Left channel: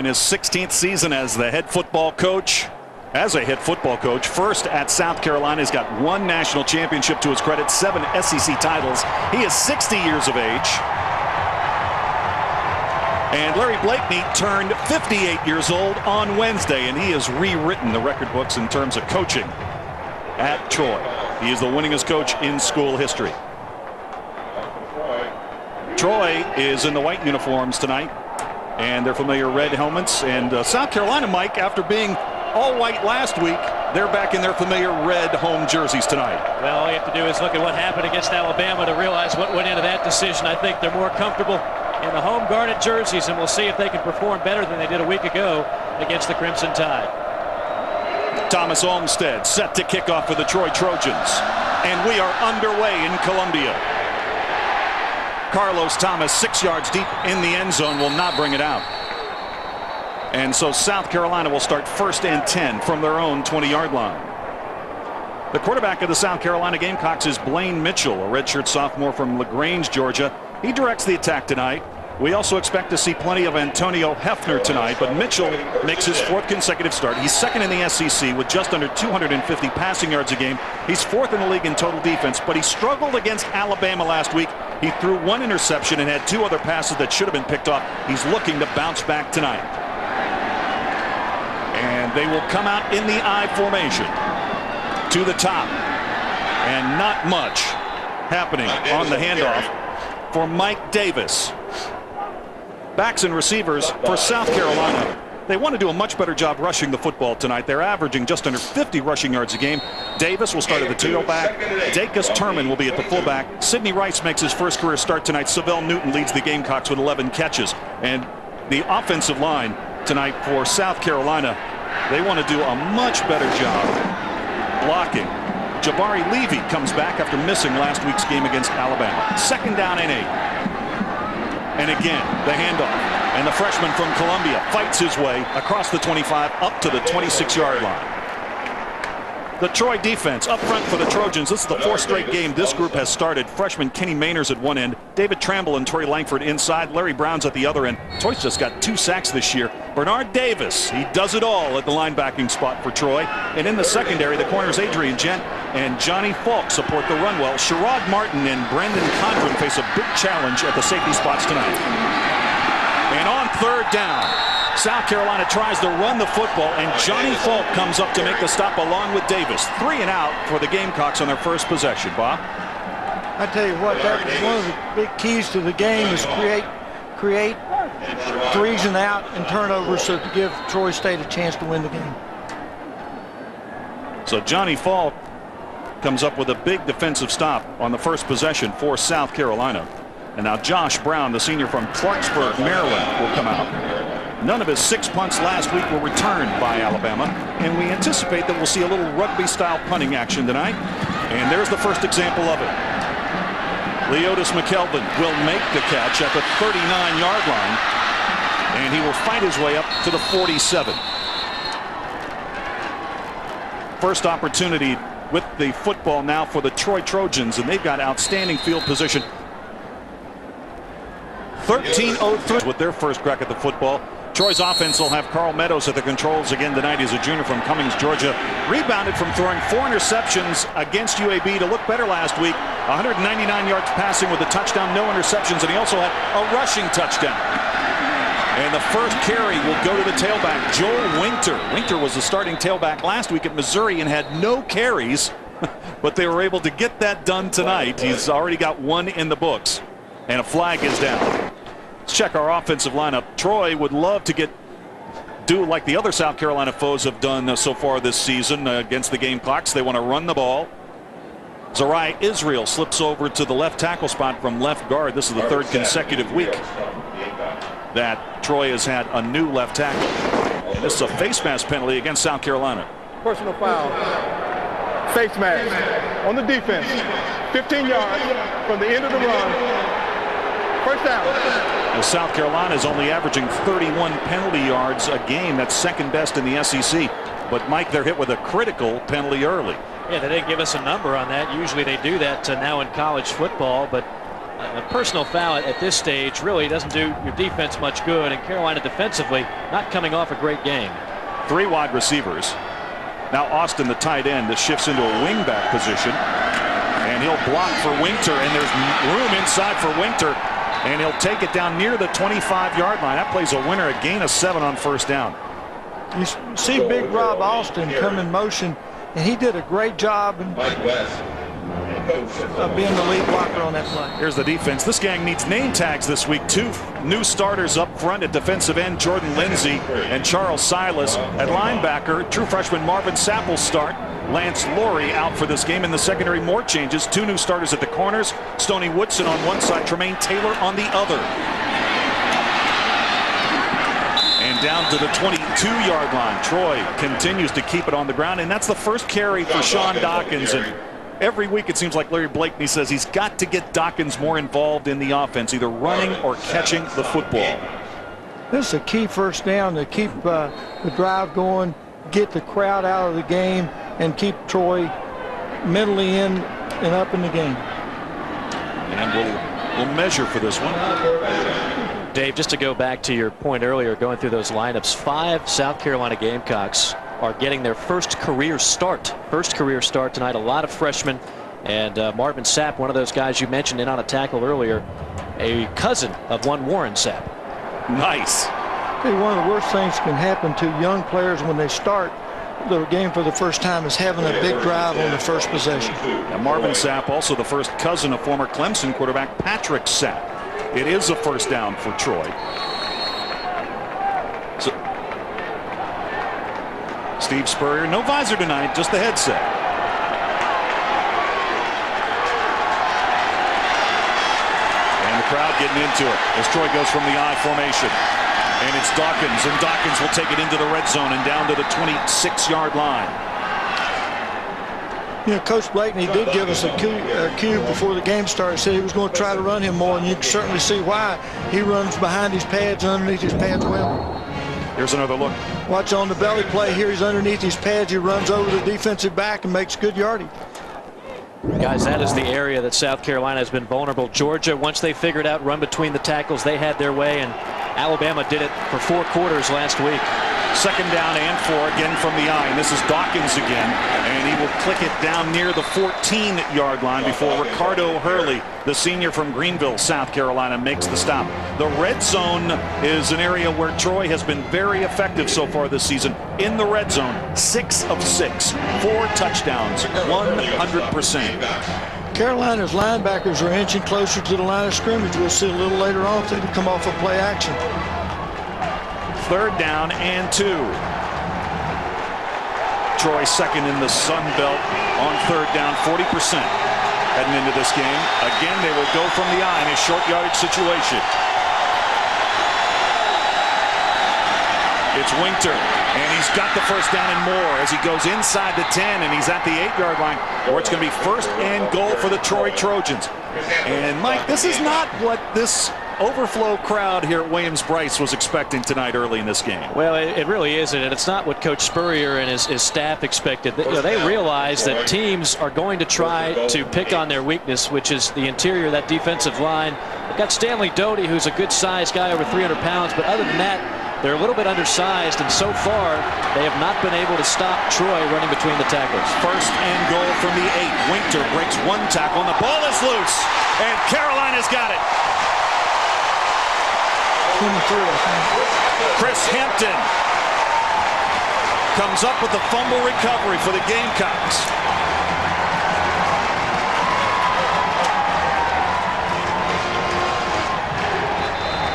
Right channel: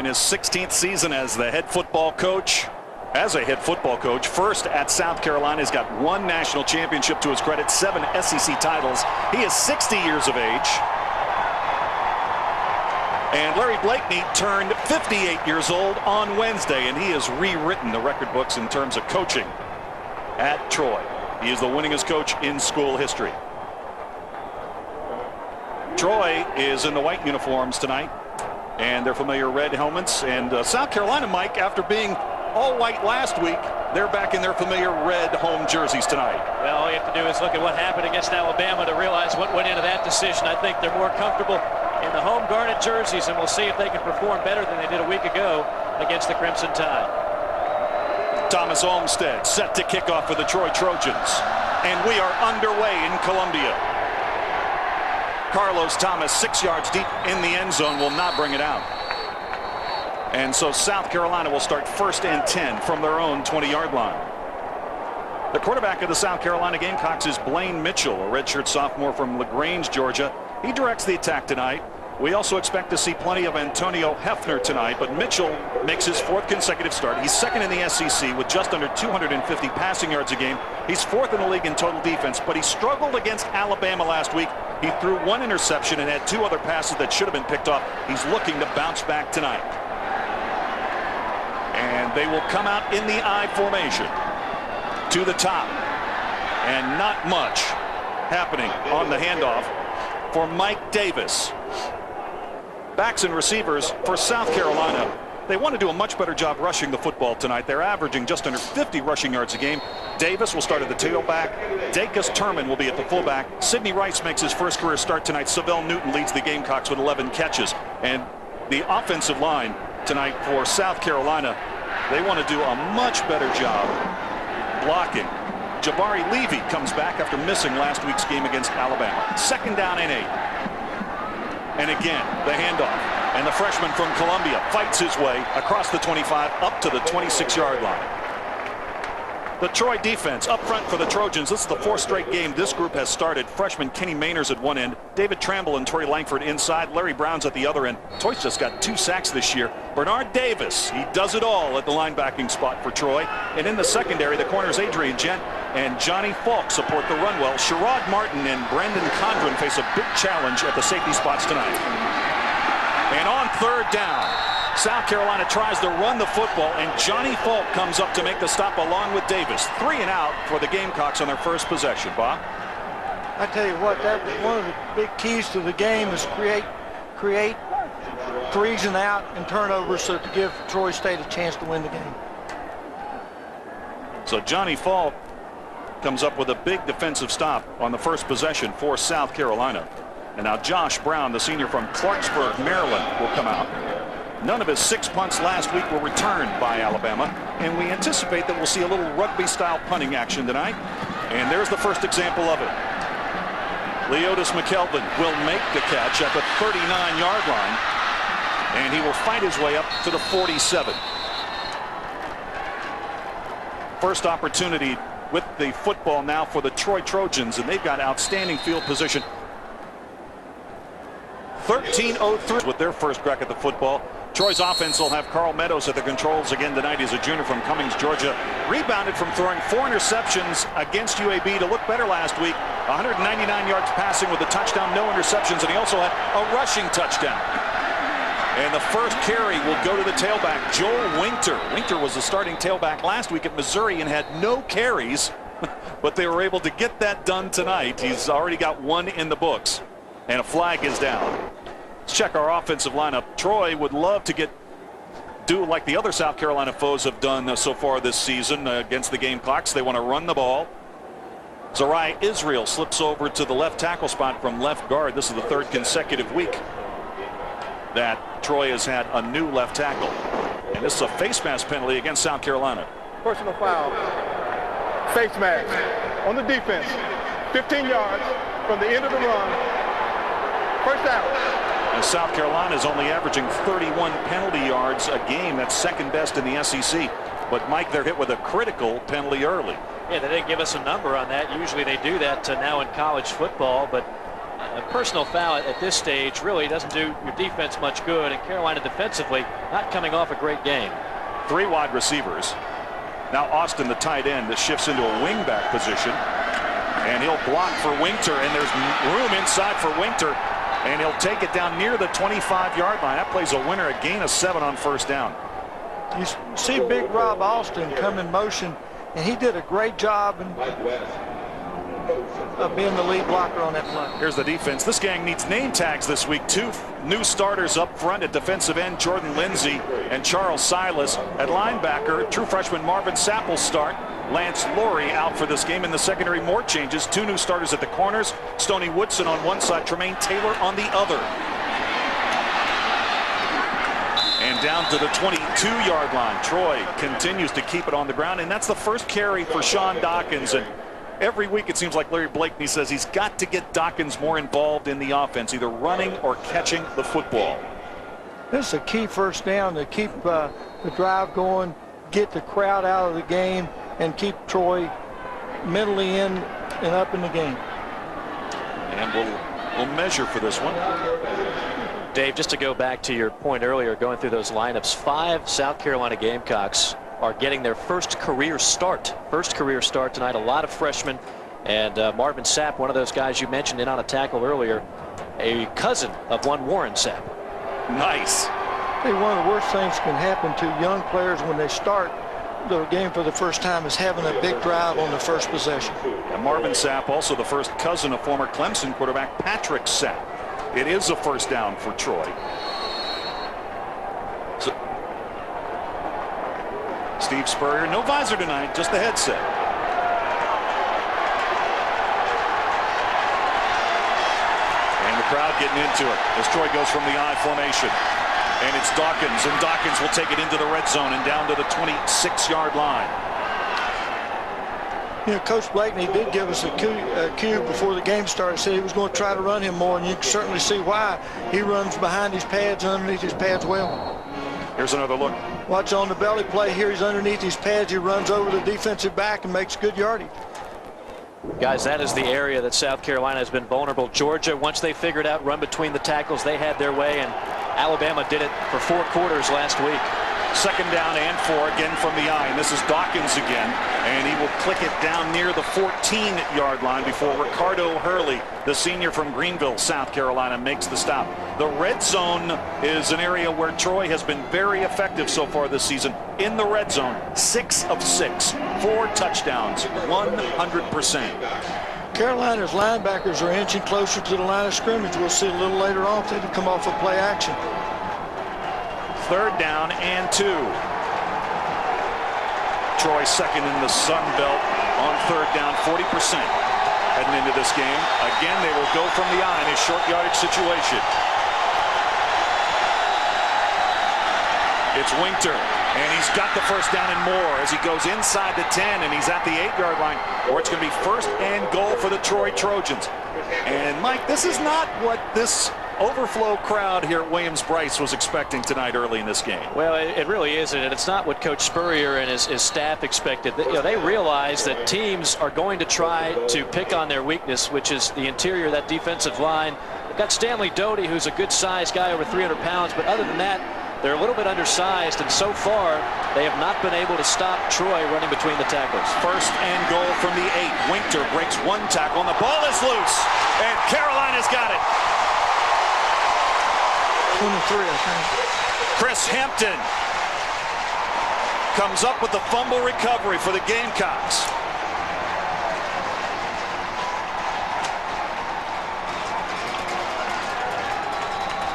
in his 16th season as the head football coach. First at South Carolina, he's got 1 national championship to his credit, 7 SEC titles. He is 60 years of age. And Larry Blakeney turned 58 years old on Wednesday, and he has rewritten the record books in terms of coaching at Troy. He is the winningest coach in school history. Troy is in the white uniforms tonight and their familiar red helmets. And South Carolina, Mike, after being all white last week, they're back in their familiar red home jerseys tonight. Well, all you have to do is look at what happened against Alabama to realize what went into that decision. I think they're more comfortable in the home garnet jerseys, and we'll see if they can perform better than they did a week ago against the Crimson Tide. Thomas Olmstead set to kick off for the Troy Trojans. And we are underway in Columbia. Carlos Thomas, 6 yards deep in the end zone, will not bring it out. And so South Carolina will start 1st and 10 from their own 20-yard line. The quarterback of the South Carolina Gamecocks is Blaine Mitchell, a redshirt sophomore from LaGrange, Georgia. He directs the attack tonight. We also expect to see plenty of Antonio Hefner tonight, but Mitchell makes his 4th consecutive start. He's 2nd in the SEC with just under 250 passing yards a game. He's 4th in the league in total defense, but he struggled against Alabama last week. He threw 1 interception and had 2 other passes that should have been picked off. He's looking to bounce back tonight. And they will come out in the I formation to the top. And not much happening on the handoff for Mike Davis. Backs and receivers for South Carolina. They want to do a much better job rushing the football tonight. They're averaging just under 50 rushing yards a game. Davis will start at the tailback. Dacus Turman will be at the fullback. Sidney Rice makes his first career start tonight. Savell Newton leads the Gamecocks with 11 catches. And the offensive line tonight for South Carolina, they want to do a much better job blocking. Jabari Levy comes back after missing last week's game against Alabama. 2nd down and 8. And again, the handoff. And the freshman from Columbia fights his way across the 25 up to the 26-yard line. The Troy defense up front for the Trojans. This is the 4th straight game this group has started. Freshman Kenny Mainers at one end, David Tramble and Torrey Langford inside, Larry Brown's at the other end. Troy's just got 2 sacks this year. Bernard Davis, he does it all at the linebacking spot for Troy. And in the secondary, the corners Adrian Gent and Johnny Falk support the run well. Sherrod Martin and Brandon Condren face a big challenge at the safety spots tonight. And on 3rd down, South Carolina tries to run the football, and Johnny Falk comes up to make the stop along with Davis. 3 and out for the Gamecocks on their first possession. Bob? I tell you what, that was one of the big keys to the game, is create 3s and out and turnovers so to give Troy State a chance to win the game. So Johnny Falk comes up with a big defensive stop on the first possession for South Carolina. And now Josh Brown, the senior from Clarksburg, Maryland, will come out. None of his 6 punts last week were returned by Alabama, and we anticipate that we'll see a little rugby-style punting action tonight. And there's the first example of it. Leotis McKelvin will make the catch at the 39-yard line, and he will fight his way up to the 47. First opportunity with the football now for the Troy Trojans, and they've got outstanding field position. 13:03 with their first crack at the football. Troy's offense will have Carl Meadows at the controls again tonight. He's a junior from Cummings, Georgia. Rebounded from throwing 4 interceptions against UAB to look better last week. 199 yards passing with a touchdown, no interceptions, and he also had a rushing touchdown. And the first carry will go to the tailback, Joel Winter. Winter was the starting tailback last week at Missouri and had no carries, but they were able to get that done tonight. He's already got 1 in the books, and a flag is down. Let's check our offensive lineup. Troy would love to do like the other South Carolina foes have done so far this season against the Gamecocks. They want to run the ball. Zariah Israel slips over to the left tackle spot from left guard. This is the 3rd consecutive week that Troy has had a new left tackle. And this is a face mask penalty against South Carolina. Personal foul. Face mask on the defense. 15 yards from the end of the run. First down. As South Carolina is only averaging 31 penalty yards a game. That's 2nd best in the SEC. But Mike, they're hit with a critical penalty early. Yeah, they didn't give us a number on that. Usually they do that now in college football, but a personal foul at this stage really doesn't do your defense much good, and Carolina defensively not coming off a great game. 3 wide receivers. Now Austin, the tight end, that shifts into a wingback position, and he'll block for Winter, and there's room inside for Winter, and he'll take it down near the 25-yard line. That plays a winner, a gain of 7 on first down. You see Big Rob Austin come in motion, and he did a great job of being the lead blocker on that play. Here's the defense. This gang needs name tags this week. 2 new starters up front at defensive end, Jordan Lindsay and Charles Silas. At linebacker, true freshman Marvin Sapp will start. Lance Laurie out for this game. In the secondary, more changes. 2 new starters at the corners. Stoney Woodson on one side, Tremaine Taylor on the other. And down to the 22-yard line. Troy continues to keep it on the ground, and that's the first carry for Sean Dawkins. And every week it seems like Larry Blakeney says he's got to get Dawkins more involved in the offense, either running or catching the football. This is a key first down to keep the drive going, get the crowd out of the game, and keep Troy mentally in and up in the game. And we'll measure for this one. Dave, just to go back to your point earlier, going through those lineups, 5 South Carolina Gamecocks are getting their first career start. First career start tonight. A lot of freshmen. And Marvin Sapp, one of those guys you mentioned in on a tackle earlier, a cousin of one Warren Sapp. Nice. Hey, one of the worst things that can happen to young players when they start the game for the first time is having a big drive on the first possession. And Marvin Sapp, also the first cousin of former Clemson quarterback Patrick Sapp. It is a first down for Troy. So, Steve Spurrier, no visor tonight, just the headset. And the crowd getting into it as Troy goes from the I formation. And it's Dawkins, and Dawkins will take it into the red zone and down to the 26-yard line. You know, Coach Blakeney did give us a cue before the game started. Said he was going to try to run him more, and you can certainly see why. He runs behind his pads, underneath his pads well. Here's another look. Watch on the belly play here. He's underneath his pads. He runs over the defensive back and makes good yardage. Guys, that is the area that South Carolina has been vulnerable. Georgia, once they figured out run between the tackles, they had their way, and Alabama did it for 4 quarters last week. 2nd down and 4 again from the I. And this is Dawkins again. And he will click it down near the 14-yard line before Ricardo Hurley, the senior from Greenville, South Carolina, makes the stop. The red zone is an area where Troy has been very effective so far this season. In the red zone, 6 of 6, 4 touchdowns, 100%. Carolina's linebackers are inching closer to the line of scrimmage. We'll see a little later on if they come off of play action. 3rd down and 2. Troy second in the Sun Belt on 3rd down, 40% heading into this game. Again, they will go from the I in a short yardage situation. It's Winter, and he's got the first down and more as he goes inside the 10, and he's at the 8-yard line, where it's going to be 1st and goal for the Troy Trojans. And Mike, this is not what this overflow crowd here at Williams-Brice was expecting tonight early in this game. Well, it really isn't, and it's not what Coach Spurrier and his staff expected. You know, they realize that teams are going to try to pick on their weakness, which is the interior of that defensive line. They've got Stanley Doty, who's a good-sized guy, over 300 pounds, but other than that, they're a little bit undersized, and so far, they have not been able to stop Troy running between the tackles. 1st and goal from the 8. Winter breaks 1 tackle, and the ball is loose, and Carolina's got it. 23, I think. Chris Hampton comes up with the fumble recovery for the Gamecocks.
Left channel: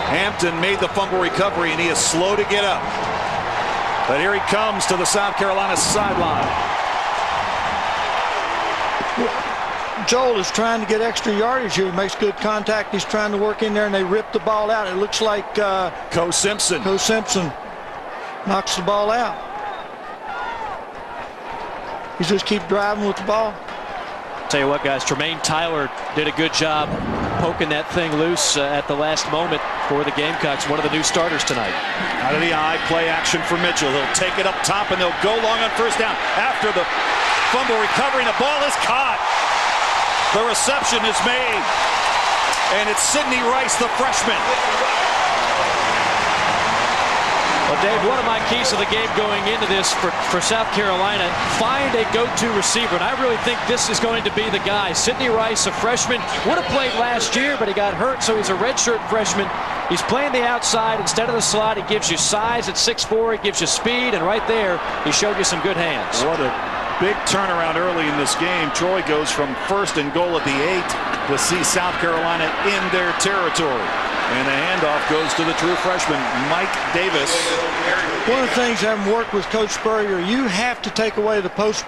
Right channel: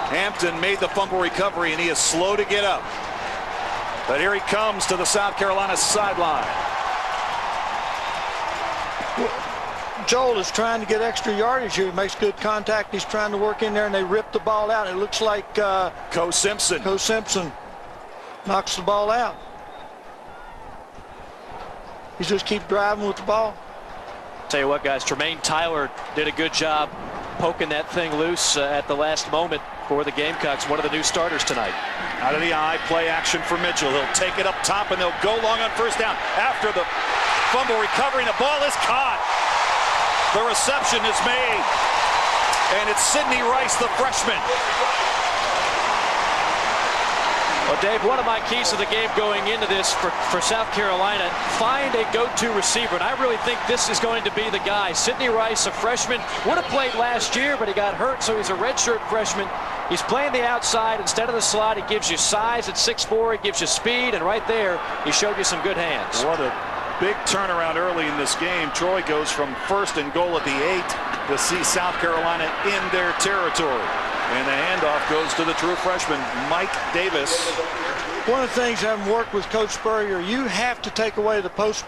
Hampton made the fumble recovery, and he is slow to get up. But here he comes to the South Carolina sideline. Joel is trying to get extra yardage here. He makes good contact. He's trying to work in there, and they rip the ball out. It looks like Co Simpson knocks the ball out. He just keep driving with the ball. Tell you what, guys, Tremaine Tyler did a good job poking that thing loose at the last moment for the Gamecocks, one of the new starters tonight. Out of the I, play action for Mitchell. He'll take it up top, and they'll go long on 1st down. After the fumble recovery, and the ball is caught. The reception is made, and it's Sidney Rice, the freshman. Well, Dave, one of my keys to the game going into this for South Carolina, find a go-to receiver, and I really think this is going to be the guy. Sidney Rice, a freshman, would have played last year, but he got hurt, so he's a redshirt freshman. He's playing the outside instead of the slot. He gives you size at 6'4", he gives you speed, and right there, he showed you some good hands. What a big turnaround early in this game. Troy goes from 1st and goal at the 8 to see South Carolina in their territory. And the handoff goes to the true freshman, Mike Davis. One of the things having worked with Coach Spurrier, you have to take away the post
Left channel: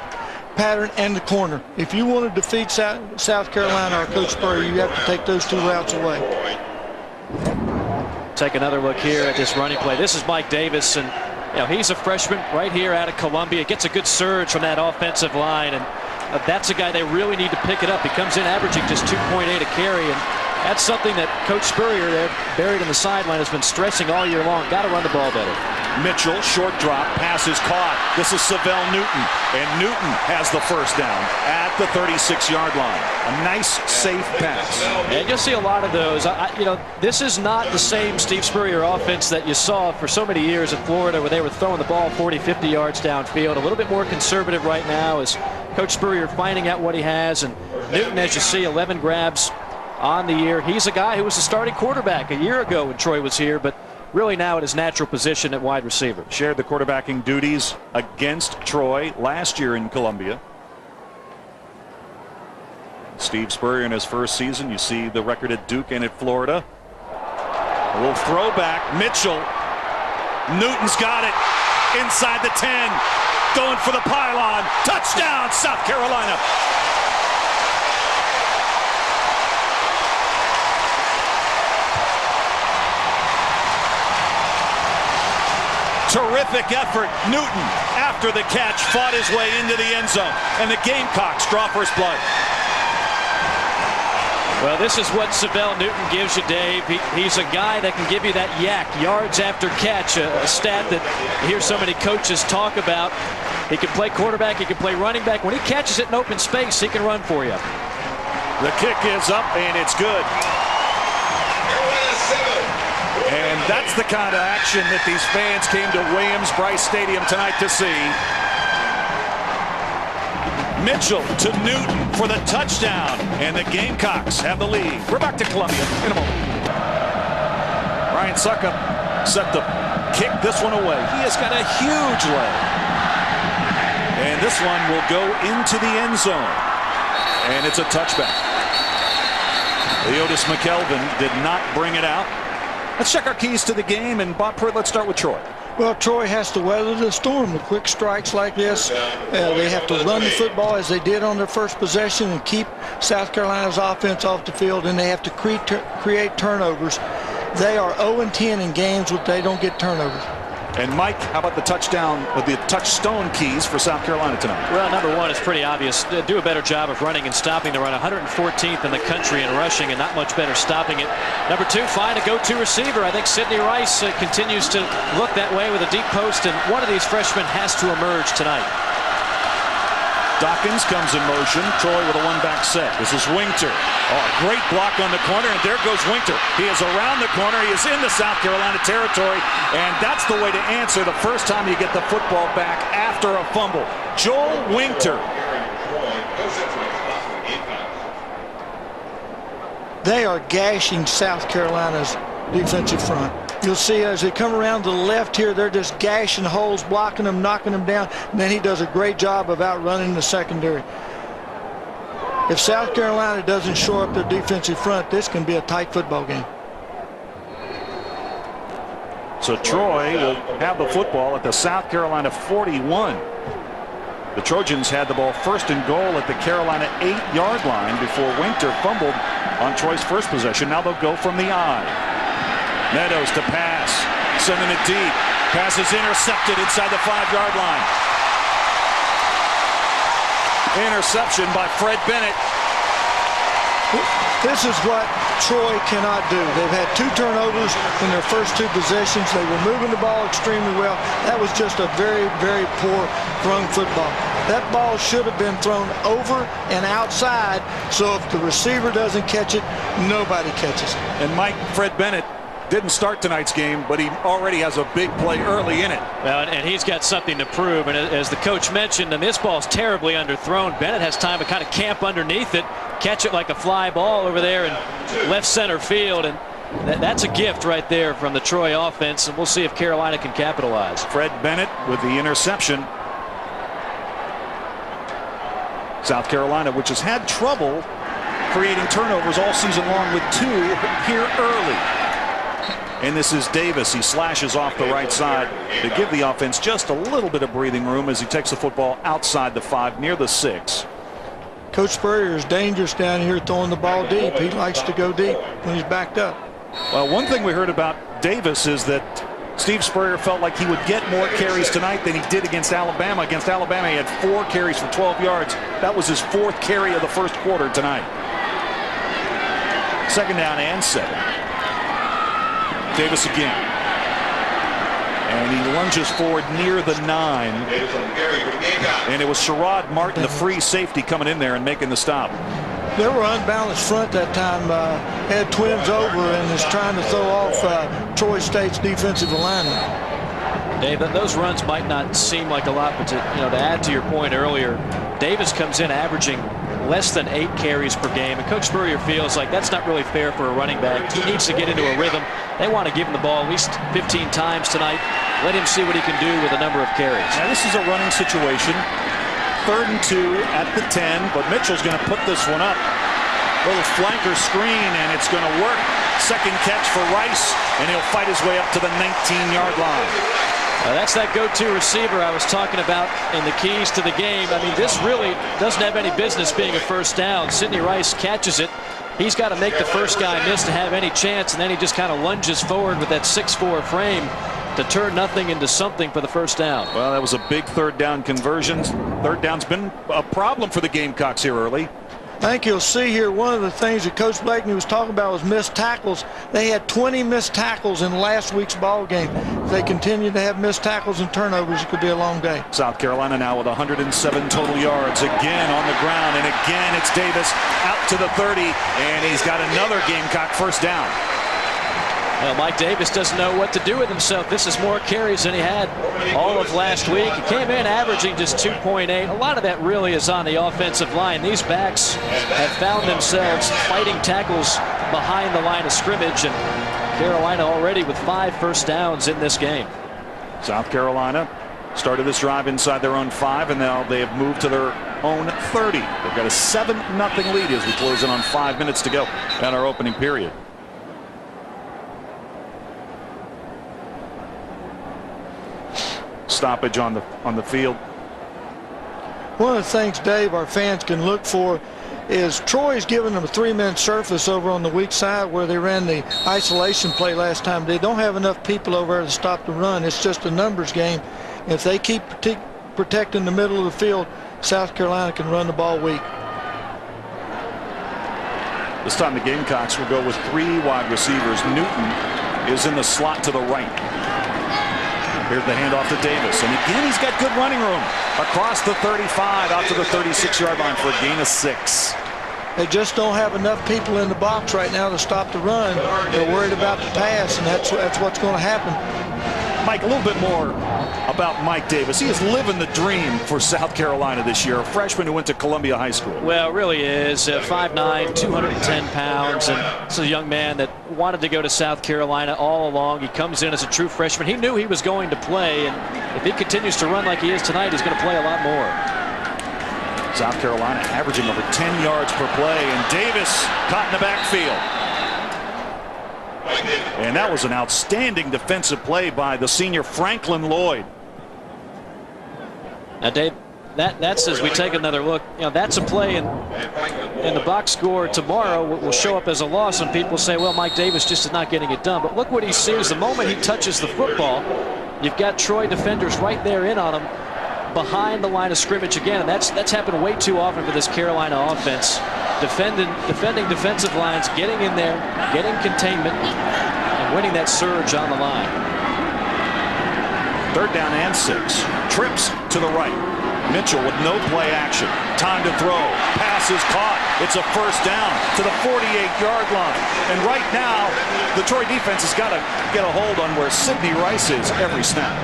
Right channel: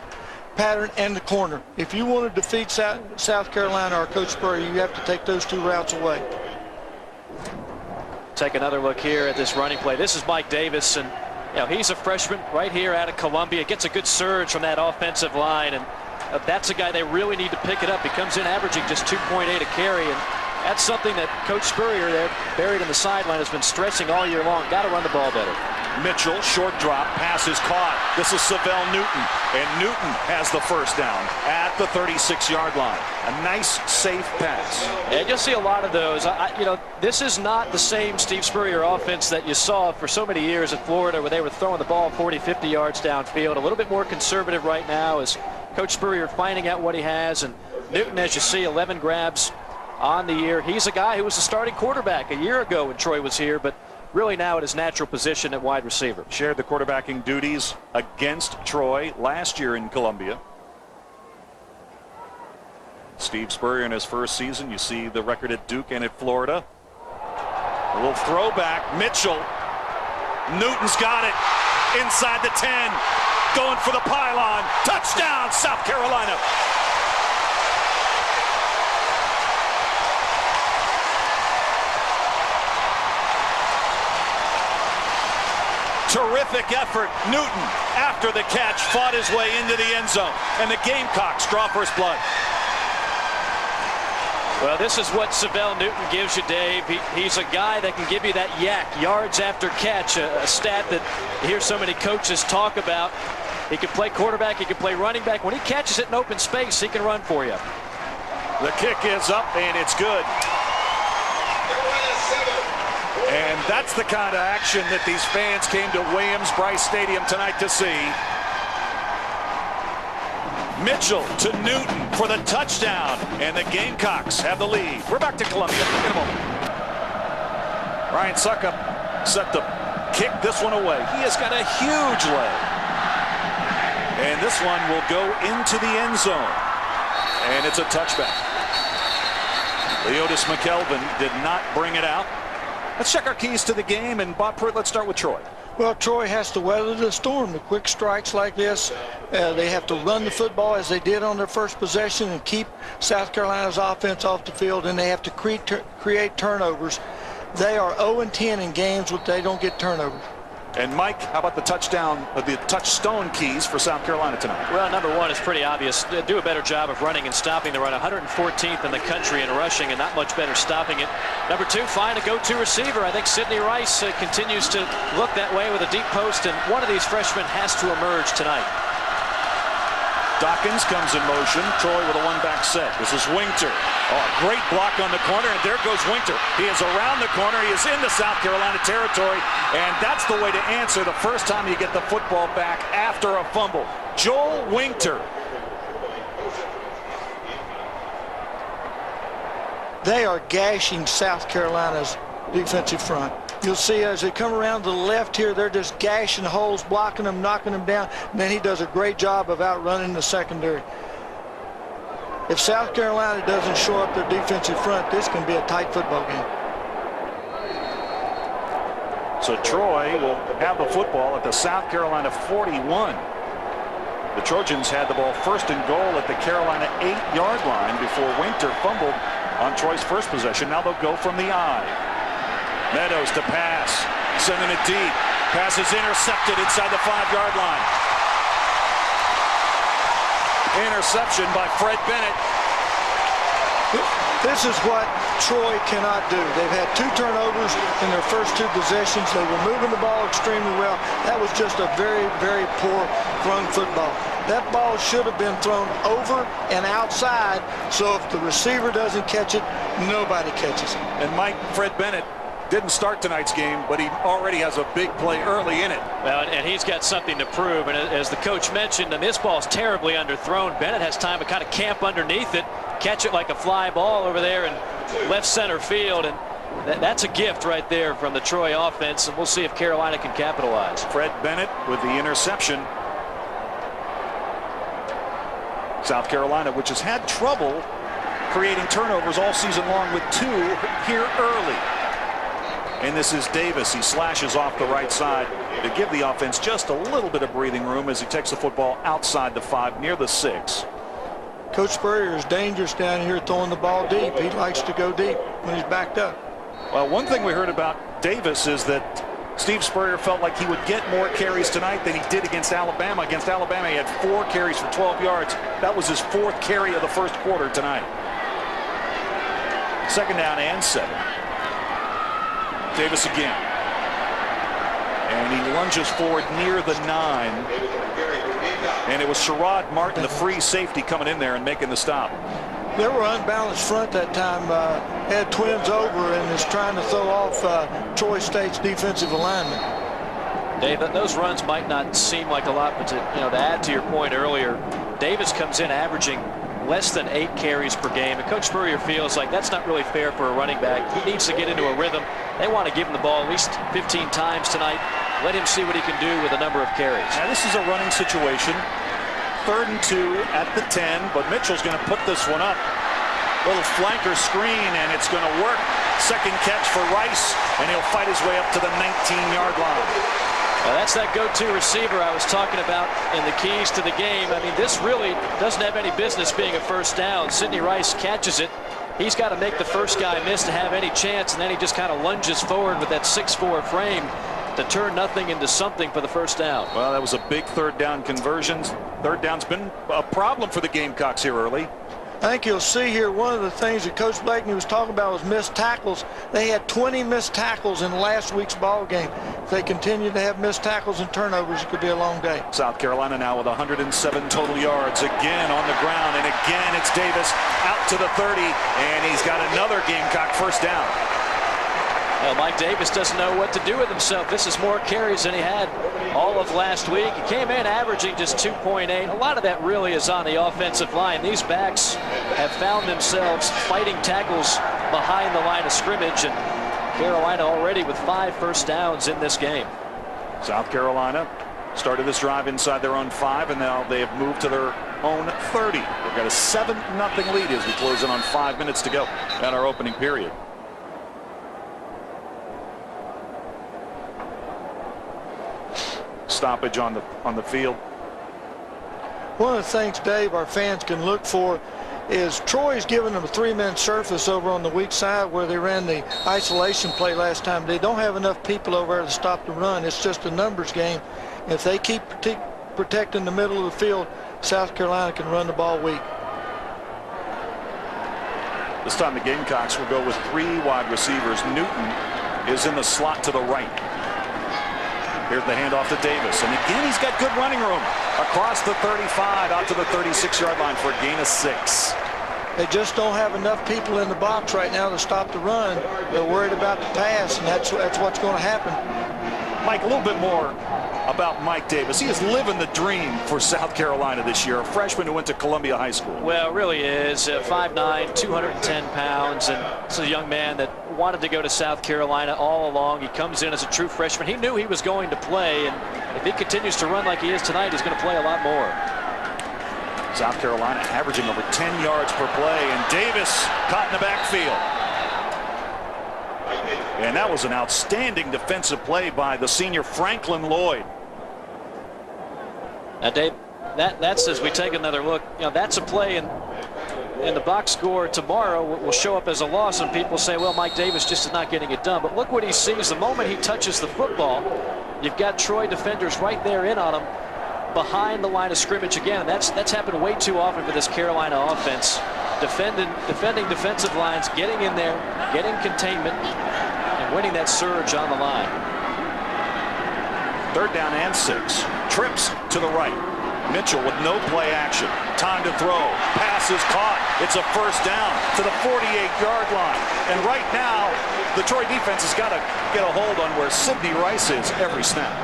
pattern and the corner. If you want to defeat South Carolina or Coach Spurrier, you have to take those 2 routes away. Take another look here at this running play. This is Mike Davis, and he's a freshman right here out of Columbia. Gets a good surge from that offensive line, and that's a guy they really need to pick it up. He comes in averaging just 2.8 a carry, and that's something that Coach Spurrier there, buried in the sideline, has been stressing all year long. Got to run the ball better. Mitchell, short drop, pass is caught. This is Savell Newton, and Newton has the first down at the 36-yard line. A nice, safe pass. And you'll see a lot of those. This is not the same Steve Spurrier offense that you saw for so many years in Florida, where they were throwing the ball 40, 50 yards downfield. A little bit more conservative right now as Coach Spurrier finding out what he has. And Newton, as you see, 11 grabs on the year. He's a guy who was the starting quarterback a year ago when Troy was here, but really now at his natural position at wide receiver. Shared the quarterbacking duties against Troy last year in Columbia. Steve Spurrier in his first season. You see the record at Duke and at Florida. A little throwback. Mitchell. Newton's got it. Inside the 10. Going for the pylon. Touchdown, South Carolina. Terrific effort. Newton, after the catch, fought his way into the end zone. And the Gamecocks draw first blood. Well, this is what Savell Newton gives you, Dave. He's a guy that can give you that yak, yards after catch, a stat that you hear so many coaches talk about. He can play quarterback, he can play running back. When he catches it in open space, he can run for you. The kick is up, and it's good. And that's the kind of action that these fans came to Williams-Brice Stadium tonight to see. Mitchell to Newton for the touchdown, and the Gamecocks have the lead. We're back to Columbia in a moment. Ryan Succop set to kick this one away. He has got a huge leg. And this one will go into the end zone. And it's a touchback. Leotis McKelvin did not bring it out. Let's check our keys to the game, and Bob Pruitt, let's start with Troy. Well, Troy has to weather the storm. The quick strikes like this, they have to run the football as they did on their first possession and keep South Carolina's offense off the field, and they have to create turnovers. They are 0-10 in games where they don't get turnovers. And Mike, how about the touchstone keys for South Carolina tonight? Well, number one is pretty obvious. Do a better job of running and stopping the run. 114th in the country in rushing, and not much better stopping it. Number two, find a go-to receiver. I think Sidney Rice continues to look that way with a deep post, and one of these freshmen has to emerge tonight. Dawkins comes in motion. Troy with a one-back set. This is Winter. Oh, great block on the corner, and there goes Winter. He is around the corner. He is in the South Carolina territory, and that's the way to answer the first time you get the football back after a fumble. Joel Winter. They are gashing South Carolina's defensive front. You'll see as they come around to the left here, they're just gashing holes, blocking them, knocking them down, and then he does a great job of outrunning the secondary. If South Carolina doesn't shore up their defensive front, this can be a tight football game. So Troy will have the football at the South Carolina 41. The Trojans had the ball first and goal at the Carolina 8-yard line before Winter fumbled on Troy's first possession. Now they'll go from the I. Meadows to pass, sending it deep. Pass is intercepted inside the 5-yard line. Interception by Fred Bennett. This is what Troy cannot do. They've had 2 turnovers in their first 2 possessions. They were moving the ball extremely well. That was just a very, very poor thrown football. That ball should have been thrown over and outside So if the receiver doesn't catch it, nobody catches it. And Fred Bennett didn't start tonight's game, but he already has a big play early in it. Well, and he's got something to prove. And as the coach mentioned, and this ball's terribly underthrown. Bennett has time to kind of camp underneath it, catch it like a fly ball over there in left center field. And that's a gift right there from the Troy offense. And we'll see if Carolina can capitalize. Fred Bennett with the interception. South Carolina, which has had trouble creating turnovers all season long, with 2 here early. And this is Davis. He slashes off the right side to give the offense just a little bit of breathing room as he takes the football outside the 5 near the 6. Coach Spurrier is dangerous down here throwing the ball deep. He likes to go deep when he's backed up. Well, one thing we heard about Davis is that Steve Spurrier felt like he would get more carries tonight than he did against Alabama. Against Alabama, he had 4 carries for 12 yards. That was his 4th carry of the first quarter tonight. 2nd down and 7. Davis again. And he lunges forward near the 9. And it was Sherrod Martin, the free safety, coming in there and making the stop. They were unbalanced front that time. Had twins over and is trying to throw off Troy State's defensive alignment. Dave, those runs might not seem like a lot, but to add to your point earlier, Davis comes in averaging less than 8 carries per game, and Coach Spurrier feels like that's not really fair for a running back. He needs to get into a rhythm. They want to give him the ball at least 15 times tonight. Let him see what he can do with a number of carries. Now this is a running situation. 3rd and 2 at the 10, but Mitchell's going to put this one up. Little flanker screen, and it's going to work. 2nd catch for Rice, and he'll fight his way up to the 19-yard line. That's that go-to receiver I was talking about in the keys to the game. I mean, this really doesn't have any business being a first down. Sidney Rice catches it. He's got to make the first guy miss to have any chance, and then he just kind of lunges forward with that 6'4" frame to turn nothing into something for the first down. Well, that was a big 3rd down conversion. 3rd down's been a problem for the Gamecocks here early. I think you'll see here one of the things that Coach Blakeney was talking about was missed tackles. They had 20 missed tackles in last week's ball game. If they continue to have missed tackles and turnovers, it could be a long day. South Carolina now with 107 total yards. Again on the ground, and again it's Davis out to the 30, and he's got another Gamecock first down. Well, Mike Davis doesn't know what to do with himself. This is more carries than he had all of last week. He came in averaging just 2.8. A lot of that really is on the offensive line. These backs have found themselves fighting tackles behind the line of scrimmage, and Carolina already with 5 first downs in this game. South Carolina started this drive inside their own 5, and now they have moved to their own 30. They've got a 7-0 lead as we close in on 5 minutes to go in our opening period. Stoppage on the field. One of the things, Dave, our fans can look for is Troy's giving them a 3-man surface over on the weak side where they ran the isolation play last time. They don't have enough people over there to stop the run. It's just a numbers game. If they keep protecting the middle of the field, South Carolina can run the ball weak. This time the Gamecocks will go with 3 wide receivers. Newton is in the slot to the right. Here's the handoff to Davis, and again he's got good running room across the 35 out to the 36-yard line for a gain of 6. They just don't have enough people in the box right now to stop the run. They're worried about the pass, and that's what's going to happen. Mike, a little bit more about Mike Davis. He is living the dream for South Carolina this year, a freshman who went to Columbia High School. Well, really is. 5'9", 210 pounds, and this is a young man that wanted to go to South Carolina all along. He comes in as a true freshman. He knew he was going to play, and if he continues to run like he is tonight, he's going to play a lot more. South Carolina averaging over 10 yards per play, and Davis caught in the backfield. And that was an outstanding defensive play by the senior Franklin Lloyd. Now, Dave, that's as we take another look. That's a play in the box score tomorrow will show up as a loss, and people say, well, Mike Davis just is not getting it done. But look what he sees the moment he touches the football. You've got Troy defenders right there in on him behind the line of scrimmage again. And that's happened way too often for this Carolina offense. Defending defensive lines, getting in there, getting containment, and winning that surge on the line. 3rd down and 6. Trips to the right. Mitchell with no play action. Time to throw. Pass is caught. It's a first down to the 48-yard line. And right now, the Troy defense has got to get a hold on where Sidney Rice is every snap.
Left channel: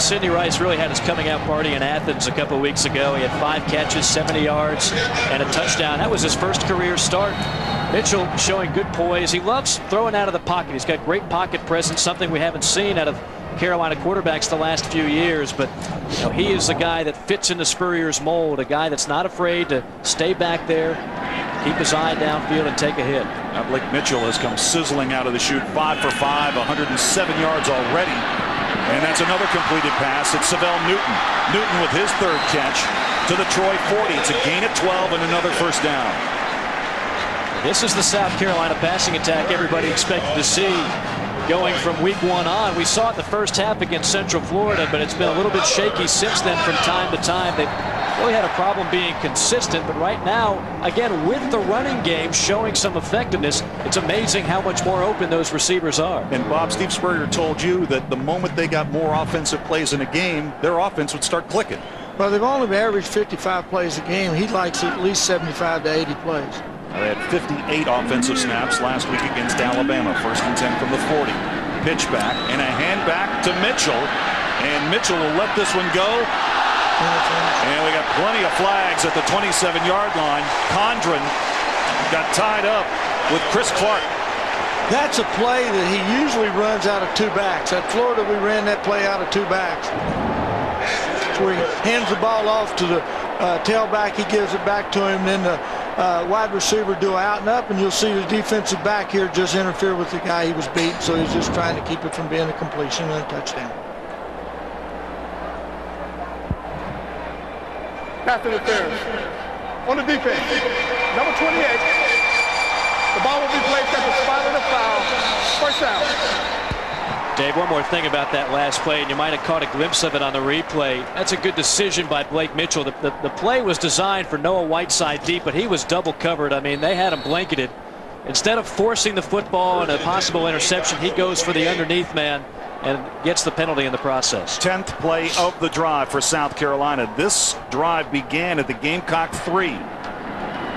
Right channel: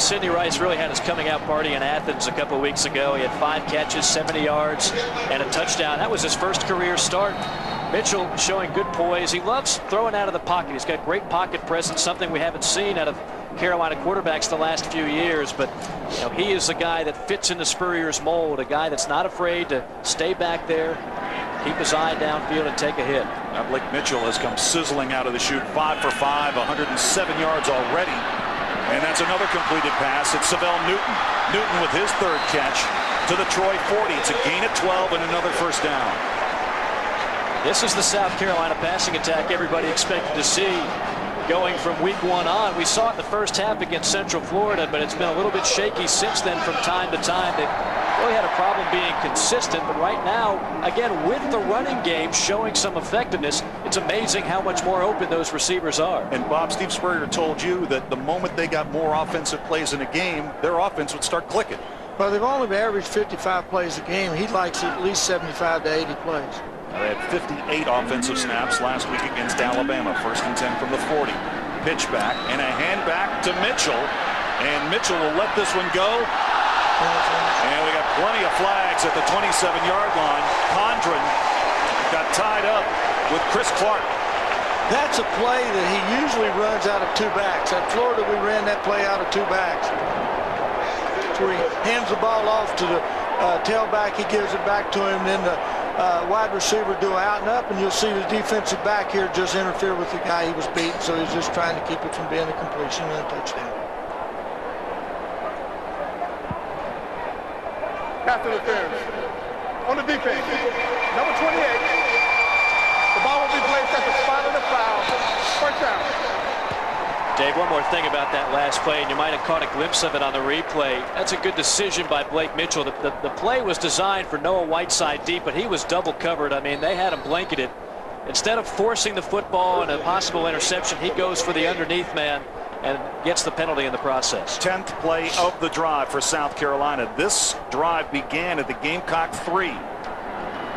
Sidney Rice really had his coming out party in Athens a couple of weeks ago. He had 5 catches, 70 yards, and a touchdown. That was his first career start. Mitchell showing good poise. He loves throwing out of the pocket. He's got great pocket presence, something we haven't seen out of Carolina quarterbacks the last few years. But you know, he is a guy that fits into Spurrier's mold, a guy that's not afraid to stay back there, keep his eye downfield, and take a hit. Now Blake Mitchell has come sizzling out of the chute, 5 for 5, 107 yards already. And that's another completed pass. It's Savell Newton. Newton with his 3rd catch to the Troy 40. It's a gain of 12 and another first down. This is the South Carolina passing attack everybody expected to see going from week 1 on. We saw it in the first half against Central Florida, but it's been a little bit shaky since then from time to time. They've really had a problem being consistent, but right now, again, with the running game showing some effectiveness, it's amazing how much more open those receivers are. And Bob, Steve Spurrier told you that the moment they got more offensive plays in a game, their offense would start clicking. Well, they've only averaged 55 plays a game. He likes at least 75 to 80 plays. They had 58 offensive snaps last week against Alabama. 1st and 10 from the 40. Pitch back and a hand back to Mitchell. And Mitchell will let this one go. And we got plenty of flags at the 27-yard line. Condren got tied up with Chris Clark. That's a play that he usually runs out of 2 backs. At Florida, we ran that play out of 2 backs. Where he hands the ball off to the tailback, he gives it back to him, then the wide receiver do out and up, and you'll see the defensive back here just interfere with the guy he was beating, so he's just trying to keep it from being a completion and a touchdown. Pass interference. On the defense, number 28. The ball will be placed at the spot of the foul. First down. Dave, one more thing about that last play, and you might have caught a glimpse of it on the replay. That's a good decision by Blake Mitchell. The play was designed for Noah Whiteside deep, but he was double covered. I mean, they had him blanketed. Instead of forcing the football and a possible interception, he goes for the underneath man and gets the penalty in the process. 10th play of the drive for South Carolina. This drive began at the Gamecock 3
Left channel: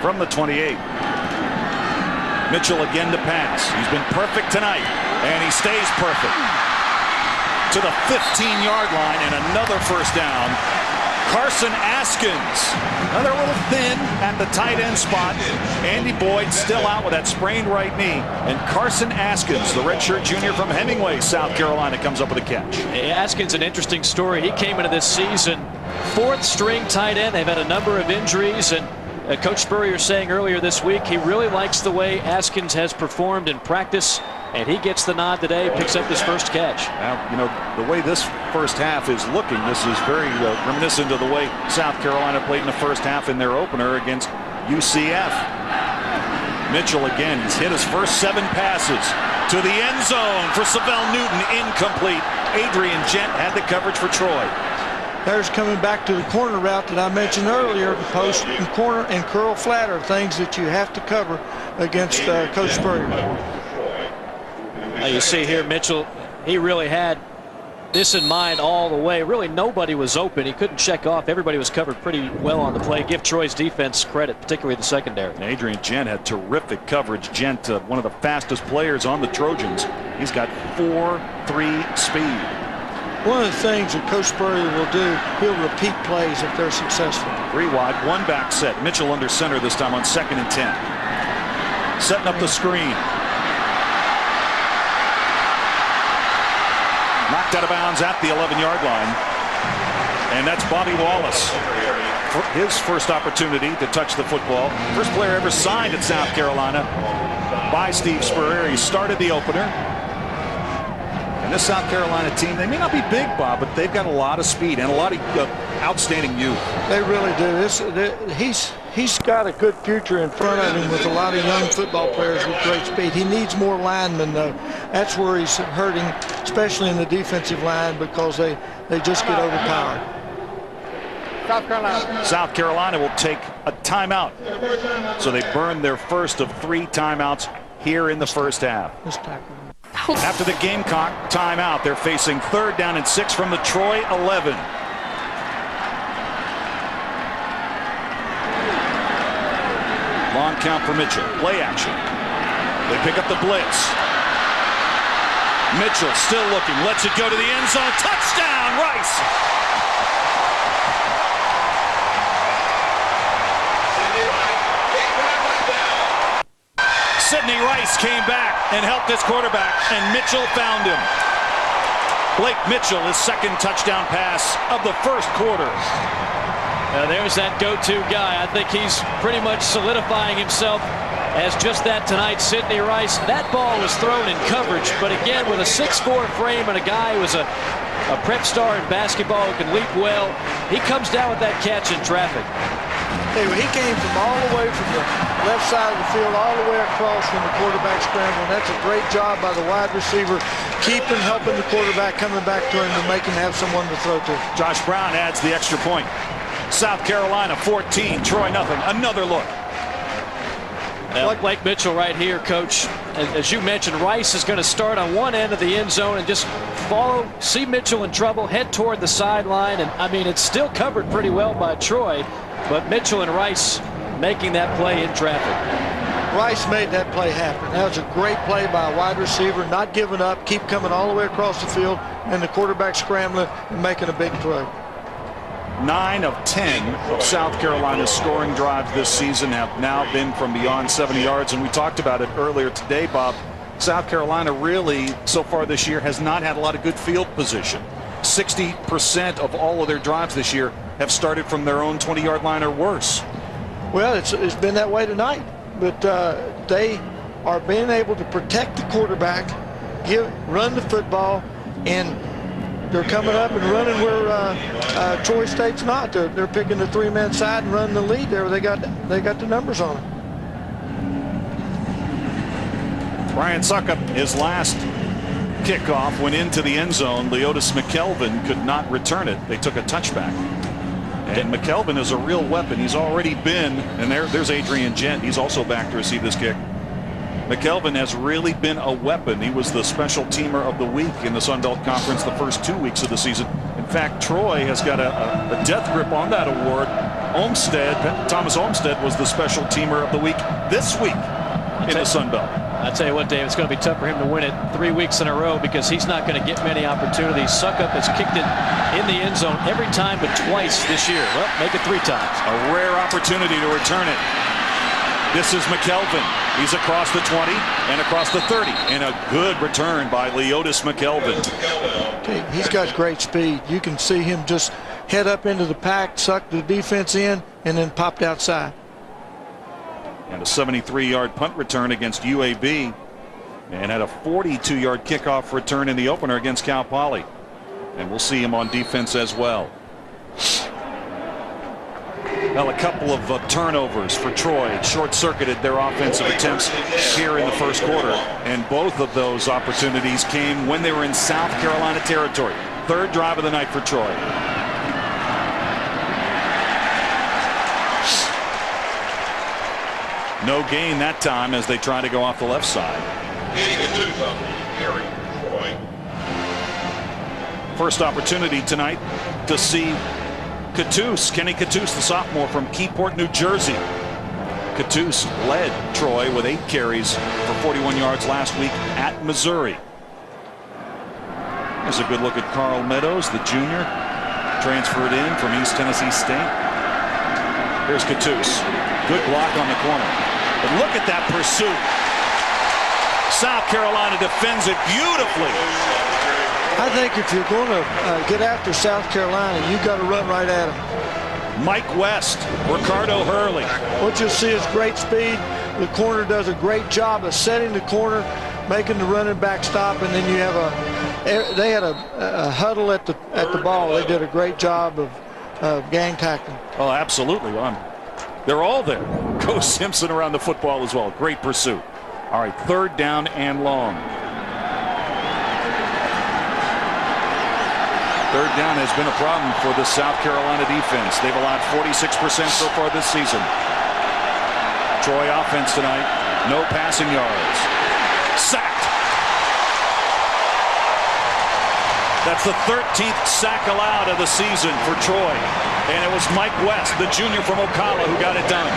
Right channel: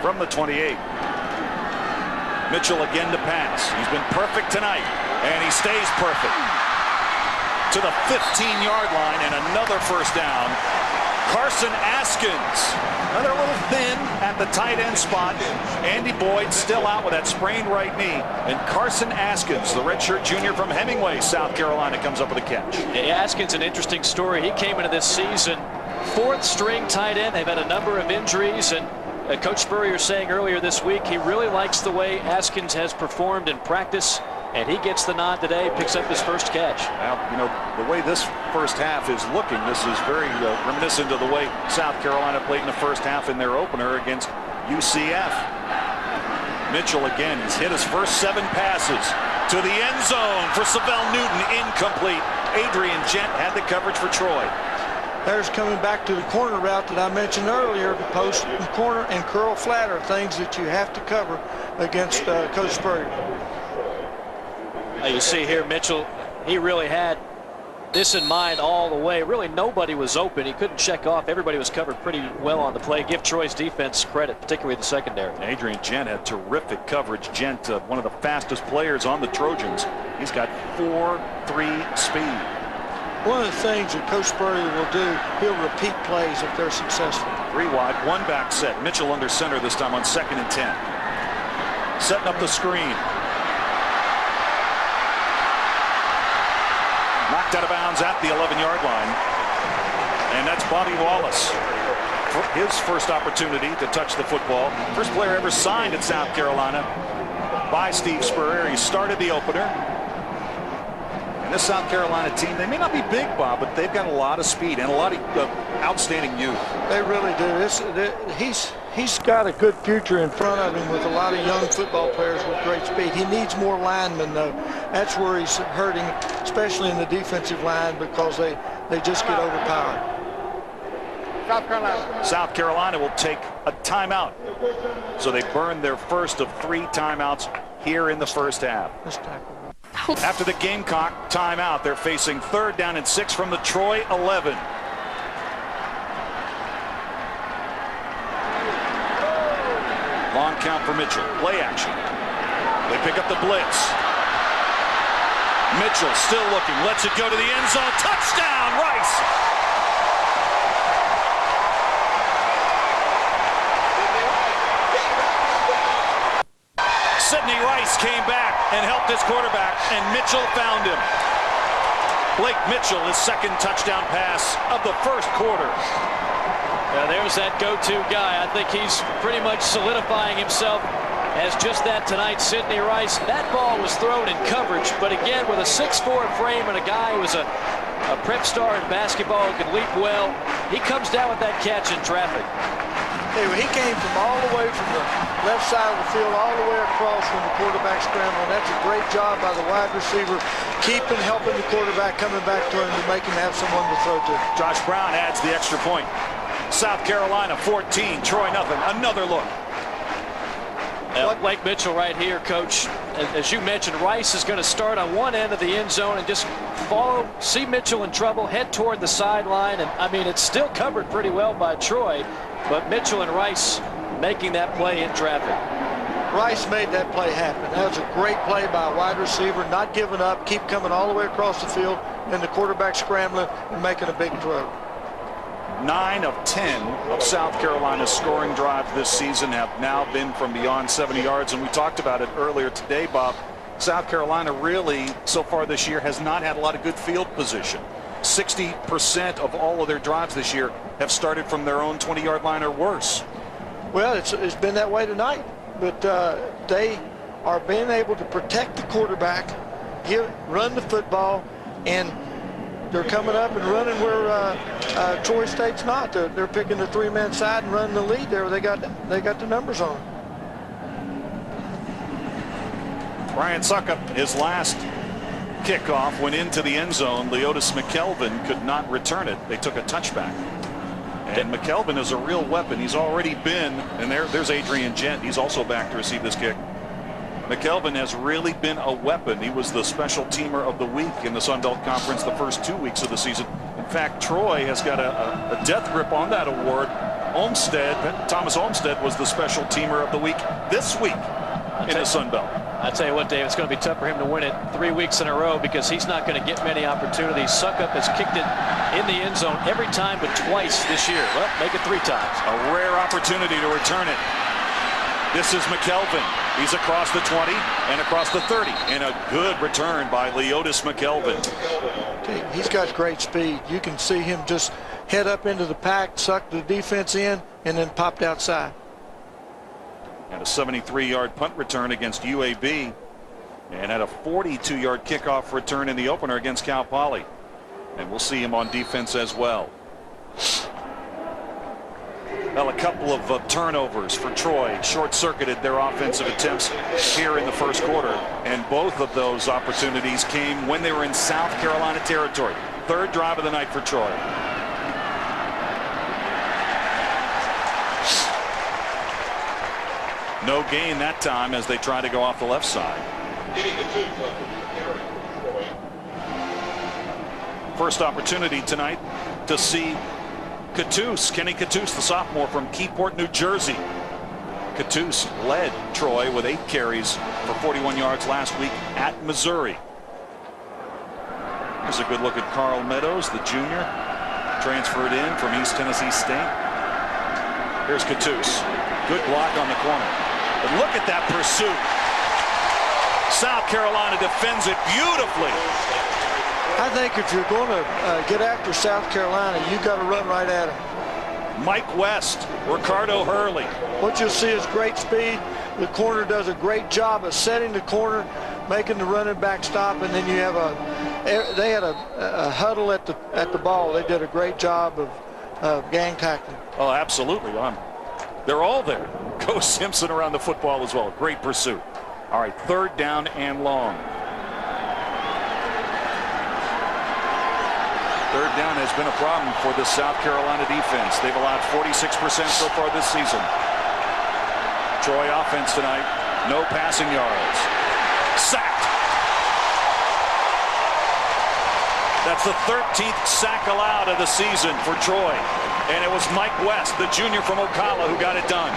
from the 28. Mitchell again to pass. He's been perfect tonight, and he stays perfect. To the 15-yard line and another first down. Carson Askins, another little thin at the tight end spot. Andy Boyd still out with that sprained right knee. And Carson Askins, the redshirt junior from Hemingway, South Carolina, comes up with a catch. Hey, Askins, an interesting story. He came into this season 4th string tight end. They've had a number of injuries, and Coach Spurrier saying earlier this week he really likes the way Askins has performed in practice, and he gets the nod today, picks up his first catch. Now, you know, the way this first half is looking, this is very reminiscent of the way South Carolina played in the first half in their opener against UCF. Mitchell again, he's hit his first 7 passes to the end zone for Savell Newton, incomplete. Adrian Gent had the coverage for Troy. There's coming back to the corner route that I mentioned earlier. Post and corner and curl flat are things that you have to cover against Coach Spurrier. You see here Mitchell, he really had this in mind all the way. Really nobody was open. He couldn't check off. Everybody was covered pretty well on the play. Give Troy's defense credit, particularly the secondary. And Adrian Gent had terrific coverage. Gent, one of the fastest players on the Trojans. He's got 4.3 speed. One of the things that Coach Spurrier will do, he'll repeat plays if they're successful. 3 wide, 1 back set. Mitchell under center this time on 2nd and 10. Setting up the screen. Knocked out of bounds at the 11-yard line. And that's Bobby Wallace. For his first opportunity to touch the football. First player ever signed at South Carolina by Steve Spurrier. He started the opener. And this South Carolina team, they may not be big, Bob, but they've got a lot of speed and a lot of outstanding youth. They really do. He's got a good future in front of him with a lot of young football players with great speed. He needs more linemen, though. That's where he's hurting, especially in the defensive line, because they just get overpowered. South Carolina will take a timeout. So they burned their first of 3 timeouts here in the first half. Let's tackle. After the Gamecock timeout, they're facing 3rd down and 6 from the Troy 11. Long count for Mitchell. Play action. They pick up the blitz. Mitchell still looking. Lets it go to the end zone. Touchdown, Rice. Sidney Rice came back and helped his quarterback, and Mitchell found him. Blake Mitchell, his second touchdown pass of the first quarter. Now there's that go-to guy. I think he's pretty much solidifying himself as just that tonight. Sidney Rice. That ball was thrown in coverage, but again with a 6'4" frame and a guy who was a prep star in basketball who can leap well, he comes down with that catch in traffic. Hey, he came from all the way from the left side of the field all the way across when the quarterback scrambled. That's a great job by the wide receiver, helping the quarterback, coming back to him to make him have someone to throw to. Josh Brown adds the extra point. South Carolina 14, Troy nothing. Another look. Blake Mitchell right here, Coach. As you mentioned, Rice is going to start on one end of the end zone and just follow, see Mitchell in trouble, head toward the sideline. And I mean, it's still covered pretty well by Troy, but Mitchell and Rice making that play in traffic. Rice made that play happen. That was a great play by a wide receiver, not giving up, keep coming all the way across the field, and the quarterback scrambling and making a big throw. 9 of 10 of South Carolina's scoring drives this season have now been from beyond 70 yards, and we talked about it earlier today, Bob. South Carolina really, so far this year, has not had a lot of good field position. 60% of all of their drives this year have started from their own 20-yard line or worse. Well, it's been that way tonight, but they are being able to protect the quarterback, run the football, and they're coming up and running where Troy State's not. They're picking the three-man side and running the lead there. They got the numbers on it. Brian Suckup, his last kickoff went into the end zone. Leotis McKelvin could not return it. They took a touchback. And McKelvin is a real weapon. He's already been, and there's Adrian Gent. He's also back to receive this kick. McKelvin has really been a weapon. He was the special teamer of the week in the Sun Belt Conference the first 2 weeks of the season. In fact, Troy has got a death grip on that award. Thomas Olmstead was the special teamer of the week this week in the Sun Belt. I tell you what, Dave, it's going to be tough for him to win it 3 weeks in a row because he's not going to get many opportunities. Suckup has kicked it in the end zone every time but twice this year. Well, make it 3 times. A rare opportunity to return it. This is McKelvin. He's across the 20 and across the 30. And a good return by Leotis McKelvin. Okay, he's got great speed. You can see him just head up into the pack, suck the defense in, and then popped outside. And a 73-yard punt return against UAB. And had a 42-yard kickoff return in the opener against Cal Poly. And we'll see him on defense as well. Well, a couple of turnovers for Troy short-circuited their offensive attempts here in the first quarter. And both of those opportunities came when they were in South Carolina territory. Third drive of the night for Troy. No gain that time as they try to go off the left side. First opportunity tonight to see Kenny Cattouse, the sophomore from Keyport, New Jersey. Cattouse led Troy with 8 carries for 41 yards last week at Missouri. Here's a good look at Carl Meadows, the junior, transferred in from East Tennessee State. Here's Cattouse. Good block on the corner. But look at that pursuit. South Carolina defends it beautifully. I think if you're going to get after South Carolina, you've got to run right at them. Mike West, Ricardo Hurley. What you'll see is great speed. The corner does a great job of setting the corner, making the running back stop, and then you have they had a huddle at the ball. They did a great job of gang tackling. Oh, absolutely. They're all there. Go Simpson around the football as well. Great pursuit. All right, third down and long. Third down has been a problem for the South Carolina defense. They've allowed 46% so far this season. Troy offense tonight, no passing yards. Sacked. That's the 13th sack allowed of the season for Troy. And it was Mike West, the junior from Ocala, who got it done.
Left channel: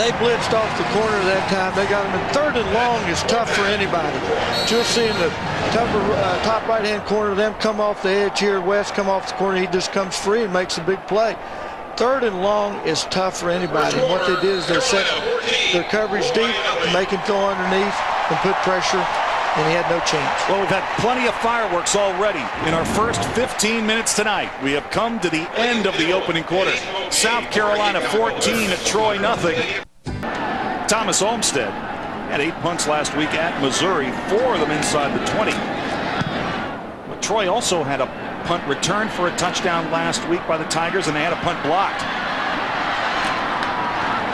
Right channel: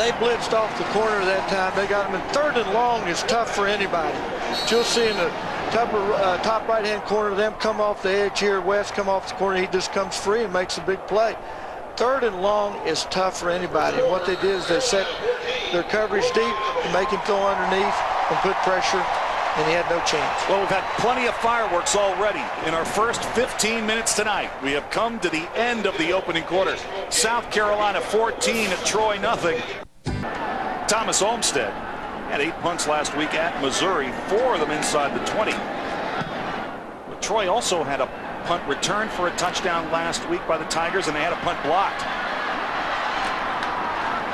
They blitzed off the corner that time. They got him in 3rd and long is tough for anybody. But you'll see in the top right-hand corner, them come off the edge here. West come off the corner. He just comes free and makes a big play. 3rd and long is tough for anybody. And what they did is they set their coverage deep and make him go underneath and put pressure, and he had no chance. Well, we've had plenty of fireworks already in our first 15 minutes tonight. We have come to the end of the opening quarter. South Carolina 14 at Troy nothing. Thomas Olmstead had 8 punts last week at Missouri, 4 of them inside the 20. But Troy also had a punt return for a touchdown last week by the Tigers, and they had a punt blocked.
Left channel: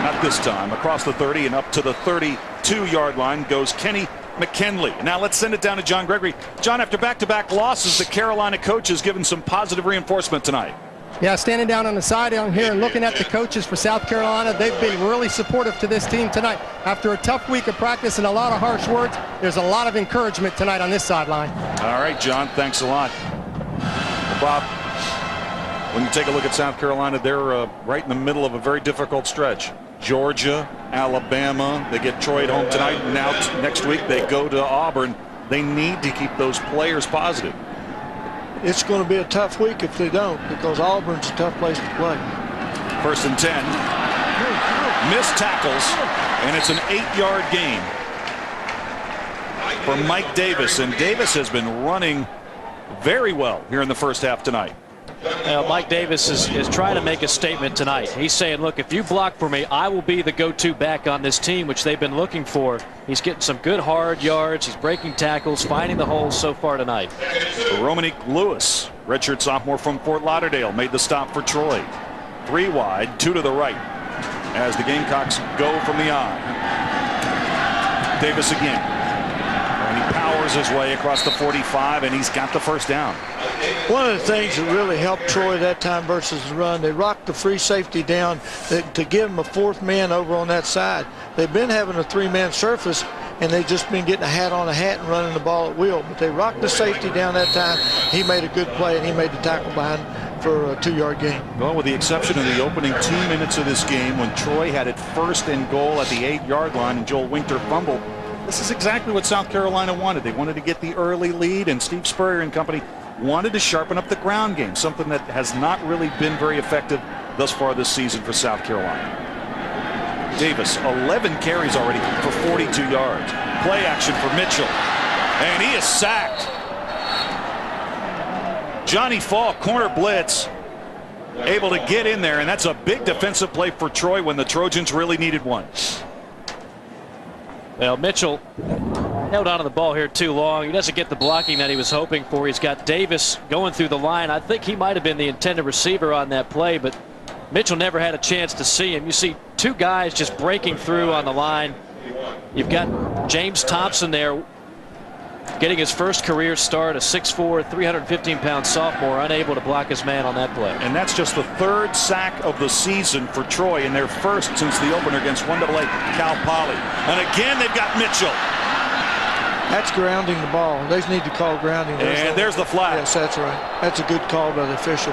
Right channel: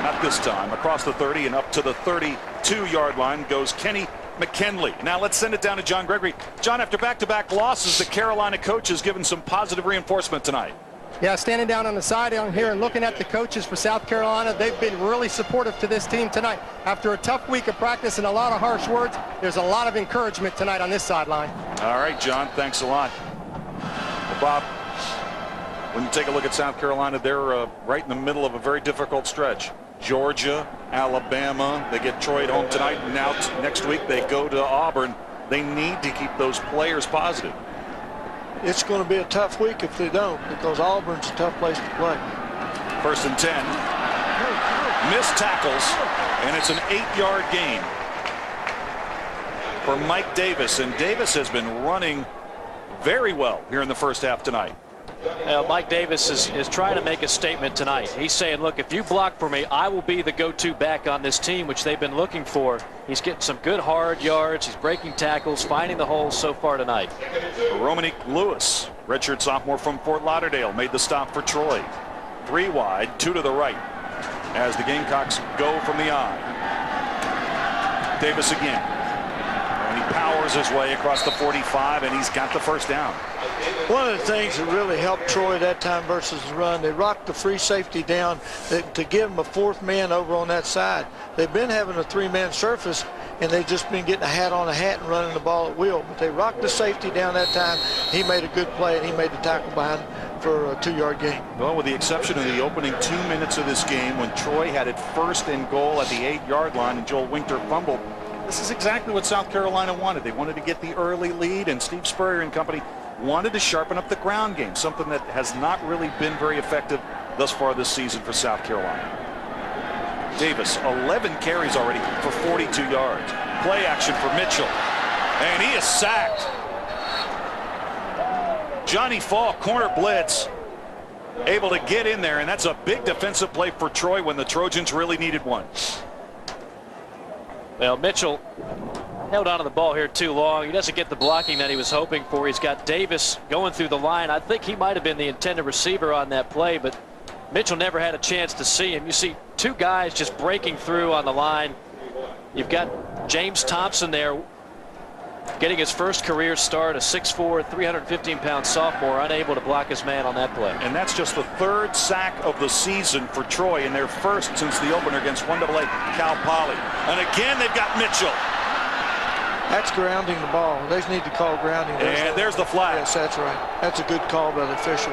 Not this time. Across the 30 and up to the 32-yard line goes Kenny McKinley. Now let's send it down to John Gregory. John, after back-to-back losses, the Carolina coach has given some positive reinforcement tonight. Yeah, standing down on the side down here and looking at the coaches for South Carolina, they've been really supportive to this team tonight. After a tough week of practice and a lot of harsh words, there's a lot of encouragement tonight on this sideline. All right, John, thanks a lot. Well, Bob, when you take a look at South Carolina, they're right in the middle of a very difficult stretch. Georgia, Alabama, they get Troy at home tonight. Now next week they go to Auburn. They need to keep those players positive. It's going to be a tough week if they don't, because Auburn's a tough place to play. 1st and 10. Missed tackles, and it's an 8-yard gain for Mike Davis. And Davis has been running very well here in the first half tonight. Mike Davis is trying to make a statement tonight. He's saying, look, if you block for me, I will be the go-to back on this team, which they've been looking for. He's getting some good hard yards. He's breaking tackles, finding the holes so far tonight. Romanique Lewis, redshirt sophomore from Fort Lauderdale, made the stop for Troy. 3 wide, 2 to the right as the Gamecocks go from the eye. Davis again. And he powers his way across the 45, and he's got the first down. One of the things that really helped Troy that time versus the run, they rocked the free safety down to give him a 4th man over on that side. They've been having a 3-man surface, and they've just been getting a hat on a hat and running the ball at will. But they rocked the safety down that time. He made a good play, and he made the tackle behind for a 2-yard gain. Well, with the exception of the opening 2 minutes of this game when Troy had it 1st and goal at the 8-yard line and Joel Winter fumbled, this is exactly what South Carolina wanted. They wanted to get the early lead, and Steve Spurrier and company wanted to sharpen up the ground game, something that has not really been very effective thus far this season for South Carolina. Davis, 11 carries already for 42 yards. Play action for Mitchell, and he is sacked. Johnny Falk, corner blitz, able to get in there, and that's a big defensive play for Troy when the Trojans really needed one. Well, Mitchell held on to the ball here too long. He doesn't get the blocking that he was hoping for. He's got Davis going through the line. I think he might have been the intended receiver on that play, but Mitchell never had a chance to see him. You see 2 guys just breaking through on the line. You've got James Thompson there getting his first career start, a 6'4", 315-pound sophomore, unable to block his man on that play. And that's just the 3rd sack of the season for Troy, and their first since the opener against 1AA Cal Poly. And again, they've got Mitchell. That's grounding the ball. They need to call grounding. There's the flag. Yes, that's right. That's a good call by the official.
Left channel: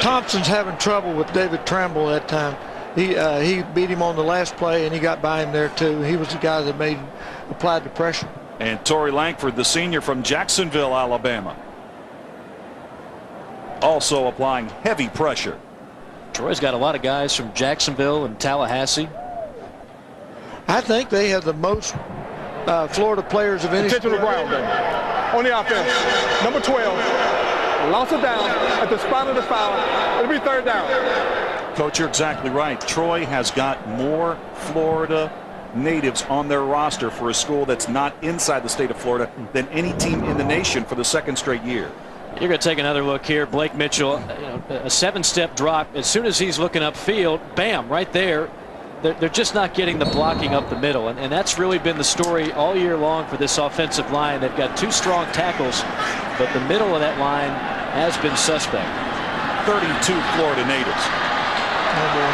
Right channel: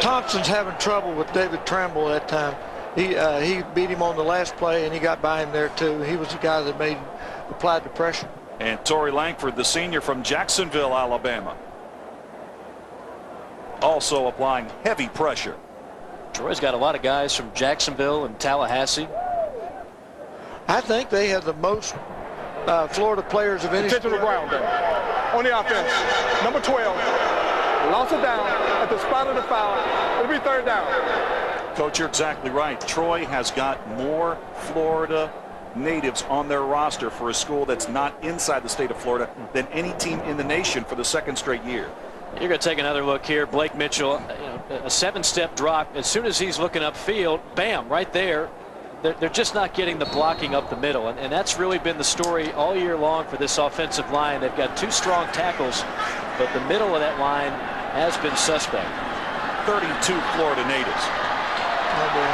Thompson's having trouble with David Tramble that time. He beat him on the last play, and he got by him there too. He was the guy that applied the pressure. And Torrey Langford, the senior from Jacksonville, Alabama, also applying heavy pressure. Troy's got a lot of guys from Jacksonville and Tallahassee. I think they have the most Florida players of any. Attention to the ground there. On the offense, number 12, lost it down at the spot of the foul. It'll be 3rd down. Coach, you're exactly right. Troy has got more Florida natives on their roster for a school that's not inside the state of Florida than any team in the nation for the 2nd straight year. You're going to take another look here. Blake Mitchell, a 7-step drop. As soon as he's looking upfield, bam, right there. They're just not getting the blocking up the middle, and that's really been the story all year long for this offensive line. They've got 2 strong tackles, but the middle of that line has been suspect. 32 Florida natives. Oh boy.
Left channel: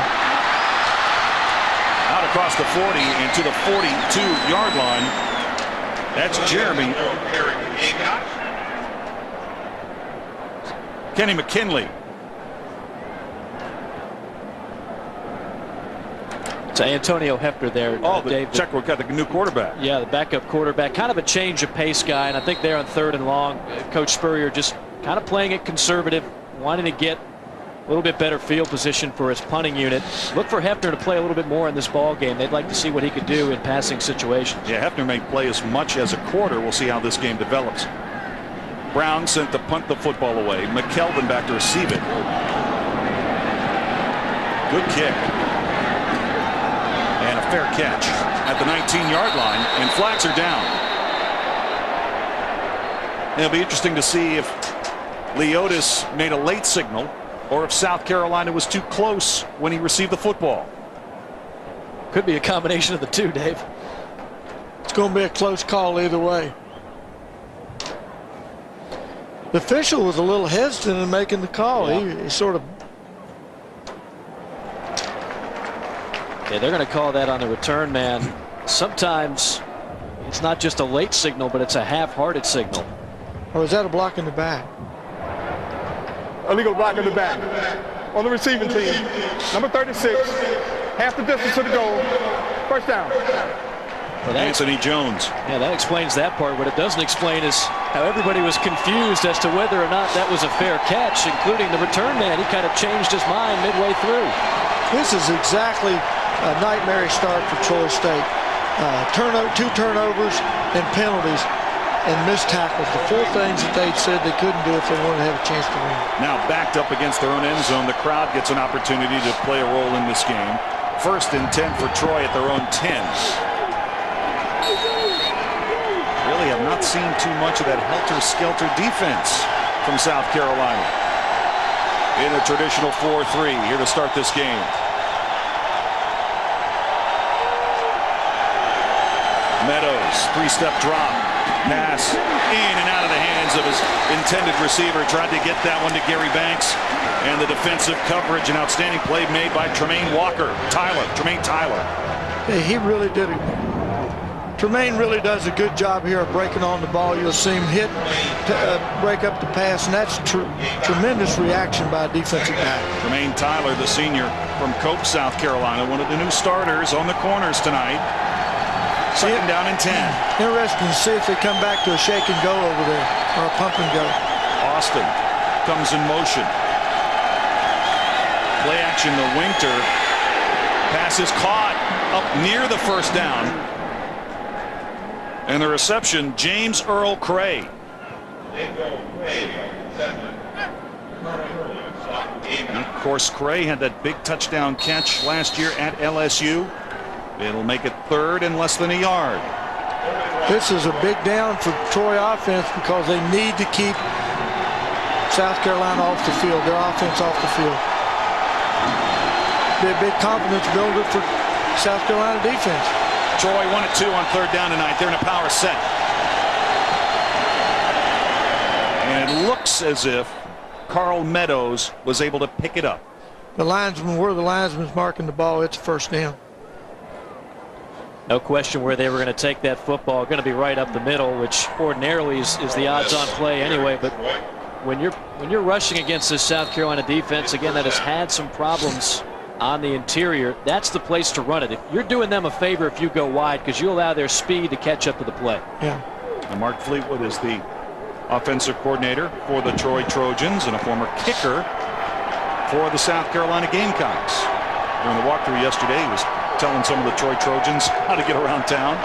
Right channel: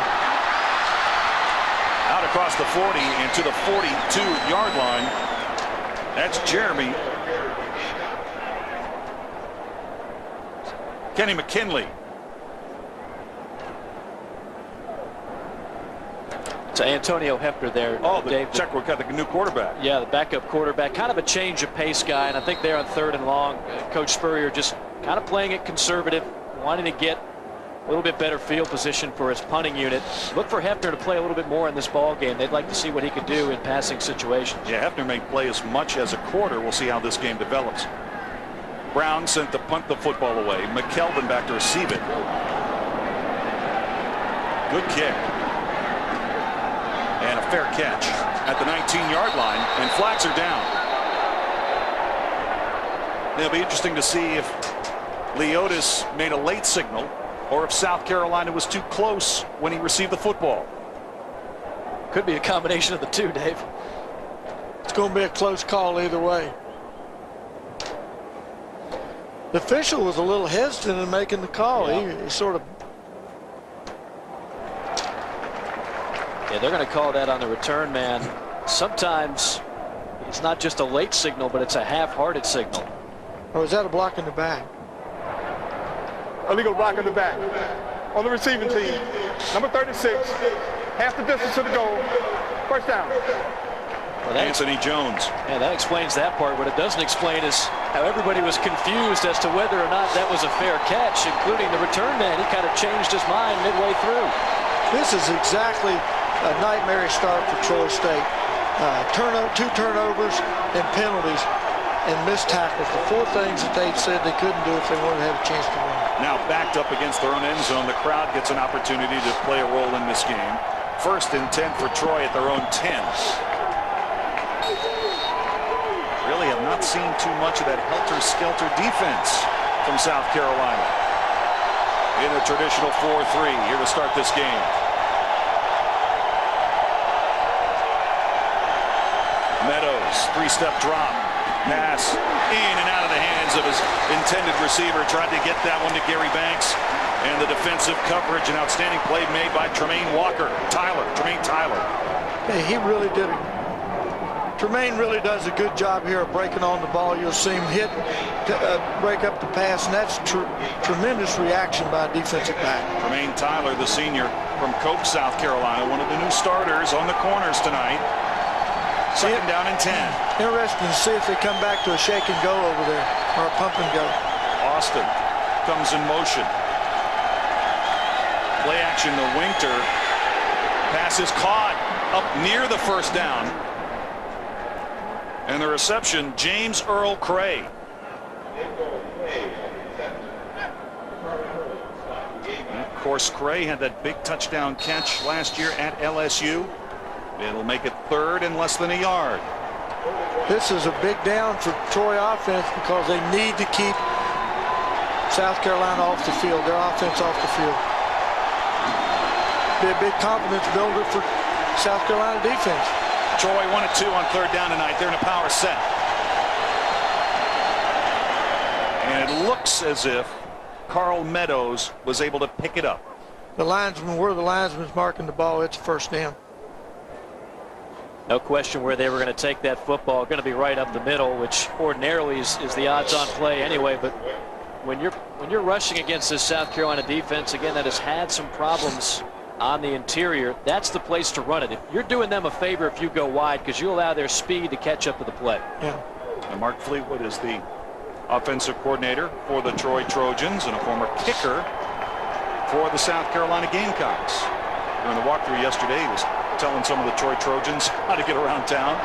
Out across the 40 and to the 42-yard line. That's Jeremy. Kenny McKinley. So Antonio Hefner there. Dave, check. We've got the new quarterback. Yeah, the backup quarterback. Kind of a change of pace guy, and I think there on 3rd and long, Coach Spurrier just kind of playing it conservative, wanting to get a little bit better field position for his punting unit. Look for Hefner to play a little bit more in this ball game. They'd like to see what he could do in passing situations. Yeah, Hefner may play as much as a quarter. We'll see how this game develops. Brown sent to punt the football away. McKelvin back to receive it. Good kick. And a fair catch at the 19-yard line, and flags are down. It'll be interesting to see if Leotis made a late signal or if South Carolina was too close when he received the football. Could be a combination of the two, Dave. It's going to be a close call either way. The official was a little hesitant in making the call. Yeah. He sort of. Yeah, they're going to call that on the return man. Sometimes it's not just a late signal, but it's a half-hearted signal. Or is that a block in the back? Illegal block in the back. On the receiving team, number 36, half the distance to the goal. First down. Well, Anthony Jones. Yeah, that explains that part. What it doesn't explain is how everybody was confused as to whether or not that was a fair catch, including the return man. He kind of changed his mind midway through. This is exactly a nightmare start for Troy State. 2 turnovers and penalties and missed tackles. The 4 things that they said they couldn't do if they wanted to have a chance to win. Now backed up against their own end zone. The crowd gets an opportunity to play a role in this game. 1st and 10 for Troy at their own 10. Really have not seen too much of that helter-skelter defense from South Carolina. In a traditional 4-3 here to start this game. Meadows, 3-step drop. Pass in and out of the hands of his intended receiver. Tried to get that one to Gary Banks. And the defensive coverage, an outstanding play made by Tremaine Tyler. Hey, he really did it. Tremaine really does a good job here of breaking on the ball. You'll see him hit, break up the pass, and that's tremendous reaction by a defensive back. Tremaine Tyler, the senior from Cope, South Carolina, one of the new starters on the corners tonight. 2nd down and 10. Interesting to see if they come back to a shake and go over there, or a pump and go. Austin comes in motion. Play action to Winter. Pass is caught up near the 1st down. And the reception, James Earl Cray. And of course, Cray had that big touchdown catch last year at LSU. It'll make it 3rd and less than a yard. This is a big down for Troy offense because they need to keep South Carolina off the field, their offense off the field. Be a big confidence builder for South Carolina defense. Troy 1-2 on 3rd down tonight. They're in a power set. And it looks as if Carl Meadows was able to pick it up. The linesman's marking the ball, it's 1st down. No question where they were going to take that football. Going to be right up the middle, which ordinarily is the odds-on play anyway. But when you're rushing against this South Carolina defense, again, that has had some problems on the interior, that's the place to run it. If you're doing them a favor if you go wide, because you allow their speed to catch up to the play. Yeah. And Mark Fleetwood is the offensive coordinator for the Troy Trojans and a former kicker for the South Carolina Gamecocks. During the walkthrough yesterday, he was telling some of the Troy Trojans how to get around town.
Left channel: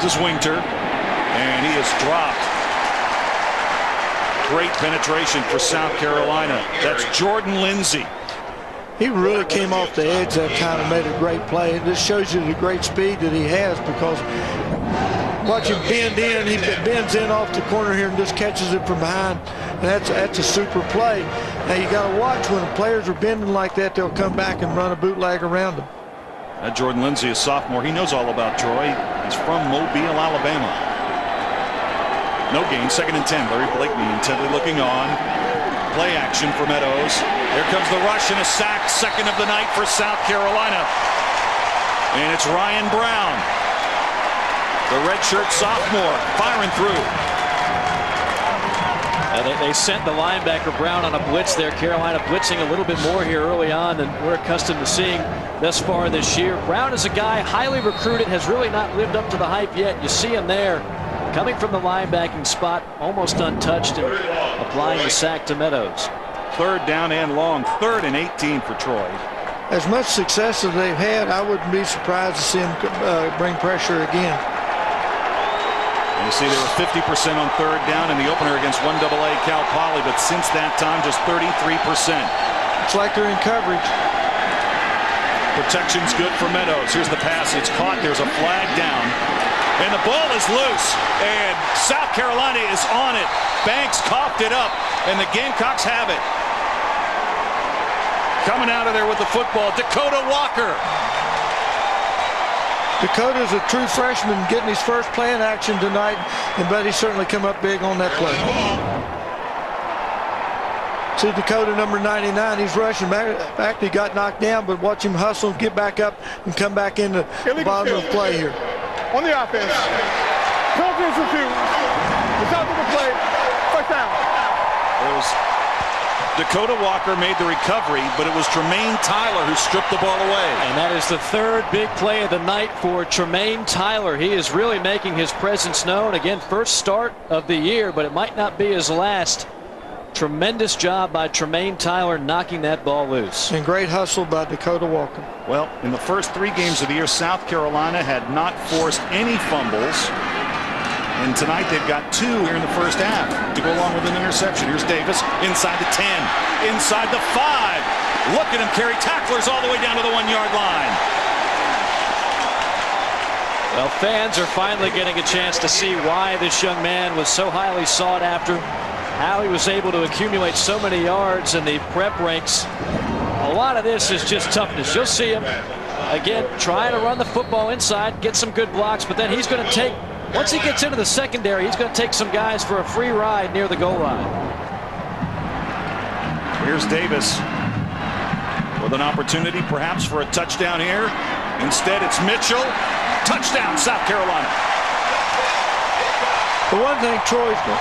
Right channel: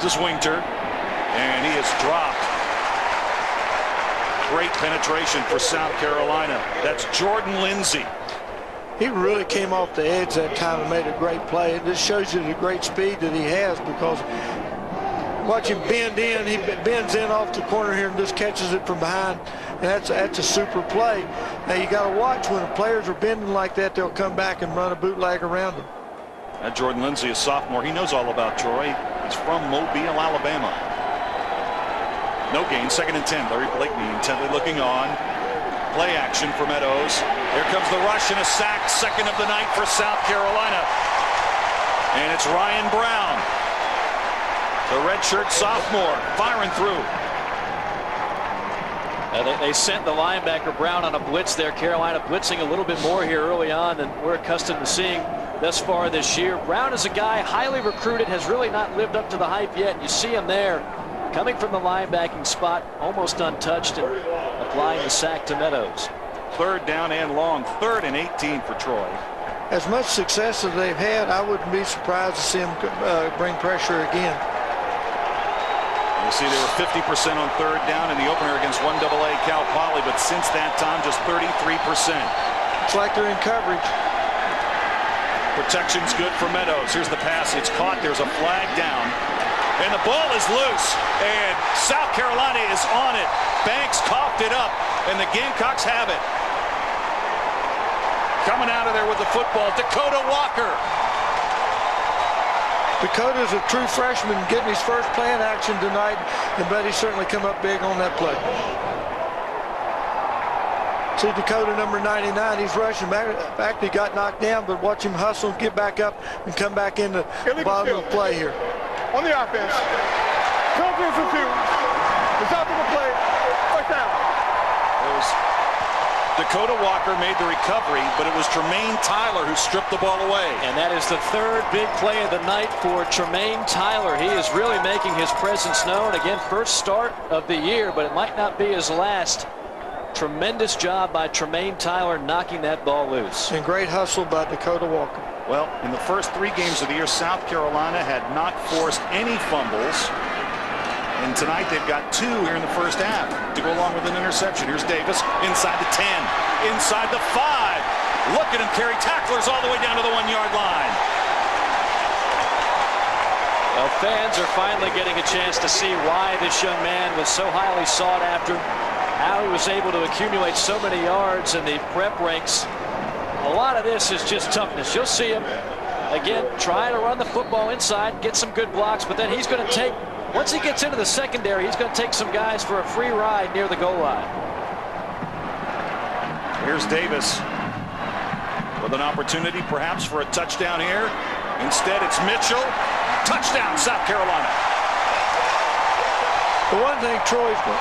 This is Winter, and he is dropped. Great penetration for South Carolina. That's Jordan Lindsay. He really came off the edge that time and made a great play. This shows you the great speed that he has, because watch him bend in. He bends in off the corner here and just catches it from behind. And that's a super play. Now you got to watch when the players are bending like that, they'll come back and run a bootleg around them. That Jordan Lindsay, a sophomore. He knows all about Troy. He's from Mobile, Alabama. No gain, 2nd and 10. Larry Blakeney intently looking on. Play action for Meadows. Here comes the rush and a sack, 2nd of the night for South Carolina. And it's Ryan Brown, the redshirt sophomore, firing through. They sent the linebacker Brown on a blitz there. Carolina blitzing a little bit more here early on than we're accustomed to seeing thus far this year. Brown is a guy highly recruited, has really not lived up to the hype yet. You see him there coming from the linebacking spot, almost untouched, and applying the sack to Meadows. 3rd down and long, 3rd and 18 for Troy. As much success as they've had, I wouldn't be surprised to see them bring pressure again. And you see they were 50% on 3rd down in the opener against 1AA Cal Poly, but since that time just 33%. It's like they're in coverage. Protection's good for Meadows. Here's the pass. It's caught. There's a flag down. And the ball is loose. And South Carolina is on it. Banks coughed it up. And the Gamecocks have it. Coming out of there with the football, Dakota Walker. Dakota's a true freshman getting his first playing action tonight, and Buddy certainly come up big on that play. See Dakota number 99, he's rushing back. He got knocked down, but watch him hustle and get back up and come back into the bottom of the play here. On the offense. Confidence in 2. Result of the play. First down. It was Dakota Walker made the recovery, but it was Tremaine Tyler who stripped the ball away. And that is the 3rd big play of the night for Tremaine Tyler. He is really making his presence known. Again, first start of the year, but it might not be his last. Tremendous job by Tremaine Tyler knocking that ball loose. And great hustle by Dakota Walker. Well, in the first 3 games of the year, South Carolina had not forced any fumbles. And tonight they've got 2 here in the first half to go along with an interception. Here's Davis inside the 10, inside the 5. Look at him carry tacklers all the way down to the 1-yard line. Well, fans are finally getting a chance to see why this young man was so highly sought after, how he was able to accumulate so many yards in the prep ranks. A lot of this is just toughness. You'll see him, again, trying to run the football inside, get some good blocks, but then he's going to take, once he gets into the secondary, he's going to take some guys for a free ride near the goal line. Here's Davis with an opportunity perhaps for a touchdown here. Instead, it's Mitchell. Touchdown, South Carolina. The one thing Troy's going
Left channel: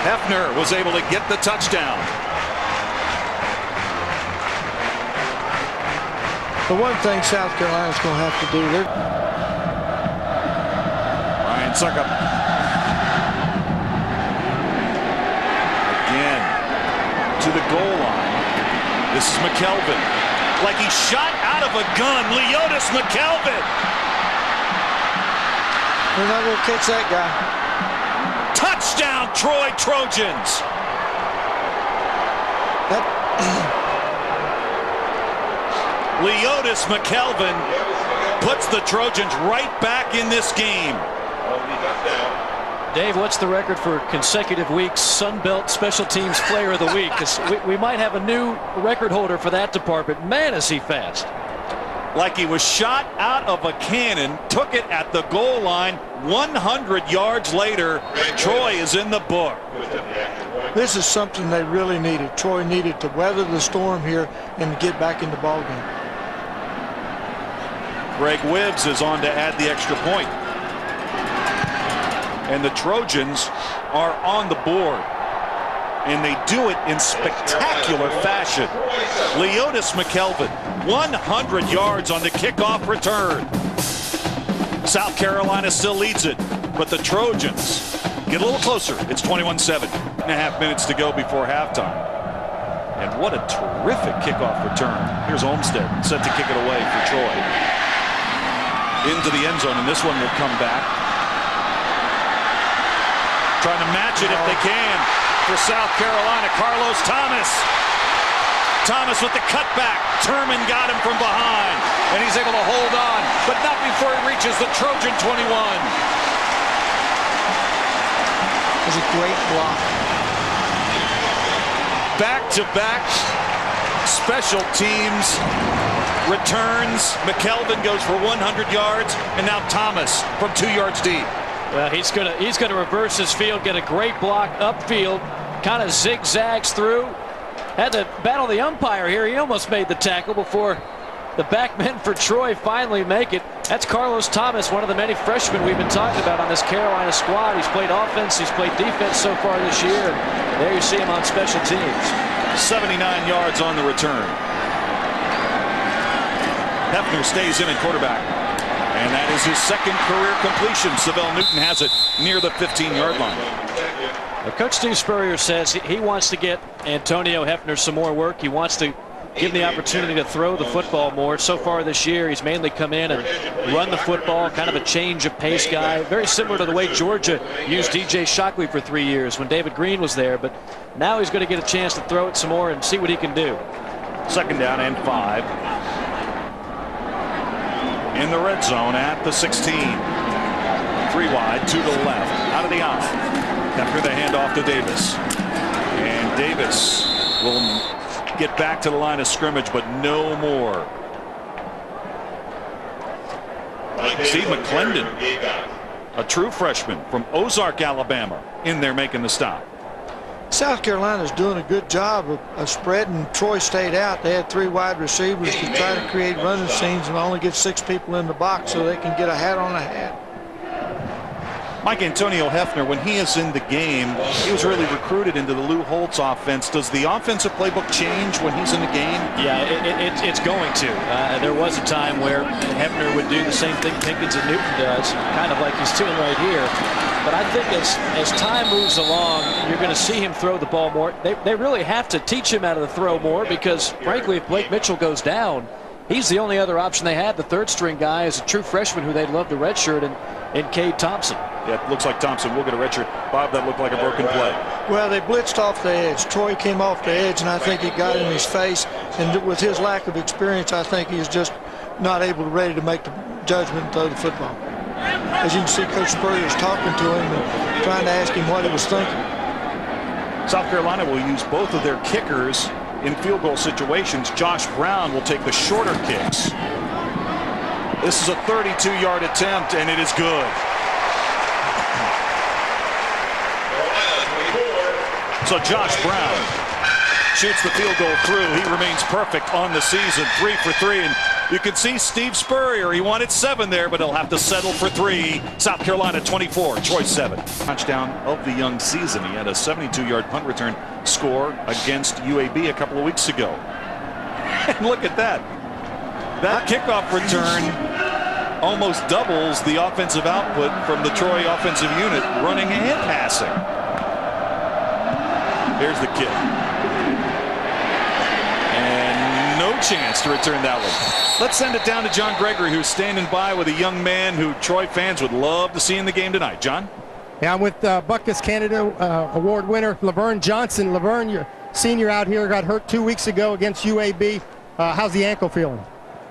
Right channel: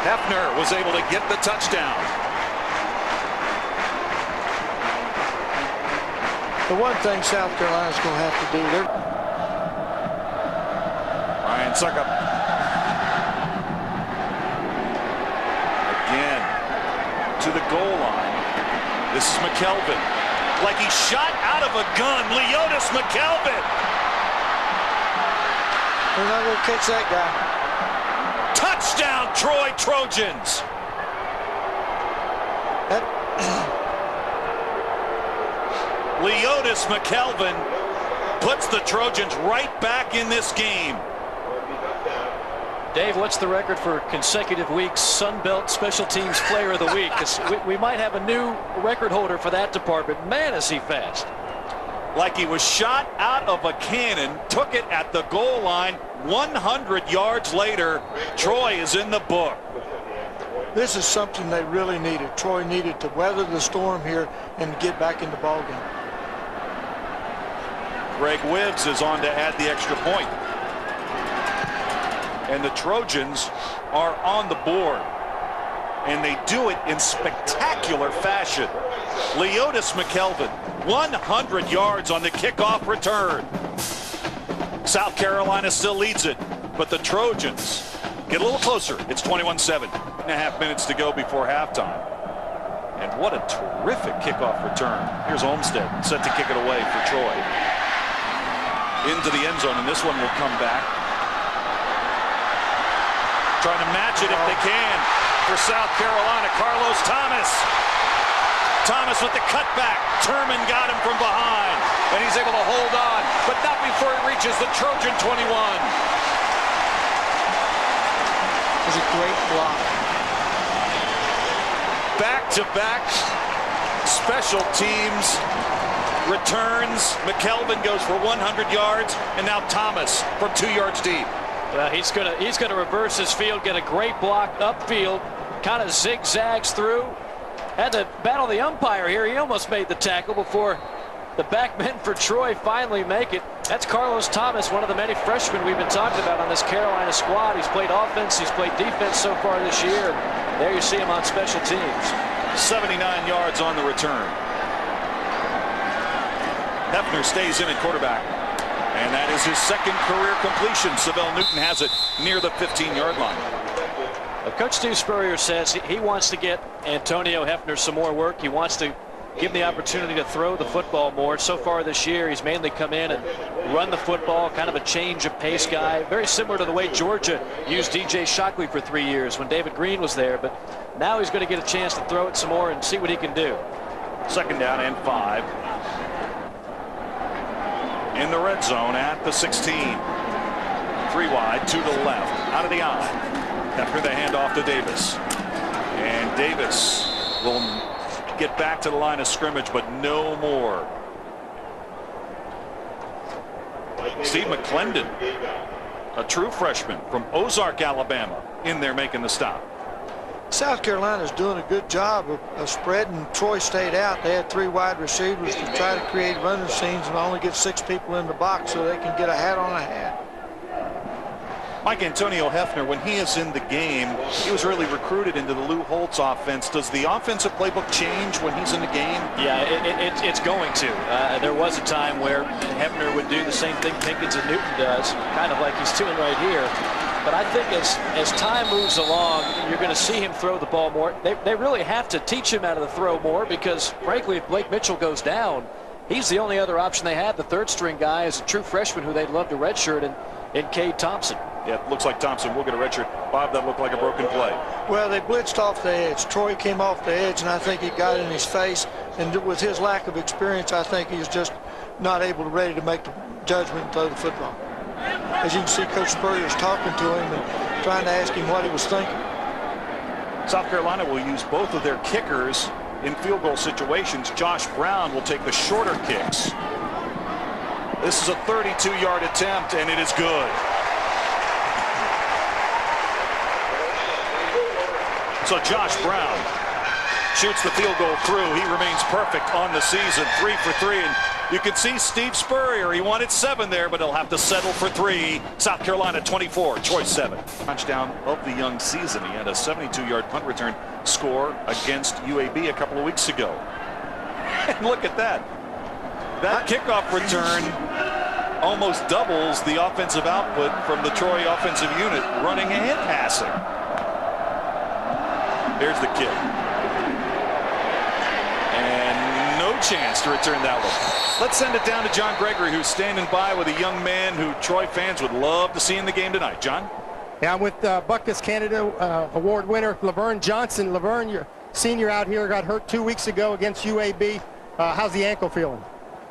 Hefner was able to get the touchdown. The one thing South Carolina's going to have to do, Ryan Suckup. Again to the goal line. This is McKelvin. Like he shot out of a gun. Leotis McKelvin. they're not going to catch that guy. Touchdown, Troy Trojans. That Leotis McKelvin puts the Trojans right back in this game. Dave, what's the record for consecutive weeks Sun Belt Special Teams Player of the Week? 'Cause we might have a new record holder for that department. Man, is he fast. Like he was shot out of a cannon, took it at the goal line. 100 yards later, Troy is in the book. This is something they really needed. Troy needed to weather the storm here and get back in the ballgame. Greg Wibbs is on to add the extra point. And the Trojans are on the board. And they do it in spectacular fashion. Leotis McKelvin, 100 yards on the kickoff return. South Carolina still leads it, but the Trojans get a little closer. It's 21-7. 1.5 minutes to go before halftime. And what a terrific kickoff return. Here's Olmstead set to kick it away for Troy. Into the end zone, and this one will come back. Trying to match it if they can for South Carolina. Carlos Thomas. Thomas with the cutback. Turman got him from behind, and he's able to hold on, but not before he reaches the Trojan 21. It was a great block. Back-to-back special teams returns. McKelvin goes for 100 yards, and now Thomas from 2 yards deep. Well, he's gonna reverse his field, get a great block upfield, kind of zigzags through. Had to battle the umpire here. He almost made the tackle before the back men for Troy finally make it. That's Carlos Thomas, one of the many freshmen we've been talking about on this Carolina squad. He's played offense, he's played defense so far this year. There you see him on special teams. 79 yards on the return. Hefner stays in at quarterback. And that is his second career completion. Savell Newton has it near the 15-yard line. Coach Steve Spurrier says he wants to get Antonio Hefner some more work. He wants to give him the opportunity to throw the football more. So far this year, he's mainly come in and run the football, kind of a change of pace guy. Very similar to the way Georgia used DJ Shockley for 3 years when David Green was there. But now he's going to get a chance to throw it some more and see what he can do. 2nd down and 5. In the red zone at the 16. 3 wide to the left. Out of the eye. After the handoff to Davis. And Davis will get back to the line of scrimmage, but no more. Steve McClendon, a true freshman from Ozark, Alabama, in there making the stop. South Carolina's doing a good job of spreading Troy State out. They had 3 wide receivers to try to create running scenes and only get 6 people in the box so they can get a hat on a hat. Mike Antonio Hefner, when he is in the game, he was really recruited into the Lou Holtz offense. Does the offensive playbook change when he's in the game? Yeah, it's going to. There was a time where Hefner would do the same thing Pinkins and Newton does, kind of like he's doing right here. But I think as time moves along, you're going to see him throw the ball more. They really have to teach him how to throw more because, frankly, if Blake Mitchell goes down, he's the only other option they have. The 3rd-string guy is a true freshman who they'd love to redshirt in Cade Thompson. Yeah, it looks like Thompson will get a redshirt. Bob, that looked like a broken play. Well, they blitzed off the edge. Troy came off the edge, and I think he got in his face. And with his lack of experience, I think he's just not ready to make the judgment and throw the football. As you can see, Coach Spurrier's talking to him and trying to ask him what he was thinking. South Carolina will use both of their kickers in field goal situations. Josh Brown will take the shorter kicks. This is a 32-yard attempt, and it is good. So Josh Brown shoots the field goal through. He remains perfect on the season, 3 for 3. And you can see Steve Spurrier, he wanted 7 there, but he'll have to settle for 3. South Carolina 24, Troy 7. Touchdown of the young season. He had a 72-yard punt return score against UAB a couple of weeks ago. And look at that. That kickoff return almost doubles the offensive output from the Troy offensive unit, running and passing. There's the kick. And no chance to return that one. Let's send it down to John Gregory, who's standing by with a young man who Troy fans would love to see in the game tonight. John? Yeah, I'm with Butkus Canada Award winner Laverne Johnson. Laverne, your senior out here, got hurt 2 weeks ago against UAB. How's the ankle feeling?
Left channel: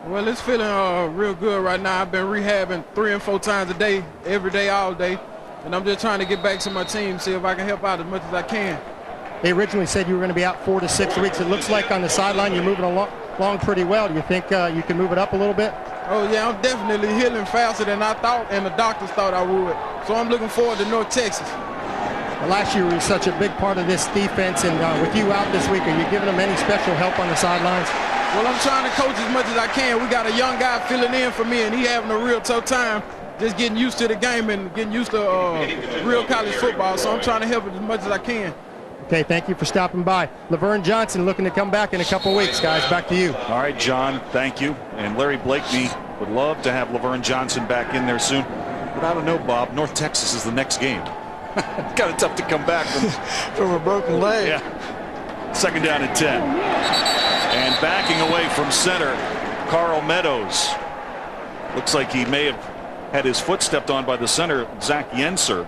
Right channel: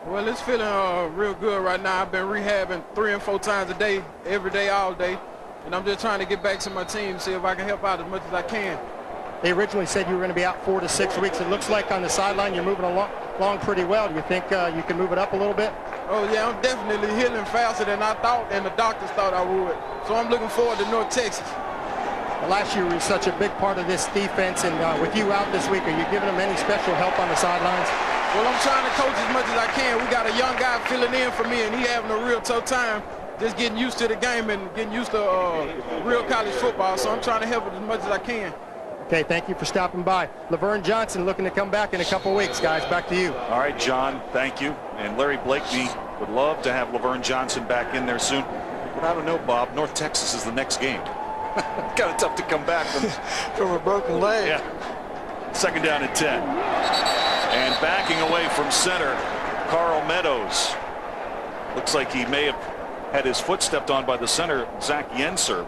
Well, it's feeling real good right now. I've been rehabbing 3 and 4 times a day, every day, all day. And I'm just trying to get back to my team, see if I can help out as much as I can. They originally said you were going to be out 4 to 6 weeks. It looks like on the sideline you're moving along pretty well. Do you think you can move it up a little bit? Oh, yeah, I'm definitely healing faster than I thought and the doctors thought I would. So I'm looking forward to North Texas. Well, last year was such a big part of this defense, and with you out this week, are you giving them any special help on the sidelines? Well, I'm trying to coach as much as I can. We got a young guy filling in for me, and he having a real tough time just getting used to the game and getting used to real college football. So I'm trying to help it as much as I can. Okay, thank you for stopping by. Laverne Johnson looking to come back in a couple weeks, guys. Back to you. All right, John, thank you. And Larry Blakeney would love to have Laverne Johnson back in there soon. But I don't know, Bob. North Texas is the next game. Kind of tough to come back from a broken leg. Yeah. 2nd down and 10. And backing away from center, Carl Meadows. Looks like he may have had his foot stepped on by the center, Zach Yenser.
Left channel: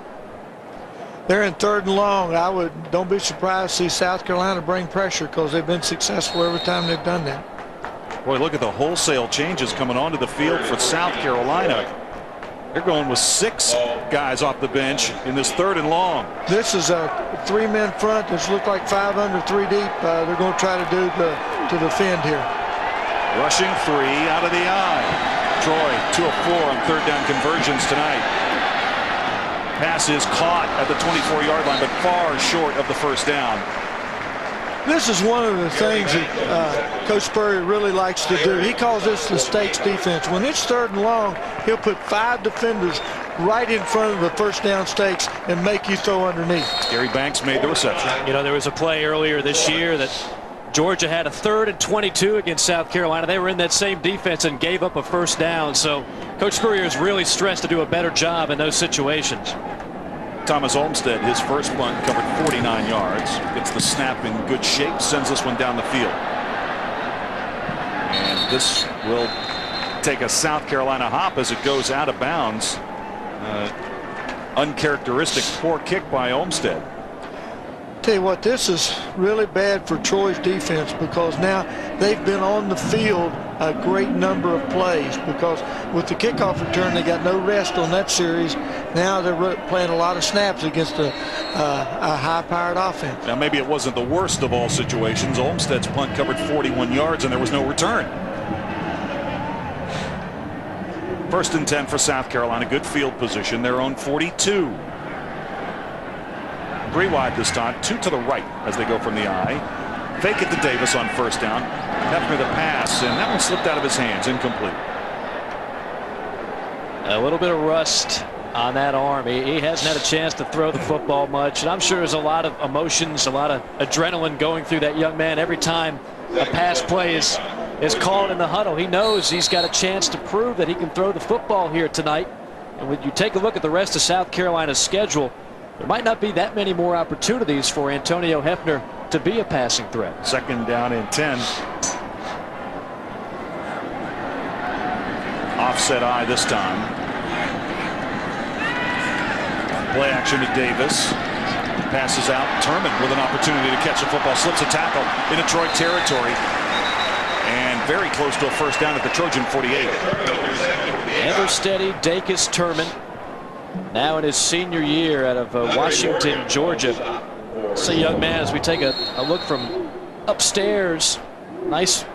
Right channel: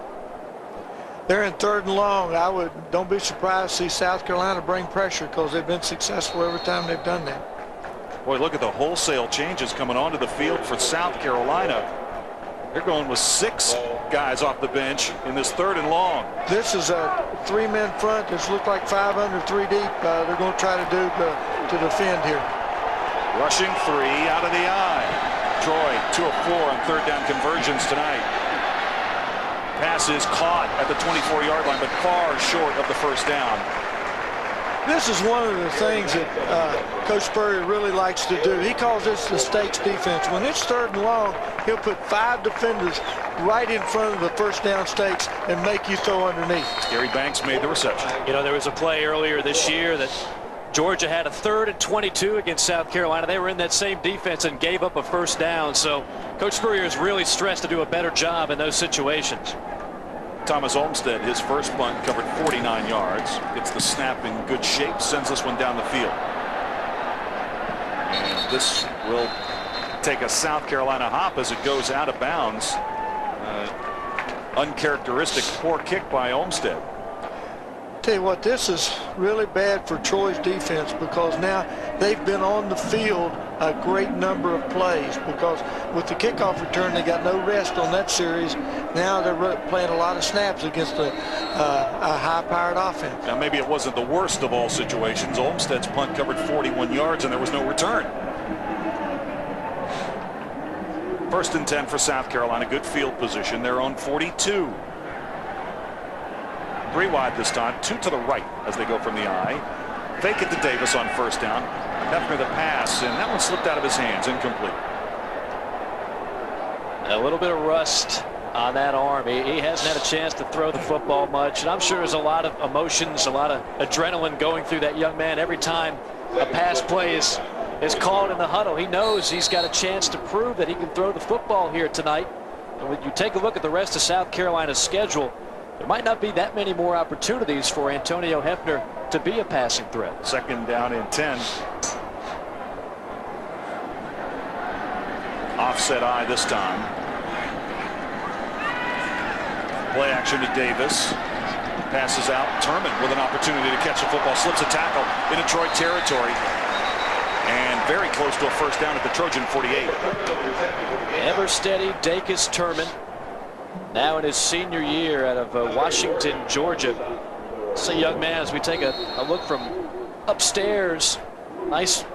They're in 3rd and long. Don't be surprised to see South Carolina bring pressure because they've been successful every time they've done that. Boy, look at the wholesale changes coming onto the field for South Carolina. They're going with 6 guys off the bench in this 3rd and long. This is a 3-man front that's looked like 5 under 3 deep. They're going to try to do to defend here. Rushing 3 out of the eye. Troy 2 of 4 on 3rd down conversions tonight. Pass is caught at the 24-yard line, but far short of the 1st down. This is one of the things that Coach Spurrier really likes to do. He calls this the stakes defense. When it's 3rd and long, he'll put 5 defenders right in front of the first down stakes and make you throw underneath. Gary Banks made the reception. You know, there was a play earlier this year that Georgia had a 3rd and 22 against South Carolina. They were in that same defense and gave up a first down. So Coach Spurrier is really stressed to do a better job in those situations. Thomas Olmstead, his first punt, covered 49 yards. Gets the snap in good shape, sends this one down the field. And this will take a South Carolina hop as it goes out of bounds. Uncharacteristic poor kick by Olmstead. Tell you what, this is really bad for Troy's defense because now they've been on the field a great number of plays because with the kickoff return they got no rest on that series. Now they're playing a lot of snaps against a high-powered offense. Now maybe it wasn't the worst of all situations. Olmstead's punt covered 41 yards and there was no return. 1st and 10 for South Carolina. Good field position. Their own 42. 3 wide this time, 2 to the right as they go from the I. Fake it to Davis on first down. Hefner the pass, and that one slipped out of his hands, incomplete. A little bit of rust on that arm. He hasn't had a chance to throw the football much, and I'm sure there's a lot of emotions, a lot of adrenaline going through that young man every time a pass play is called in the huddle. He knows he's got a chance to prove that he can throw the football here tonight. And when you take a look at the rest of South Carolina's schedule, there might not be that many more opportunities for Antonio Hefner to be a passing threat. 2nd down and 10. Offset I this time. Play action to Davis. Passes out. Turman with an opportunity to catch the football. Slips a tackle into Troy territory. And very close to a first down at the Trojan 48. Ever steady Dacus Turman. Now in his senior year out of Washington, Georgia. It's a young man as we take a look from upstairs. Nice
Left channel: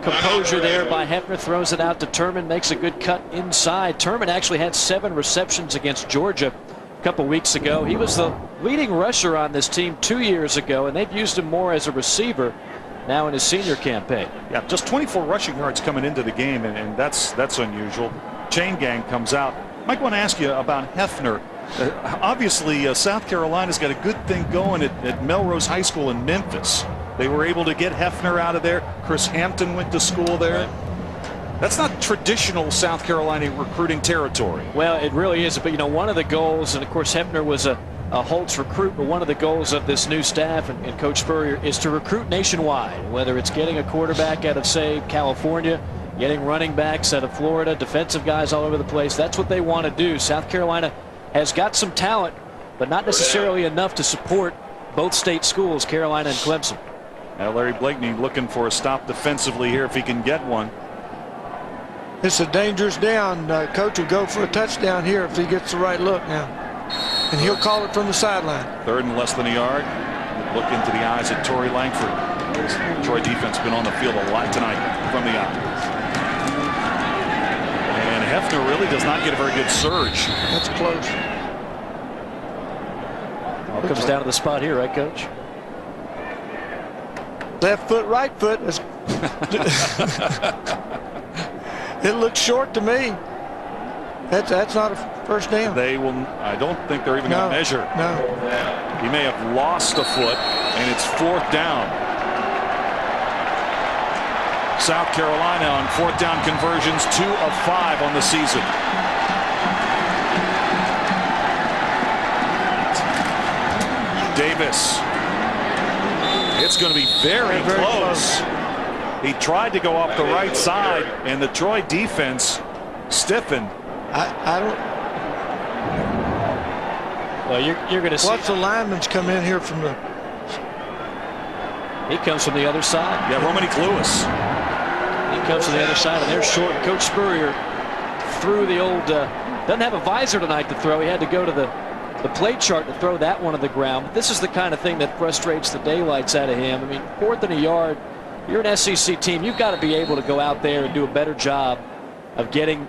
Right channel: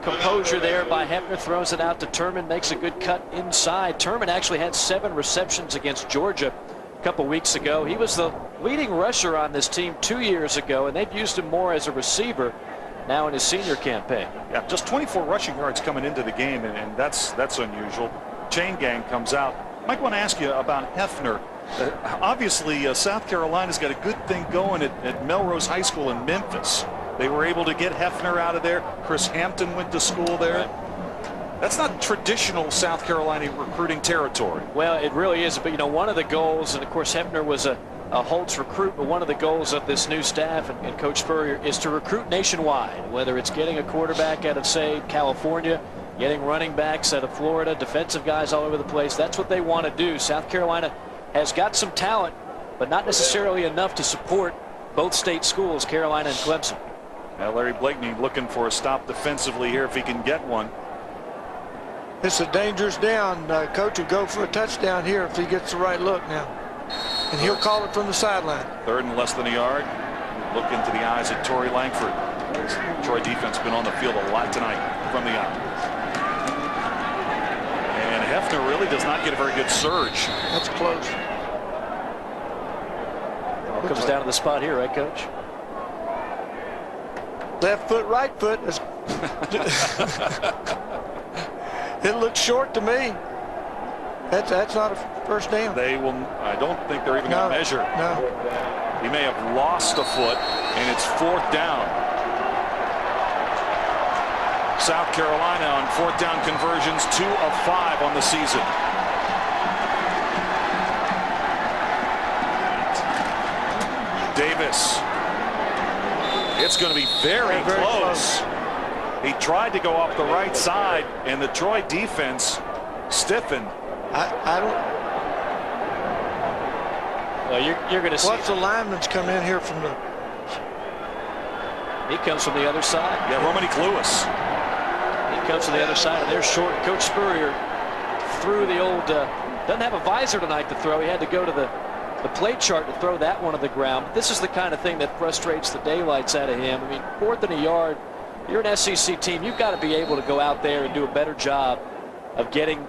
composure there by Hefner. Throws it out to Turman. Makes a good cut inside. Turman actually had 7 receptions against Georgia a couple weeks ago. He was the leading rusher on this team 2 years ago, and they've used him more as a receiver now in his senior campaign. Yeah, just 24 rushing yards coming into the game, and that's unusual. Chain gang comes out. Mike, I want to ask you about Hefner. Obviously, South Carolina's got a good thing going at Melrose High School in Memphis. They were able to get Hefner out of there. Chris Hampton went to school there. Right. That's not traditional South Carolina recruiting territory. Well, it really is. But, you know, one of the goals, and of course Hefner was a Holtz recruit, but one of the goals of this new staff and Coach Spurrier is to recruit nationwide, whether it's getting a quarterback out of, say, California, getting running backs out of Florida, defensive guys all over the place. That's what they want to do. South Carolina has got some talent, but not necessarily enough to support both state schools, Carolina and Clemson. Now Larry Blakeney looking for a stop defensively here if he can get one. It's a dangerous down. Coach will go for a touchdown here if he gets the right look now. And he'll call it from the sideline. 3rd and less than a yard. Look into the eyes at Tory Langford. Troy defense been on the field a lot tonight from the eye. And Hefner really does not get a very good surge. That's close. All comes down to the spot here, right, Coach? Left foot, right foot. It looks short to me. That's not a first down. They will. I don't think they're even going to measure. No. He may have lost a foot, and it's 4th down. South Carolina on 4th down conversions, 2 of 5 on the season. Davis. It's going to be very close. He tried to go off the right side, and the Troy defense stiffened. I don't. Well, you're going to see. Watch the linemen's come in here from the. He comes from the other side. Yeah, Romanick Lewis. He comes from the other side, and they're short. Coach Spurrier threw the old. Doesn't have a visor tonight to throw. He had to go to the play chart to throw that one on the ground. But this is the kind of thing that frustrates the daylights out of him. I mean, 4th and a yard. You're an SEC team. You've got to be able to go out there and do a better job of getting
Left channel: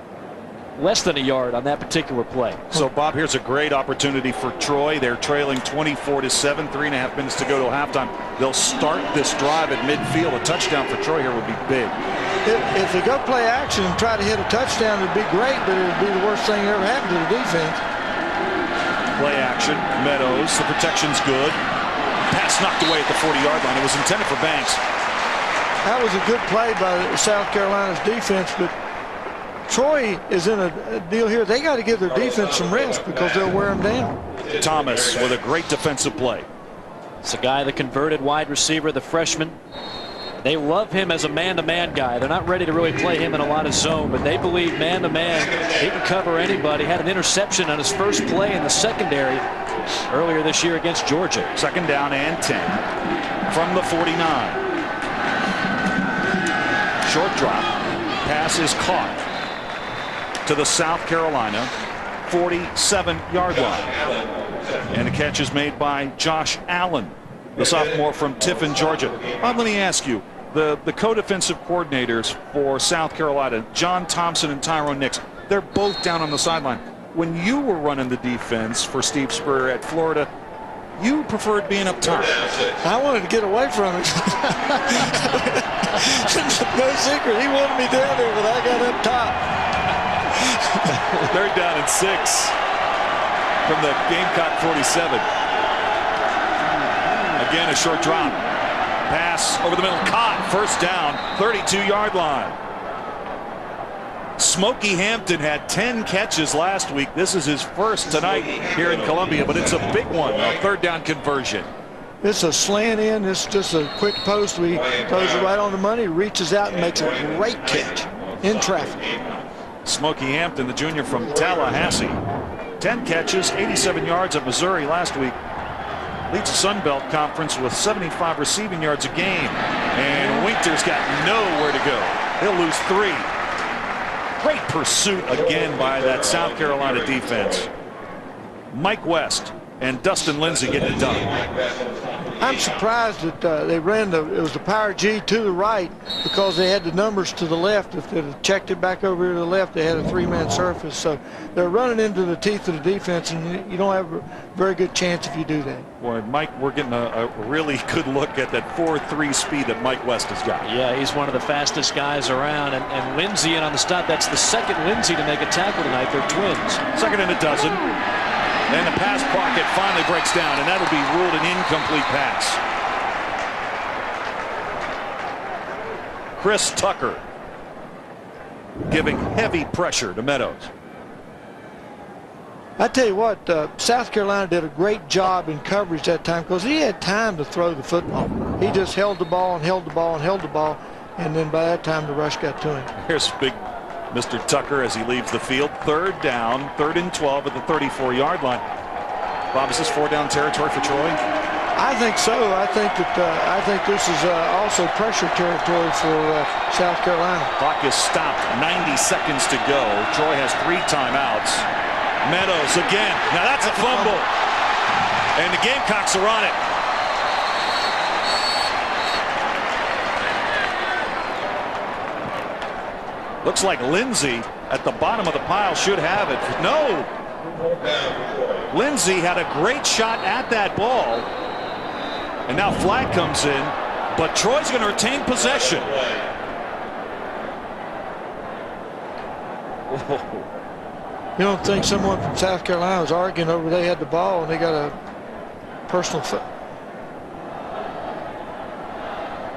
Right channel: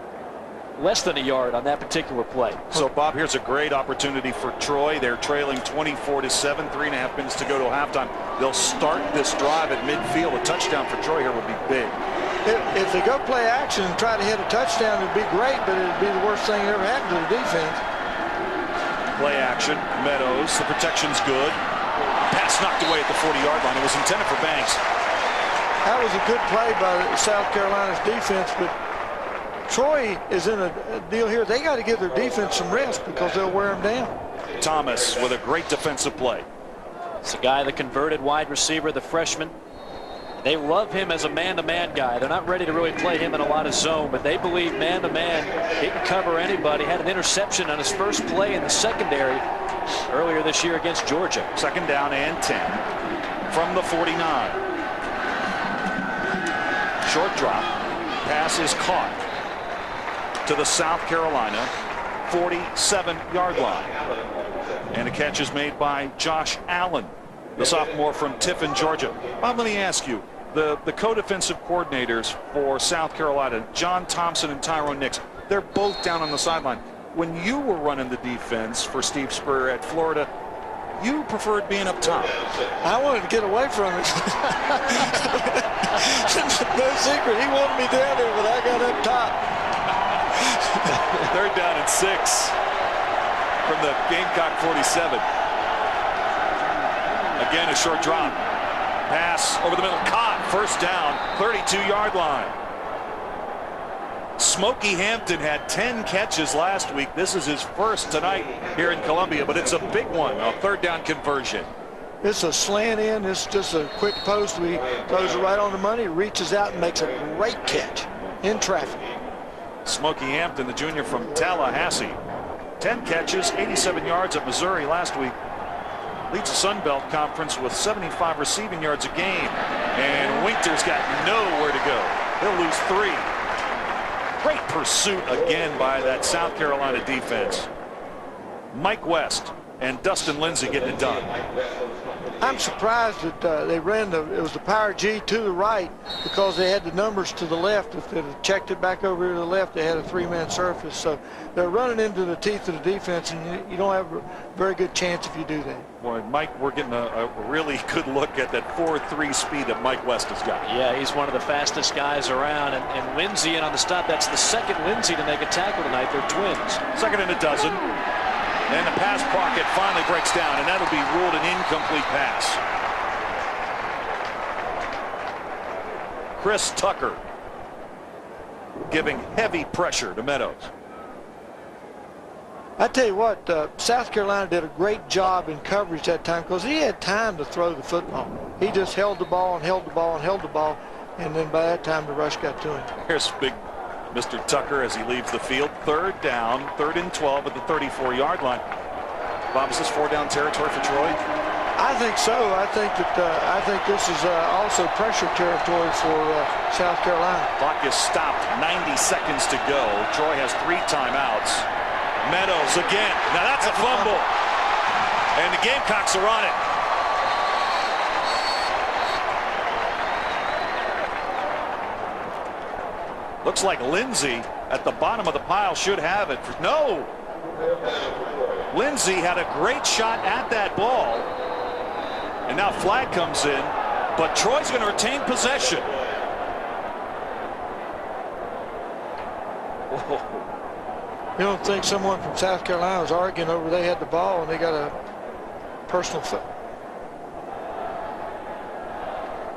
less than a yard on that particular play. So, Bob, here's a great opportunity for Troy. They're trailing 24-7, 3.5 minutes to go to halftime. They'll start this drive at midfield. A touchdown for Troy here would be big. If they go play action and try to hit a touchdown, it'd be great, but it'd be the worst thing that ever happened to the defense. Play action, Meadows, the protection's good. Pass knocked away at the 40-yard line. It was intended for Banks. That was a good play by South Carolina's defense, but Troy is in a deal here. They got to give their defense some rest because they'll wear them down. Thomas with a great defensive play. It's a guy, the converted wide receiver, the freshman. They love him as a man-to-man guy. They're not ready to really play him in a lot of zone, but they believe man-to-man, he can cover anybody. Had an interception on his first play in the secondary earlier this year against Georgia. Second down and 10 from the 49. Short drop. Pass is caught to the South Carolina 47-yard line. And a catch is made by Josh Allen, the sophomore from Tiffin, Georgia. Bob, let me ask you, the co-defensive coordinators for South Carolina, John Thompson and Tyrone Nix, they're both down on the sideline. When you were running the defense for Steve Spurrier at Florida, you preferred being up top. I wanted to get away from it. No secret. He wanted me down there, but I got up top. Third down and 6 from the Gamecock 47. Again, a short drop. Pass over the middle. Caught. First down. 32-yard line. Smokey Hampton had 10 catches last week. This is his first tonight here in Columbia, but it's a big one, a third down conversion. It's a slant in. It's just a quick post. We throws it right on the money, reaches out and makes a great catch in traffic. Smokey Hampton, the junior from Tallahassee. 10 catches, 87 yards at Missouri last week. Leads the Sun Belt Conference with 75 receiving yards a game. And Winter's got nowhere to go. He'll lose 3. Great pursuit again by that South Carolina defense. Mike West and Dustin Lindsay getting it done. I'm surprised that they ran it was the power G to the right because they had the numbers to the left. If they'd have checked it back over to the left, they had a 3-man surface. So they're running into the teeth of the defense, and you don't have a very good chance if you do that. Boy, Mike, we're getting a really good look at that 4.3 speed that Mike West has got. Yeah, he's one of the fastest guys around, and Lindsay in on the stop. That's the second Lindsay to make a tackle tonight. They're twins. Second and a dozen. And the pass pocket finally breaks down, and that'll be ruled an incomplete pass. Chris Tucker giving heavy pressure to Meadows. I tell you what, South Carolina did a great job in coverage that time because he had time to throw the football. He just held the ball and held the ball and held the ball, and then by that time the rush got to him. Here's big Mr. Tucker as he leaves the field. Third down, 3rd and 12 at the 34-yard line. Bob, is this 4-down territory for Troy? I think so. I think this is also pressure territory for South Carolina. Clock is stopped. 90 seconds to go. Troy has 3 timeouts. Meadows again. Now that's a fumble. And the Gamecocks are on it. Looks like Lindsay at the bottom of the pile should have it. No. Lindsay had a great shot at that ball. And now flag comes in. But Troy's going to retain possession. Whoa. You don't think someone from South Carolina was arguing over they had the ball and they got a personal foul?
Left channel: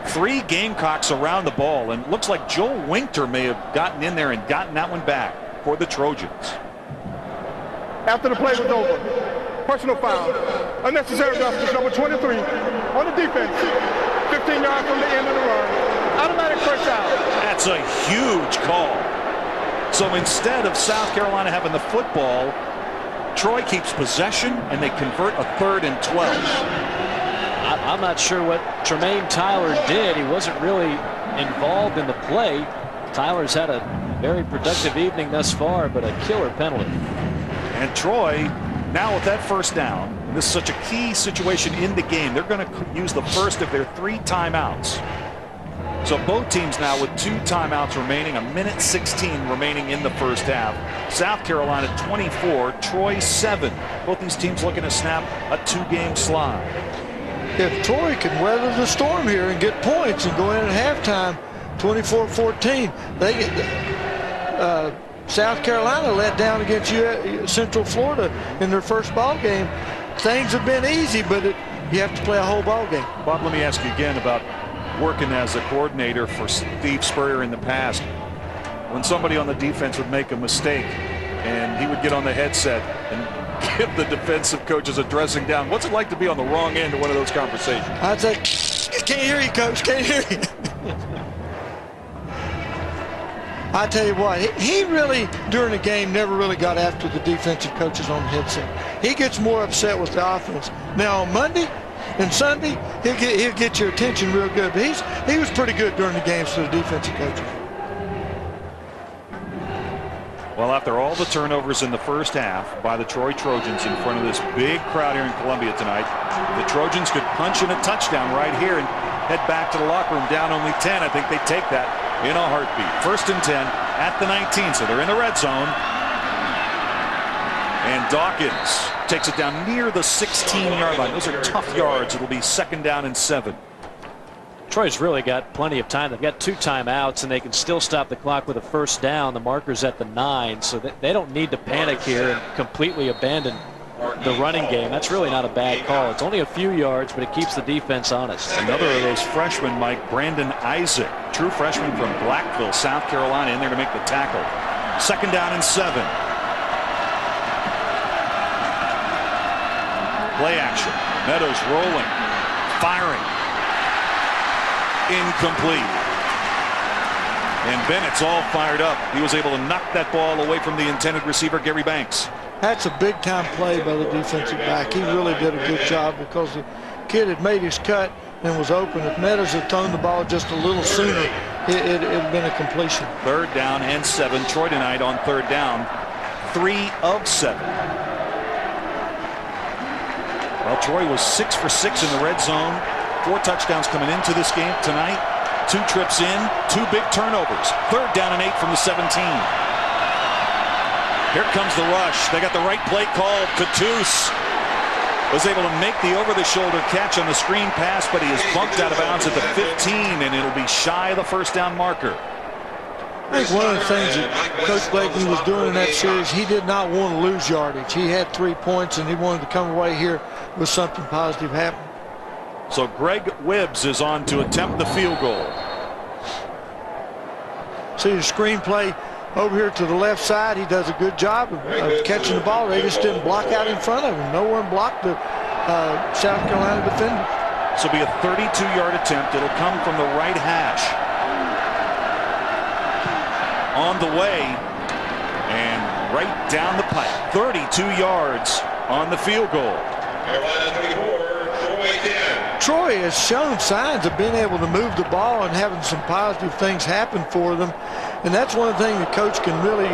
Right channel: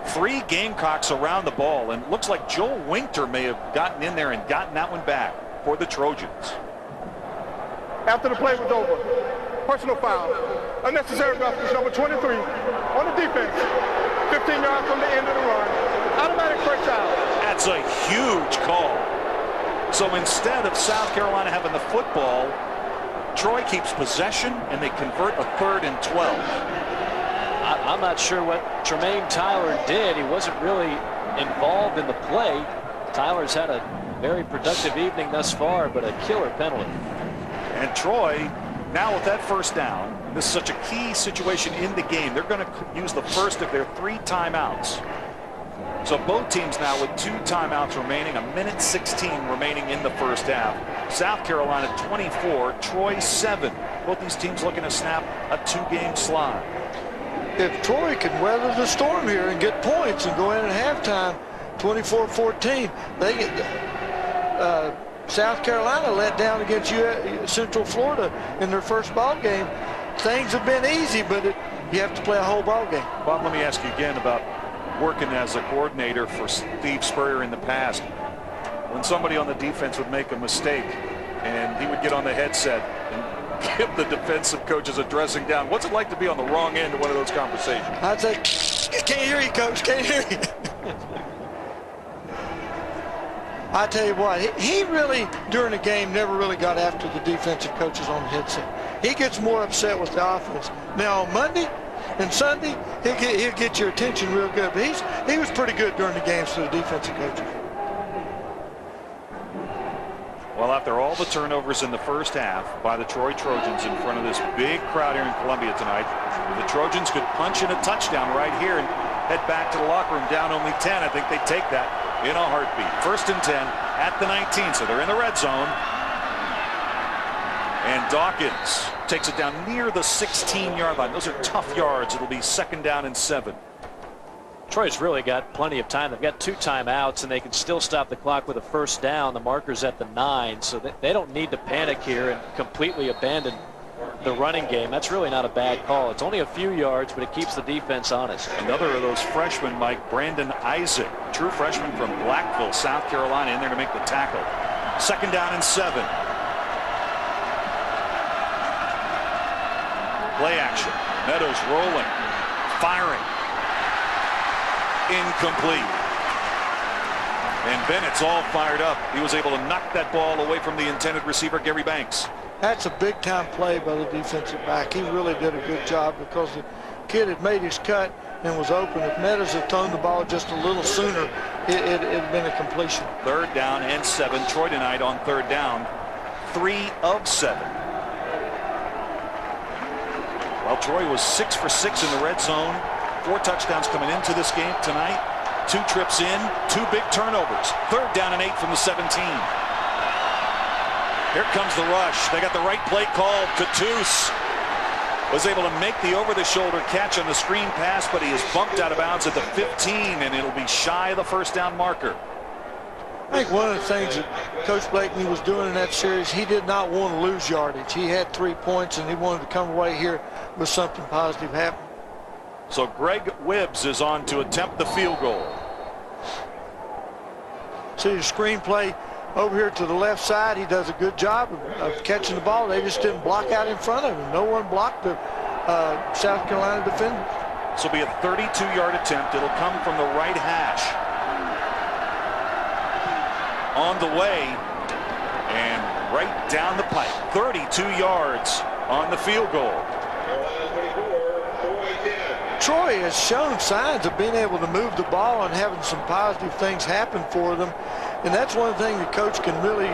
3 Gamecocks around the ball, and looks like Joel Winter may have gotten in there and gotten that one back for the Trojans. After the play was over, personal foul, unnecessary roughness, number 23 on the defense, 15 yards from the end of the run, automatic first out. That's a huge call. So instead of South Carolina having the football, Troy keeps possession and they convert a 3rd and 12. I'm not sure what Tremaine Tyler did. He wasn't really involved in the play. Tyler's had a very productive evening thus far, but a killer penalty. And Troy, now with that first down, and this is such a key situation in the game, they're going to use the first of their 3 timeouts So both teams now with 2 timeouts remaining, 1:16 remaining in the first half. South Carolina 24, Troy 7. Both these teams looking to snap a 2-game slide. If Troy can weather the storm here and get points and go in at halftime, 24-14, they get South Carolina let down against Central Florida in their first ball game. Things have been easy, but you have to play a whole ball game. Bob, let me ask you again about working as a coordinator for Steve Spurrier in the past. When somebody on the defense would make a mistake and he would get on the headset and give the defensive coaches a dressing down, what's it like to be on the wrong end of one of those conversations? I'd say, can't hear you, coach, can't hear you. I tell you what, he really, during the game, never really got after the defensive coaches on the headset. He gets more upset with the offense. Now, on Monday and Sunday, he'll get your attention real good. But he was pretty good during the games to the defensive coaches. Well, after all the turnovers in the first half by the Troy Trojans in front of this big crowd here in Columbia tonight, the Trojans could punch in a touchdown right here and head back to the locker room down only 10. I think they take that in a heartbeat. 1st and 10 at the 19, so they're in the red zone. And Dawkins takes it down near the 16-yard line. Those are tough yards. It'll be 2nd down and 7. Troy's really got plenty of time. They've got 2 timeouts, and they can still stop the clock with a 1st down. The marker's at the 9, so they don't need to panic here and completely abandon the running game. That's really not a bad call. It's only a few yards, but it keeps the defense honest. Another of those freshmen, Mike, Brandon Isaac, true freshman from Blackville, South Carolina, in there to make the tackle. 2nd down and 7. Play action. Meadows rolling, firing. Incomplete. And Bennett's all fired up. He was able to knock that ball away from the intended receiver, Gary Banks. That's a big-time play by the defensive back. He really did a good job because the kid had made his cut and was open. If Meadows had thrown the ball just a little sooner, it had been a completion. 3rd down and 7. Troy tonight on 3rd down, 3 of 7. Well, Troy was 6 for 6 in the red zone. 4 touchdowns coming into this game tonight. 2 trips in, 2 big turnovers. 3rd down and 8 from the 17. Here comes the rush. They got the right play called. Cattouse was able to make the over-the-shoulder catch on the screen pass, but he is bumped out of bounds at the 15, and it'll be shy of the 1st down marker. I think one of the things that Coach Blakeney was doing in that series, he did not want to lose yardage. He had 3 points, and he wanted to come away here with something positive happen. So Greg Wibbs is on to attempt the field goal. See the screenplay over here to the left side. He does a good job of catching the ball. They just didn't block out in front of him. No one blocked the South Carolina defender. This will be a 32-yard attempt. It'll come from the right hash. On the way and right down the pipe. 32 yards on the field goal. Troy has shown signs of being able to move the ball and having some positive things happen for them. And that's one thing the coach can really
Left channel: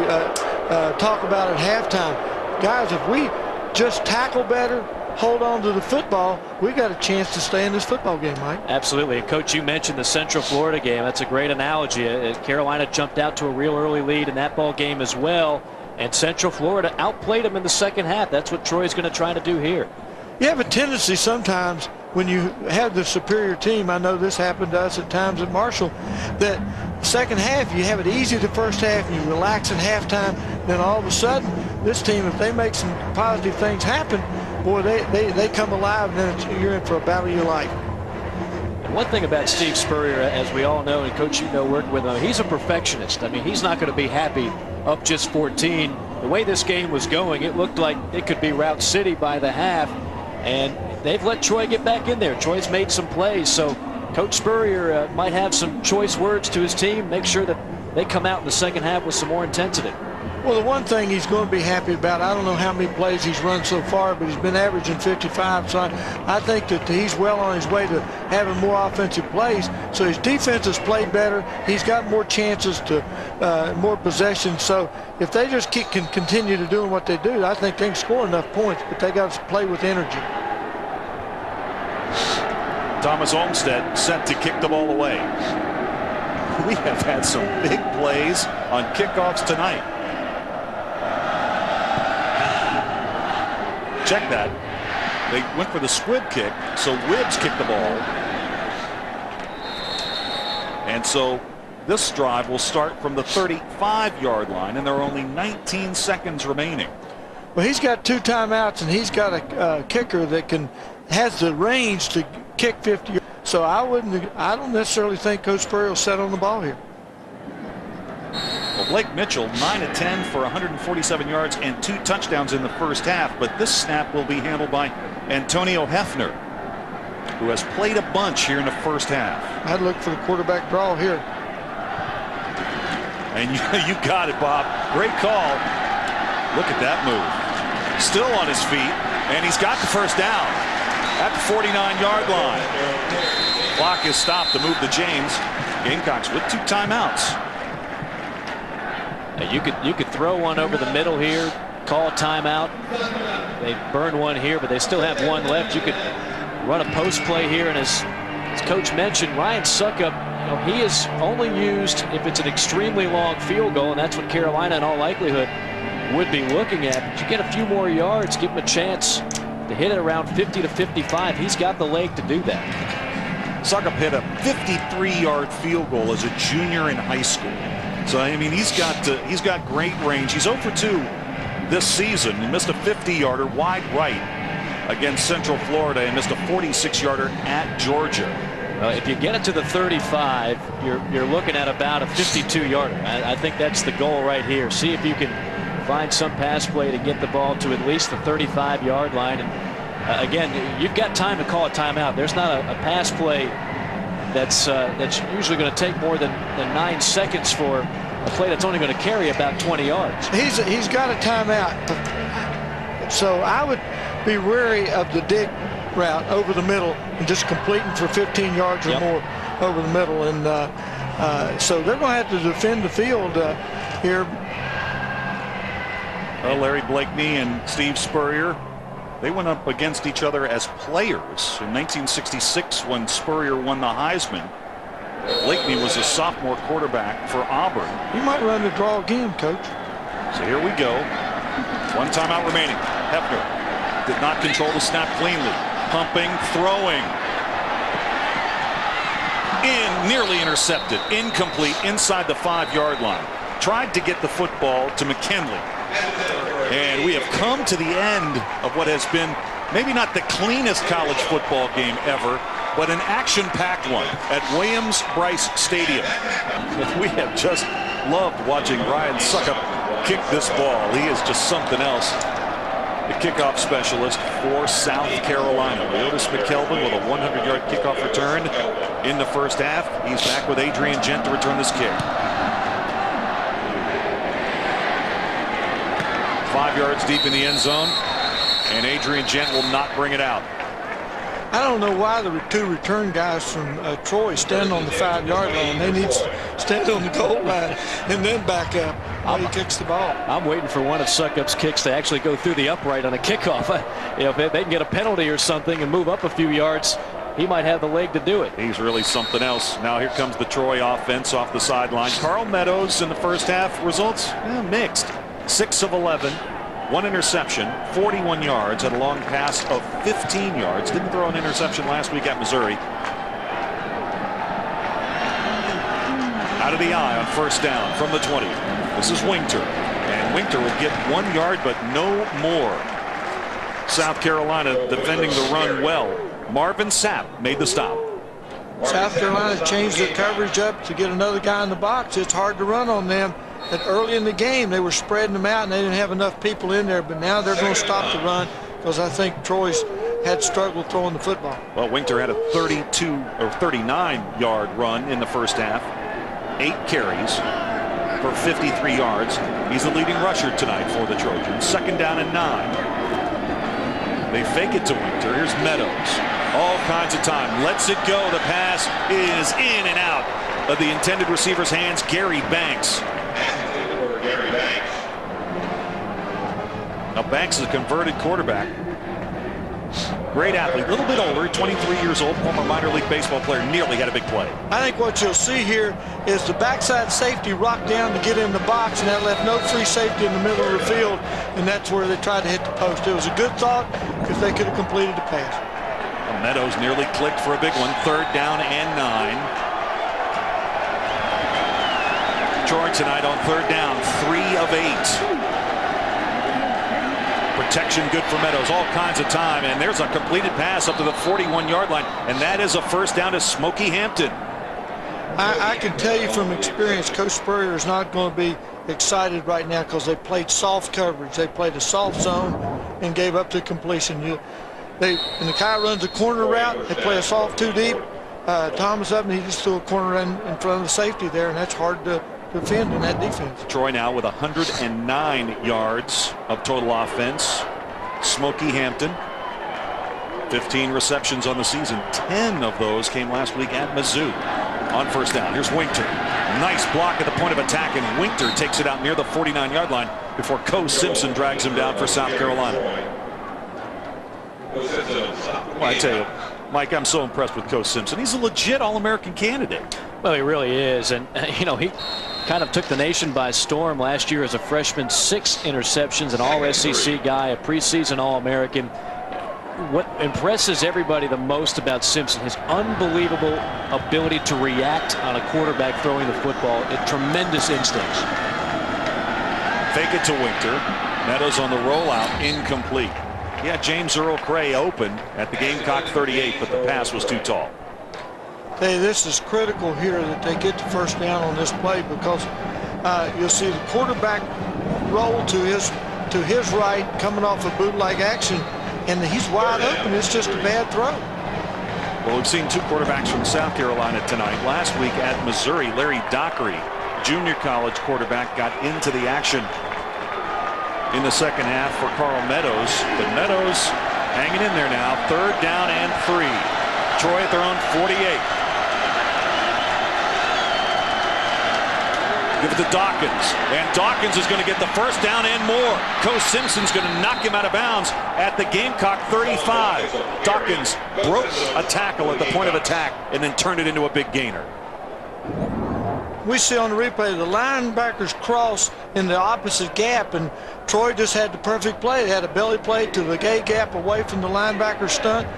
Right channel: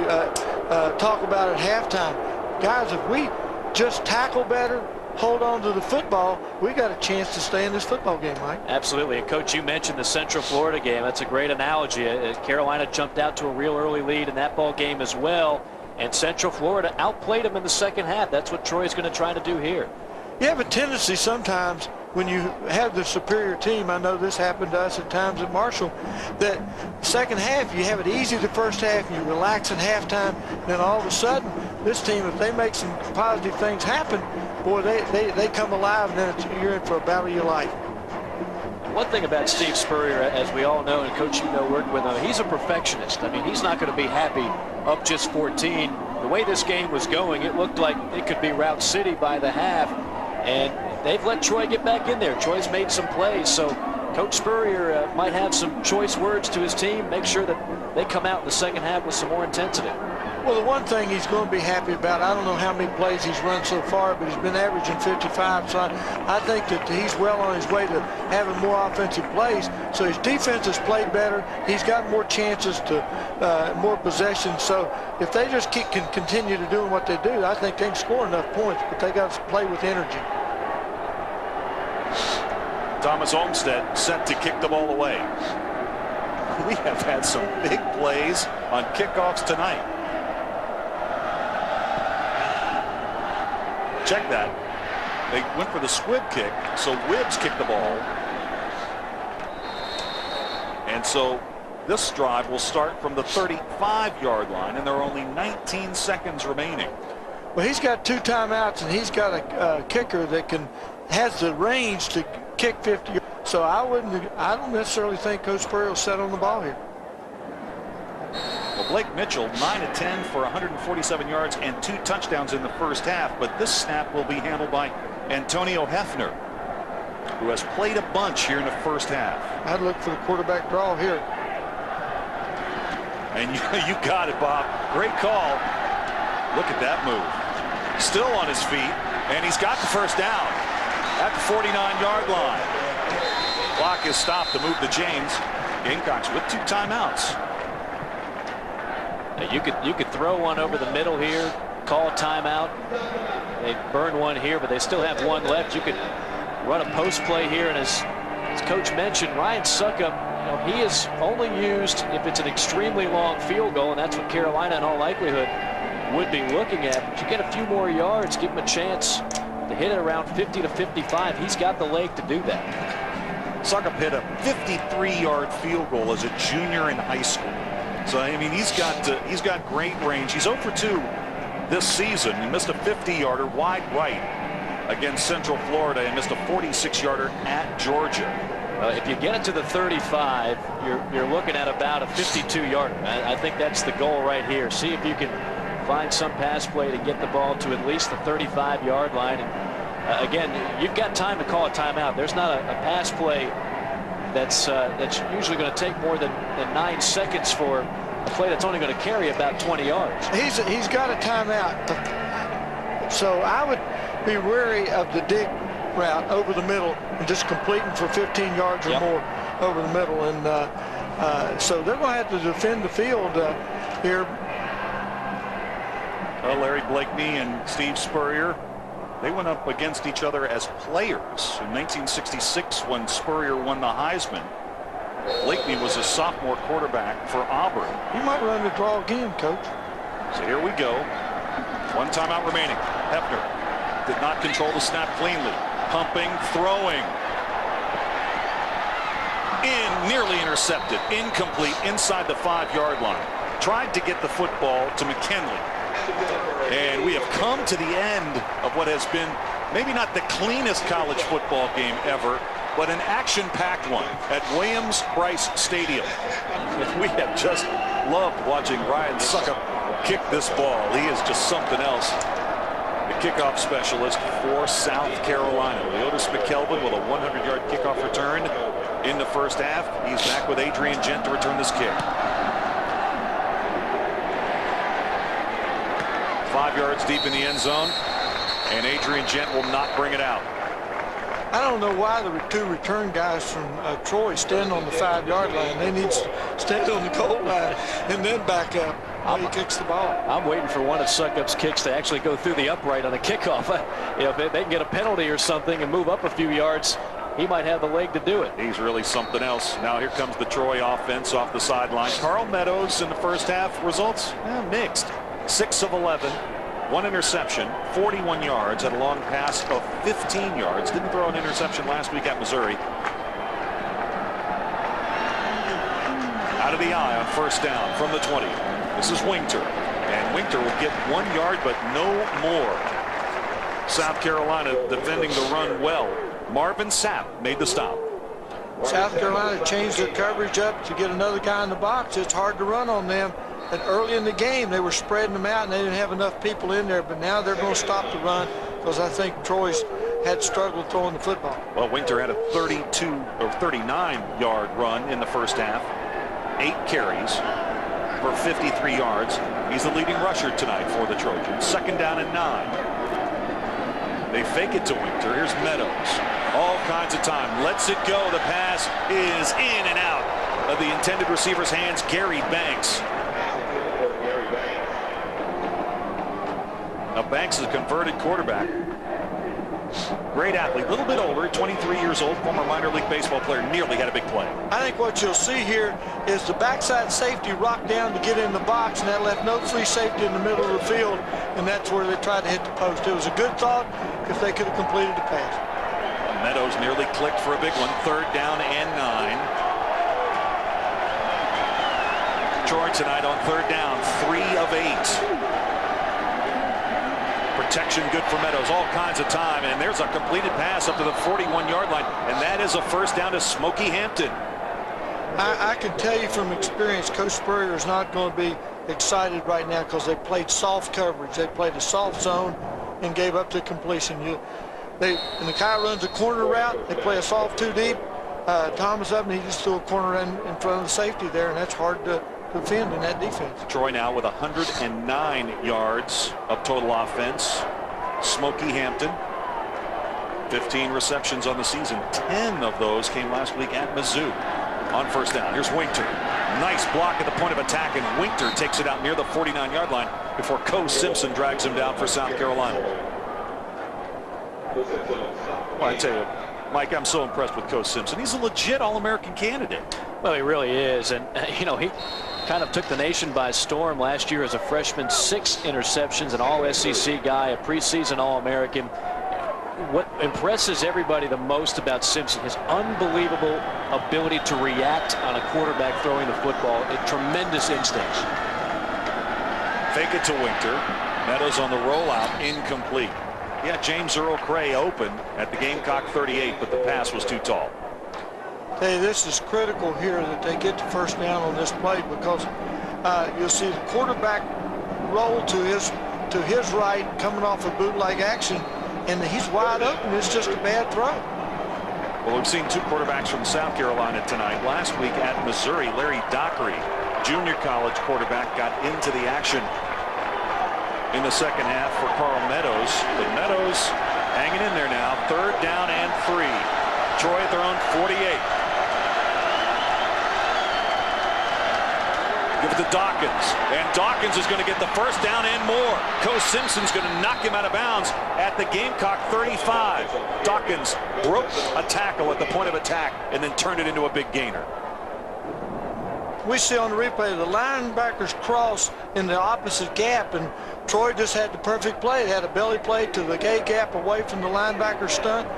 talk about at halftime. Guys, if we just tackle better, hold on to the football, we got a chance to stay in this football game, Mike. Absolutely. And Coach, you mentioned the Central Florida game. That's a great analogy. Carolina jumped out to a real early lead in that ball game as well. And Central Florida outplayed them in the second half. That's what Troy's going to try to do here. You have a tendency sometimes when you have the superior team, I know this happened to us at times at Marshall, that second half you have it easy the first half, you relax at halftime, then all of a sudden this team, if they make some positive things happen, boy, they come alive, and then you're in for a battle of your life. And one thing about Steve Spurrier, as we all know, and Coach, you know, working with him, he's a perfectionist. I mean, he's not going to be happy up just 14. The way this game was going, it looked like it could be Route City by the half. And they've let Troy get back in there. Troy's made some plays, so Coach Spurrier might have some choice words to his team, make sure that they come out in the second half with some more intensity. Well, the one thing he's going to be happy about, I don't know how many plays he's run so far, but he's been averaging 55, so I think that he's well on his way to having more offensive plays. So his defense has played better. He's got more chances to more possessions. So if they just can continue to doing what they do, I think they can score enough points, but they got to play with energy. Thomas Olmstead set to kick the ball away. We have had some big plays on kickoffs tonight. Check that. They went for the squib kick, so Wibbs kicked the ball. And so this drive will start from the 35-yard line, and there are only 19 seconds remaining. Well, he's got 2 timeouts, and he's got a kicker that has the range to kick 50. So I don't necessarily think Coach Spurrier will set on the ball here. Well, Blake Mitchell, 9 of 10 for 147 yards and 2 touchdowns in the first half, but this snap will be handled by Antonio Hefner, who has played a bunch here in the first half. I'd look for the quarterback draw here. And you got it, Bob. Great call. Look at that move. Still on his feet, and he's got the first down at the 49-yard line. Clock is stopped to move to James. Gamecocks with 2 timeouts. Now you could throw one over the middle here, call a timeout. They burned one here, but they still have one left. You could run a post play here, and as Coach mentioned, Ryan Succop, he is only used if it's an extremely long field goal, and that's what Carolina in all likelihood would be looking at. But you get a few more yards, give him a chance to hit it around 50 to 55. He's got the leg to do that. Succop hit a 53-yard field goal as a junior in high school. So I mean, he's got great range. He's 0 for 2 this season. He missed a 50-yarder wide right against Central Florida and missed a 46-yarder at Georgia. Well, if you get it to the 35, you're looking at about a 52-yarder. I think that's the goal right here. See if you can find some pass play to get the ball to at least the 35-yard line. And again, you've got time to call a timeout. There's not a pass play that's usually going to take more than 9 seconds for a play that's only going to carry about 20 yards. He's got a timeout. So I would be wary of the dig route over the middle and just completing for 15 yards or more over the middle. And so they're going to have to defend the field here. Well, Larry Blakeney and Steve Spurrier, they went up against each other as players in 1966 when Spurrier won the Heisman. Blakeney was a sophomore quarterback for Auburn. You might run the draw again, Coach. So here we go. 1 timeout remaining. Hefner did not control the snap cleanly. Pumping, throwing. Nearly intercepted. Incomplete inside the 5-yard line. Tried to get the football to McKinley. And we have come to the end of what has been maybe not the cleanest college football game ever, but an action-packed one at Williams-Brice Stadium. And we have just loved watching Ryan Succop kick this ball. He is just something else. The kickoff specialist for South Carolina. Leotis McKelvin with a 100-yard kickoff return in the first half. He's back with Adrian Gent to return this kick. 5 yards deep in the end zone, and Adrian Gent will not bring it out. I don't know why the 2 return guys from Troy stand on the 5-yard line. They need to stand on the goal line and then back up while he kicks the ball. I'm waiting for one of Succop's kicks to actually go through the upright on a kickoff. If they can get a penalty or something and move up a few yards, he might have the leg to do it. He's really something else. Now here comes the Troy offense off the sideline. Carl Meadows in the first half, results mixed. 6 of 11, 1 interception, 41 yards, had a long pass of 15 yards. Didn't throw an interception last week at Missouri. Out of the eye on first down from the 20. This is Winter, and Winter will get 1 yard, but no more. South Carolina defending the run well. Marvin Sapp made the stop. South Carolina changed their coverage up to get another guy in the box. It's hard to run on them. And early in the game, they were spreading them out, and they didn't have enough people in there. But now they're going to stop the run because I think Troy's had struggled throwing the football. Well, Winter had a 32 or 39-yard run in the first half. 8 carries for 53 yards. He's the leading rusher tonight for the Trojans. 2nd down and 9. They fake it to Winter. Here's Meadows. All kinds of time. Lets it go. The pass is in and out of the intended receiver's hands. Gary Banks. Now Banks is a converted quarterback. Great athlete, a little bit older, 23 years old, former minor league baseball player, nearly had a big play. I think what you'll see here is the backside safety rocked down to get in the box, and that left no free safety in the middle of the field, and that's where they tried to hit the post. It was a good thought because they could have completed the pass. Meadows nearly clicked for a big one. 3rd down and 9. Troy tonight on 3rd down, 3 of 8. Protection good for Meadows, all kinds of time, and there's a completed pass up to the 41-yard line, and that is a 1st down to Smokey Hampton. I can tell you from experience, Coach Spurrier is not going to be excited right now because they played soft coverage. They played a soft zone and gave up the completion. And the guy runs a corner route. They play a soft 2 deep. Thomas up, and he just threw a corner in front of the safety there, and that's hard to defend in that defense. Troy now with 109 yards of total offense. Smokey Hampton, 15 receptions on the season. 10 of those came last week at Mizzou. On 1st down, here's Winter. Nice block at the point of attack, and Winter takes it out near the 49-yard line before Co Simpson drags him down for South Carolina. Well, I tell you, Mike, I'm so impressed with Co Simpson. He's a legit All-American candidate. Well, he really is. And, you know, he kind of took the nation by storm last year as a freshman. 6 interceptions, an All-SEC guy, a preseason All-American. What impresses everybody the most about Simpson, his unbelievable ability to react on a quarterback throwing the football. Tremendous instincts. Fake it to Winter. Meadows on the rollout, incomplete. Yeah, James Earl Cray open at the Gamecock 38, but the pass was too tall. Hey, this is critical here that they get the 1st down on this play because you'll see the quarterback roll to his right coming off a bootleg action, and he's wide open. It's just a bad throw. Well, we've seen 2 quarterbacks from South Carolina tonight. Last week at Missouri, Larry Dockery, junior college quarterback, got into the action in the 2nd half for Carl Meadows. But Meadows hanging in there now. 3rd down and 3. Troy at their own 48. Give it to Dawkins, and Dawkins is going to get the 1st down and more. Co Simpson's going to knock him out of bounds at the Gamecock 35. Dawkins broke a tackle at the point of attack and then turned it into a big gainer. We see on the replay the linebackers cross in the opposite gap, and Troy just had the perfect play. They had a belly play to the A gap away from the linebacker stunt.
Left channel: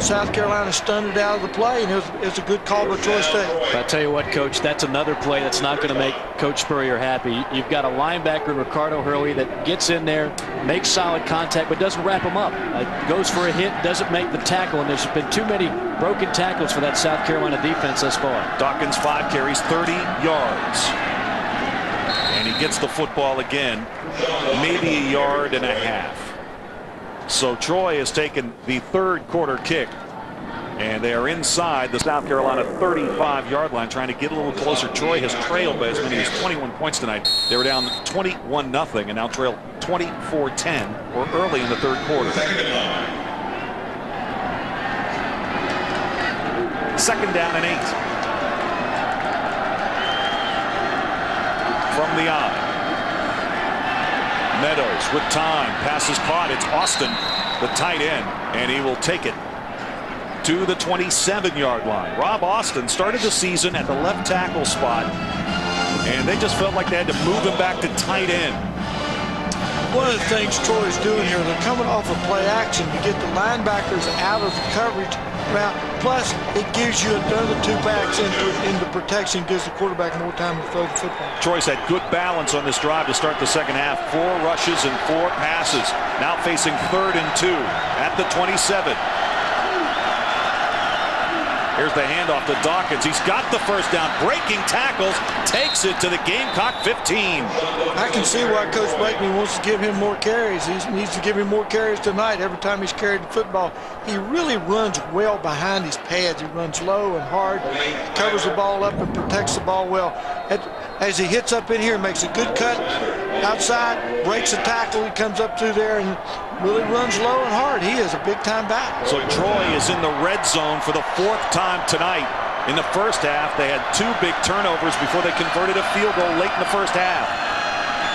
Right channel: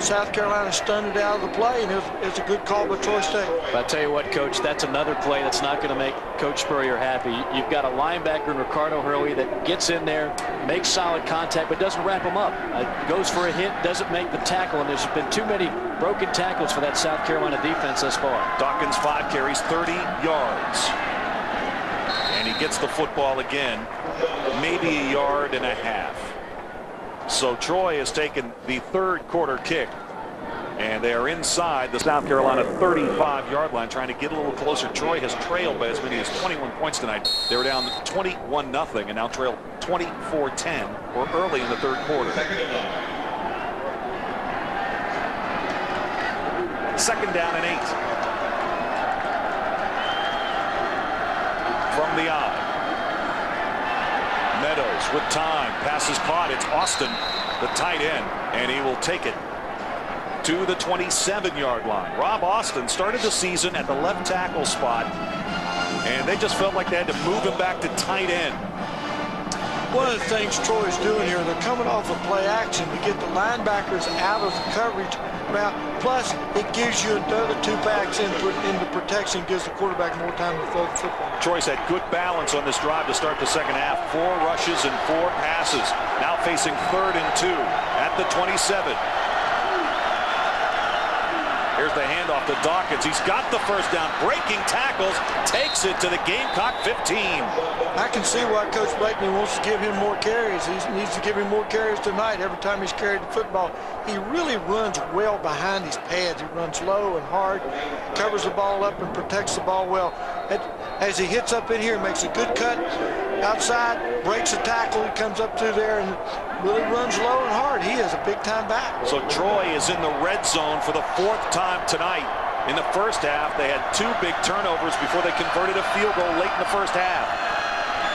South Carolina stunned it out of the play, and it was a good call by Troy State. But I tell you what, Coach, that's another play that's not going to make Coach Spurrier happy. You've got a linebacker in Ricardo Hurley that gets in there, makes solid contact, but doesn't wrap him up. Goes for a hit, doesn't make the tackle, and there's been too many broken tackles for that South Carolina defense thus far. Dawkins 5 carries, 30 yards. And he gets the football again, maybe a yard and a half. So Troy has taken the 3rd quarter kick, and they are inside the South Carolina 35-yard line, trying to get a little closer. Troy has trailed by as many as 21 points tonight. They were down 21-0 and now trail 24-10 or early in the 3rd quarter. 2nd down and 8. From the eye. Meadows with time, pass is caught. It's Austin, the tight end, and he will take it to the 27-yard line. Rob Austin started the season at the left tackle spot, and they just felt like they had to move him back to tight end. One of the things Troy's doing here, they're coming off of play action to get the linebackers out of the coverage route. Plus, it gives you another 2 backs into protection, gives the quarterback more time to throw the football. Troy's had good balance on this drive to start the 2nd half. 4 rushes and 4 passes. Now facing 3rd and 2 at the 27. Here's the handoff to Dawkins. He's got the 1st down, breaking tackles, takes it to the Gamecock 15. I can see why Coach Blakeney wants to give him more carries. He needs to give him more carries tonight every time he's carried the football. He really runs well behind these pads. He runs low and hard, covers the ball up and protects the ball well. As he hits up in here, makes a good cut outside, breaks a tackle, he comes up through there and really runs low and hard. He is a big-time back. So Troy is in the red zone for the 4th time tonight. In the 1st half, they had 2 big turnovers before they converted a field goal late in the 1st half.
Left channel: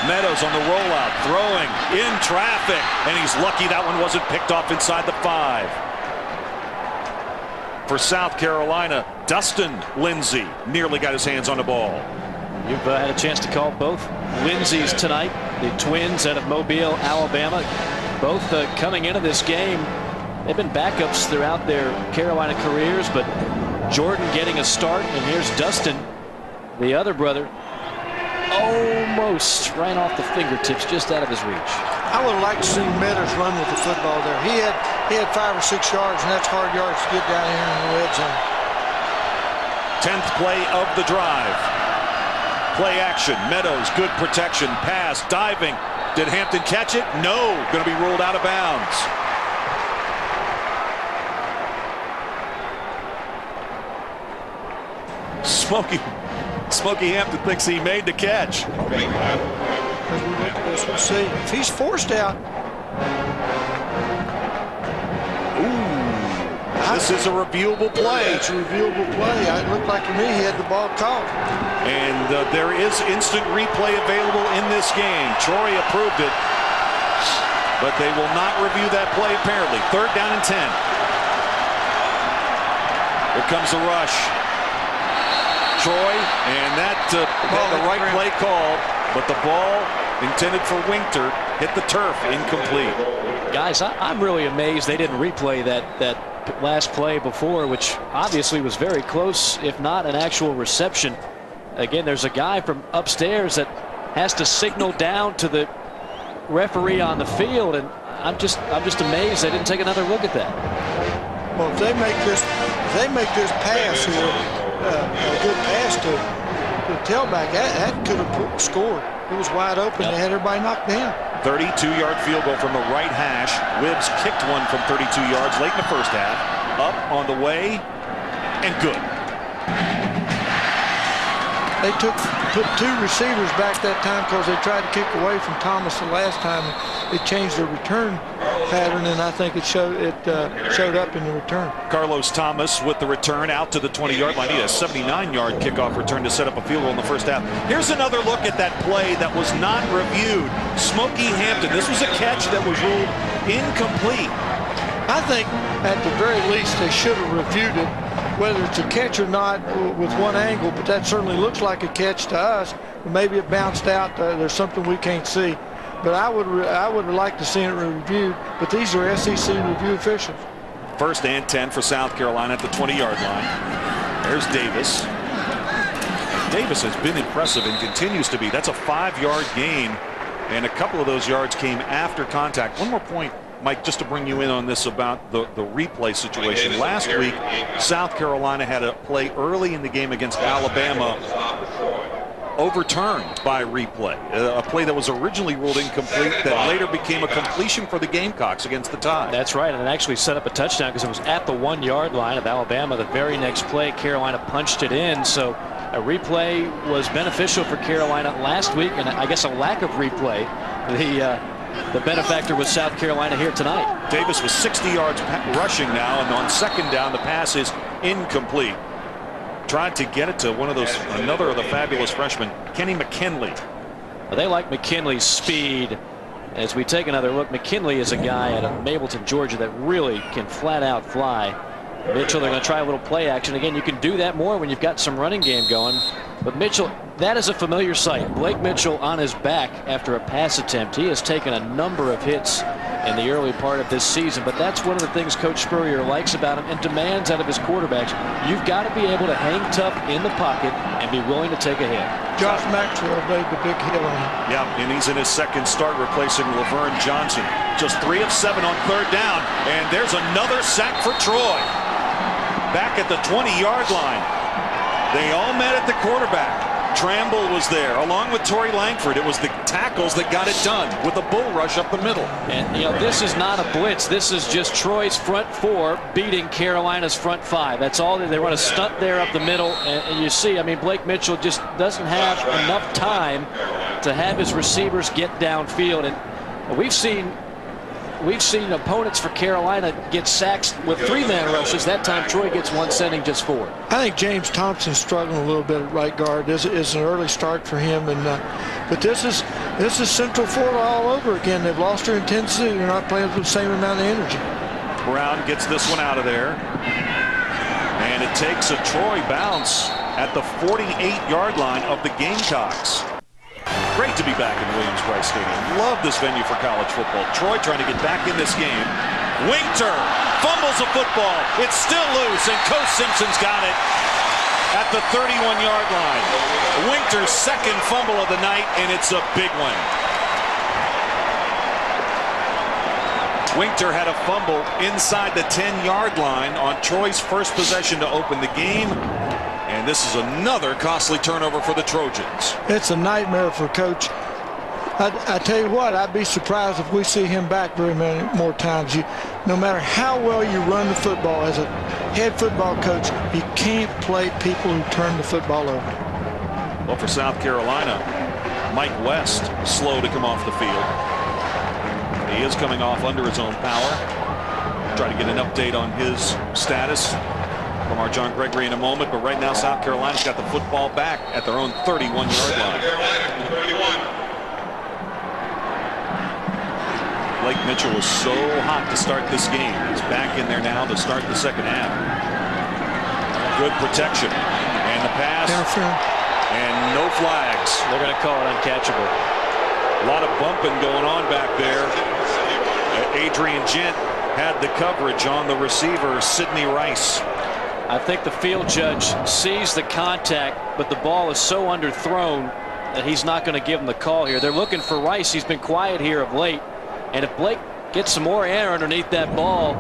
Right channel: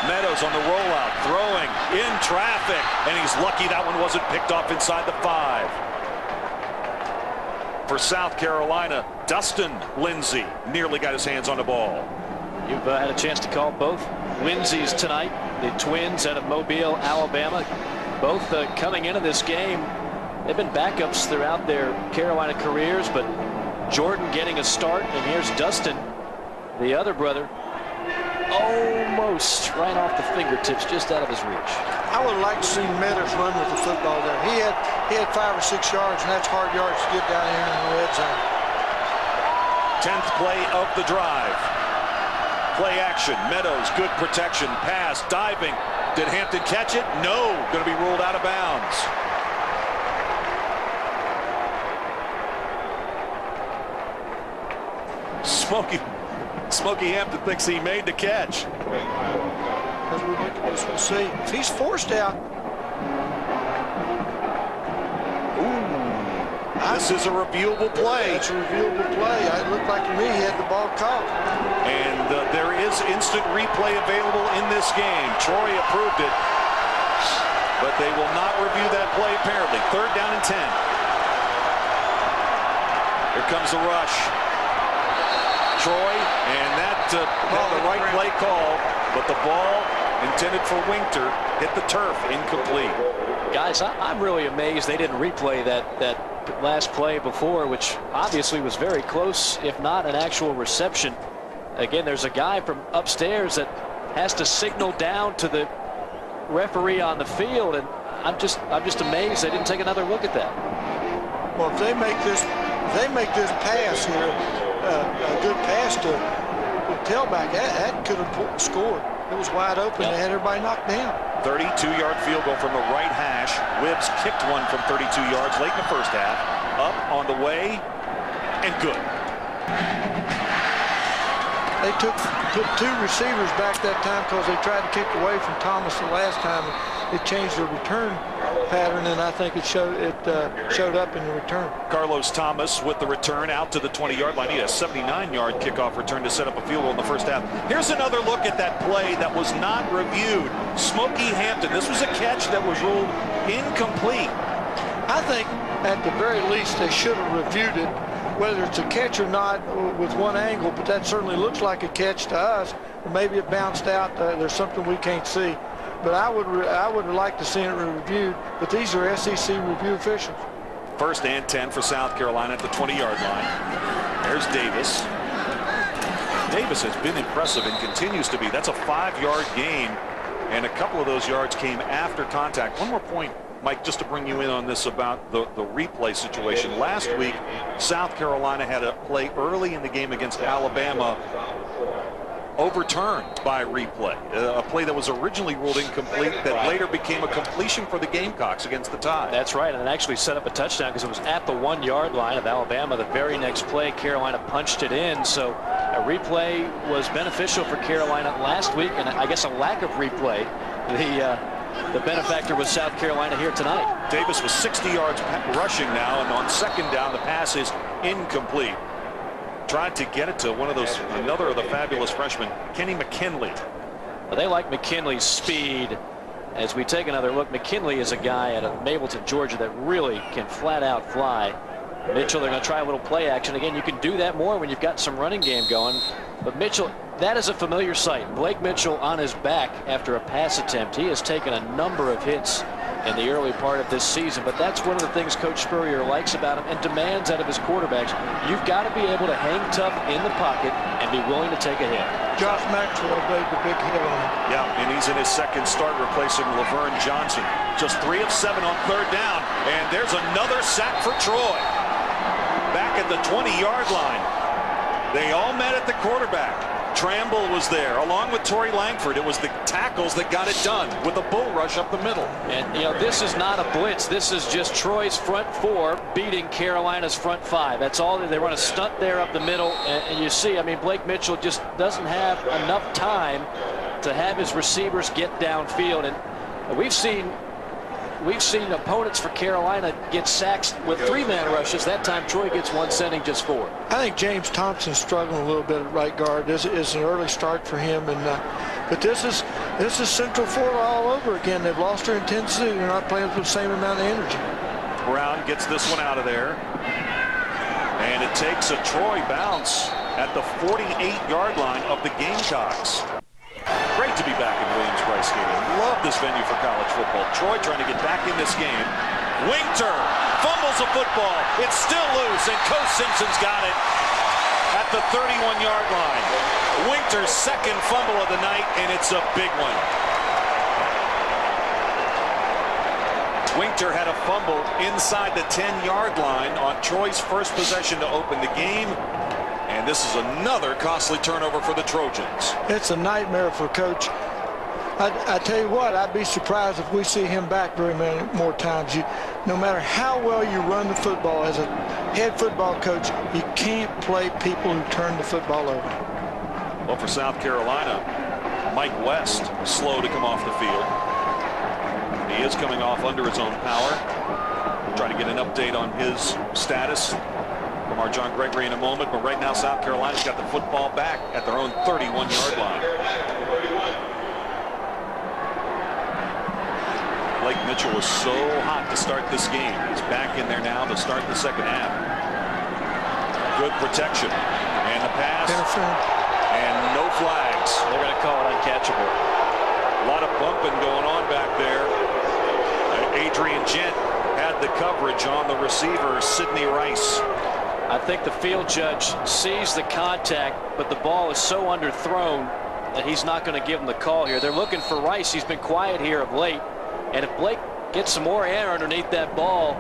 Meadows on the rollout, throwing in traffic, and he's lucky that one wasn't picked off inside the 5. For South Carolina, Dustin Lindsay nearly got his hands on the ball. You've had a chance to call both Lindsays tonight, the twins out of Mobile, Alabama. Both coming into this game, they've been backups throughout their Carolina careers, but Jordan getting a start, and here's Dustin, the other brother, almost right off the fingertips, just out of his reach. I would have liked to see Meadows run with the football there. He had 5 or 6 yards, and that's hard yards to get down here in the red zone. 10th play of the drive. Play action. Meadows, good protection. Pass, diving. Did Hampton catch it? No. Going to be ruled out of bounds. Smokey Hampton thinks he made the catch. As we look at this, we'll see. If he's forced out, this is a reviewable play. It's a reviewable play. It looked like to me he had the ball caught. And there is instant replay available in this game. Troy approved it, but they will not review that play apparently. 3rd down and 10. Here comes the rush. Troy, and that the right play called, but the ball intended for Winter hit the turf, incomplete. Guys, I'm really amazed they didn't replay that last play before, which obviously was very close, if not an actual reception. Again, there's a guy from upstairs that has to signal down to the referee on the field, and I'm just amazed they didn't take another look at that. Well, if they make this pass here, a good pass to the tailback, that could have scored. It was wide open. They had everybody knocked down. 32-yard field goal from the right hash. Wibbs kicked one from 32 yards late in the first half. Up on the way, and good. They took 2 receivers back that time because they tried to kick away from Thomas the last time. It changed their return pattern, and I think it showed up in the return. Carlos Thomas with the return out to the 20-yard line. He had a 79-yard kickoff return to set up a field goal in the first half. Here's another look at that play that was not reviewed. Smokey Hampton. This was a catch that was ruled incomplete. I think at the very least they should have reviewed it, whether it's a catch or not, with one angle, but that certainly looks like a catch to us. Maybe it bounced out. There's something we can't see. But I would have liked to see it reviewed, but these are SEC review officials. 1st and 10 for South Carolina at the 20-yard line. There's Davis. Davis has been impressive and continues to be. That's a 5-yard gain, and a couple of those yards came after contact. One more point, Mike, just to bring you in on this about the replay situation. Last week, South Carolina had a play early in the game against Alabama overturned by replay. A play that was originally ruled incomplete that later became a completion for the Gamecocks against the Tide. That's right, and it actually set up a touchdown because it was at the 1-yard line of Alabama. The very next play, Carolina punched it in, so a replay was beneficial for Carolina last week, and I guess a lack of replay. The benefactor was South Carolina here tonight. Davis was 60 yards rushing now, and on 2nd down, the pass is incomplete. Tried to get it to another of the fabulous freshmen, Kenny McKinley. Well, they like McKinley's speed. As we take another look, McKinley is a guy out of Mableton, Georgia, that really can flat out fly. Mitchell, they're going to try a little play action. Again, you can do that more when you've got some running game going. But Mitchell, that is a familiar sight. Blake Mitchell on his back after a pass attempt. He has taken a number of hits in the early part of this season, but that's one of the things Coach Spurrier likes about him and demands out of his quarterbacks. You've got to be able to hang tough in the pocket and be willing to take a hit. Josh Maxwell made the big hit on him. Yeah, and he's in his 2nd start replacing Laverne Johnson. Just 3 of 7 on 3rd down, and there's another sack for Troy. Back at the 20-yard line. They all met at the quarterback. Tramble was there, along with Torrey Langford. It was the tackles that got it done with a bull rush up the middle. And, this is not a blitz. This is just Troy's front 4 beating Carolina's front 5. That's all. They run a stunt there up the middle. And you see, Blake Mitchell just doesn't have enough time to have his receivers get downfield. And we've seen opponents for Carolina get sacks with 3-man rushes. That time Troy gets one, sending just 4. I think James Thompson's struggling a little bit at right guard. It's an early start for him, and But this is Central Florida all over again. They've lost their intensity. They're not playing with the same amount of energy. Brown gets this one out of there. And it takes a Troy bounce at the 48-yard line of the Gamecocks. Great to be back in Williams-Brice Stadium. Love this venue for college football. Troy trying to get back in this game. Winter fumbles a football. It's still loose, and Coach Simpson's got it at the 31-yard line. Winter's second fumble of the night, and it's a big one. Winter had a fumble inside the 10-yard line on Troy's first possession to open the game. And this is another costly turnover for the Trojans. It's a nightmare for Coach. I tell you what, I'd be surprised if we see him back very many more times. No matter how well you run the football as a head football coach, you can't play people who turn the football over. Well, for South Carolina, Mike West slow to come off the field. He is coming off under his own power. Try to get an update on his status from our John Gregory in a moment, but right now South Carolina's got the football back at their own 31-yard line. Blake Mitchell was so hot to start this game. He's back in there now to start the second half. Good protection. And the pass. And no flags. They're going to call it uncatchable. A lot of bumping going on back there. Adrian Gent had the coverage on the receiver, Sidney Rice. I think the field judge sees the contact, but the ball is so underthrown that he's not going to give him the call here. They're looking for Rice. He's been quiet here of late. And if Blake gets some more air underneath that ball,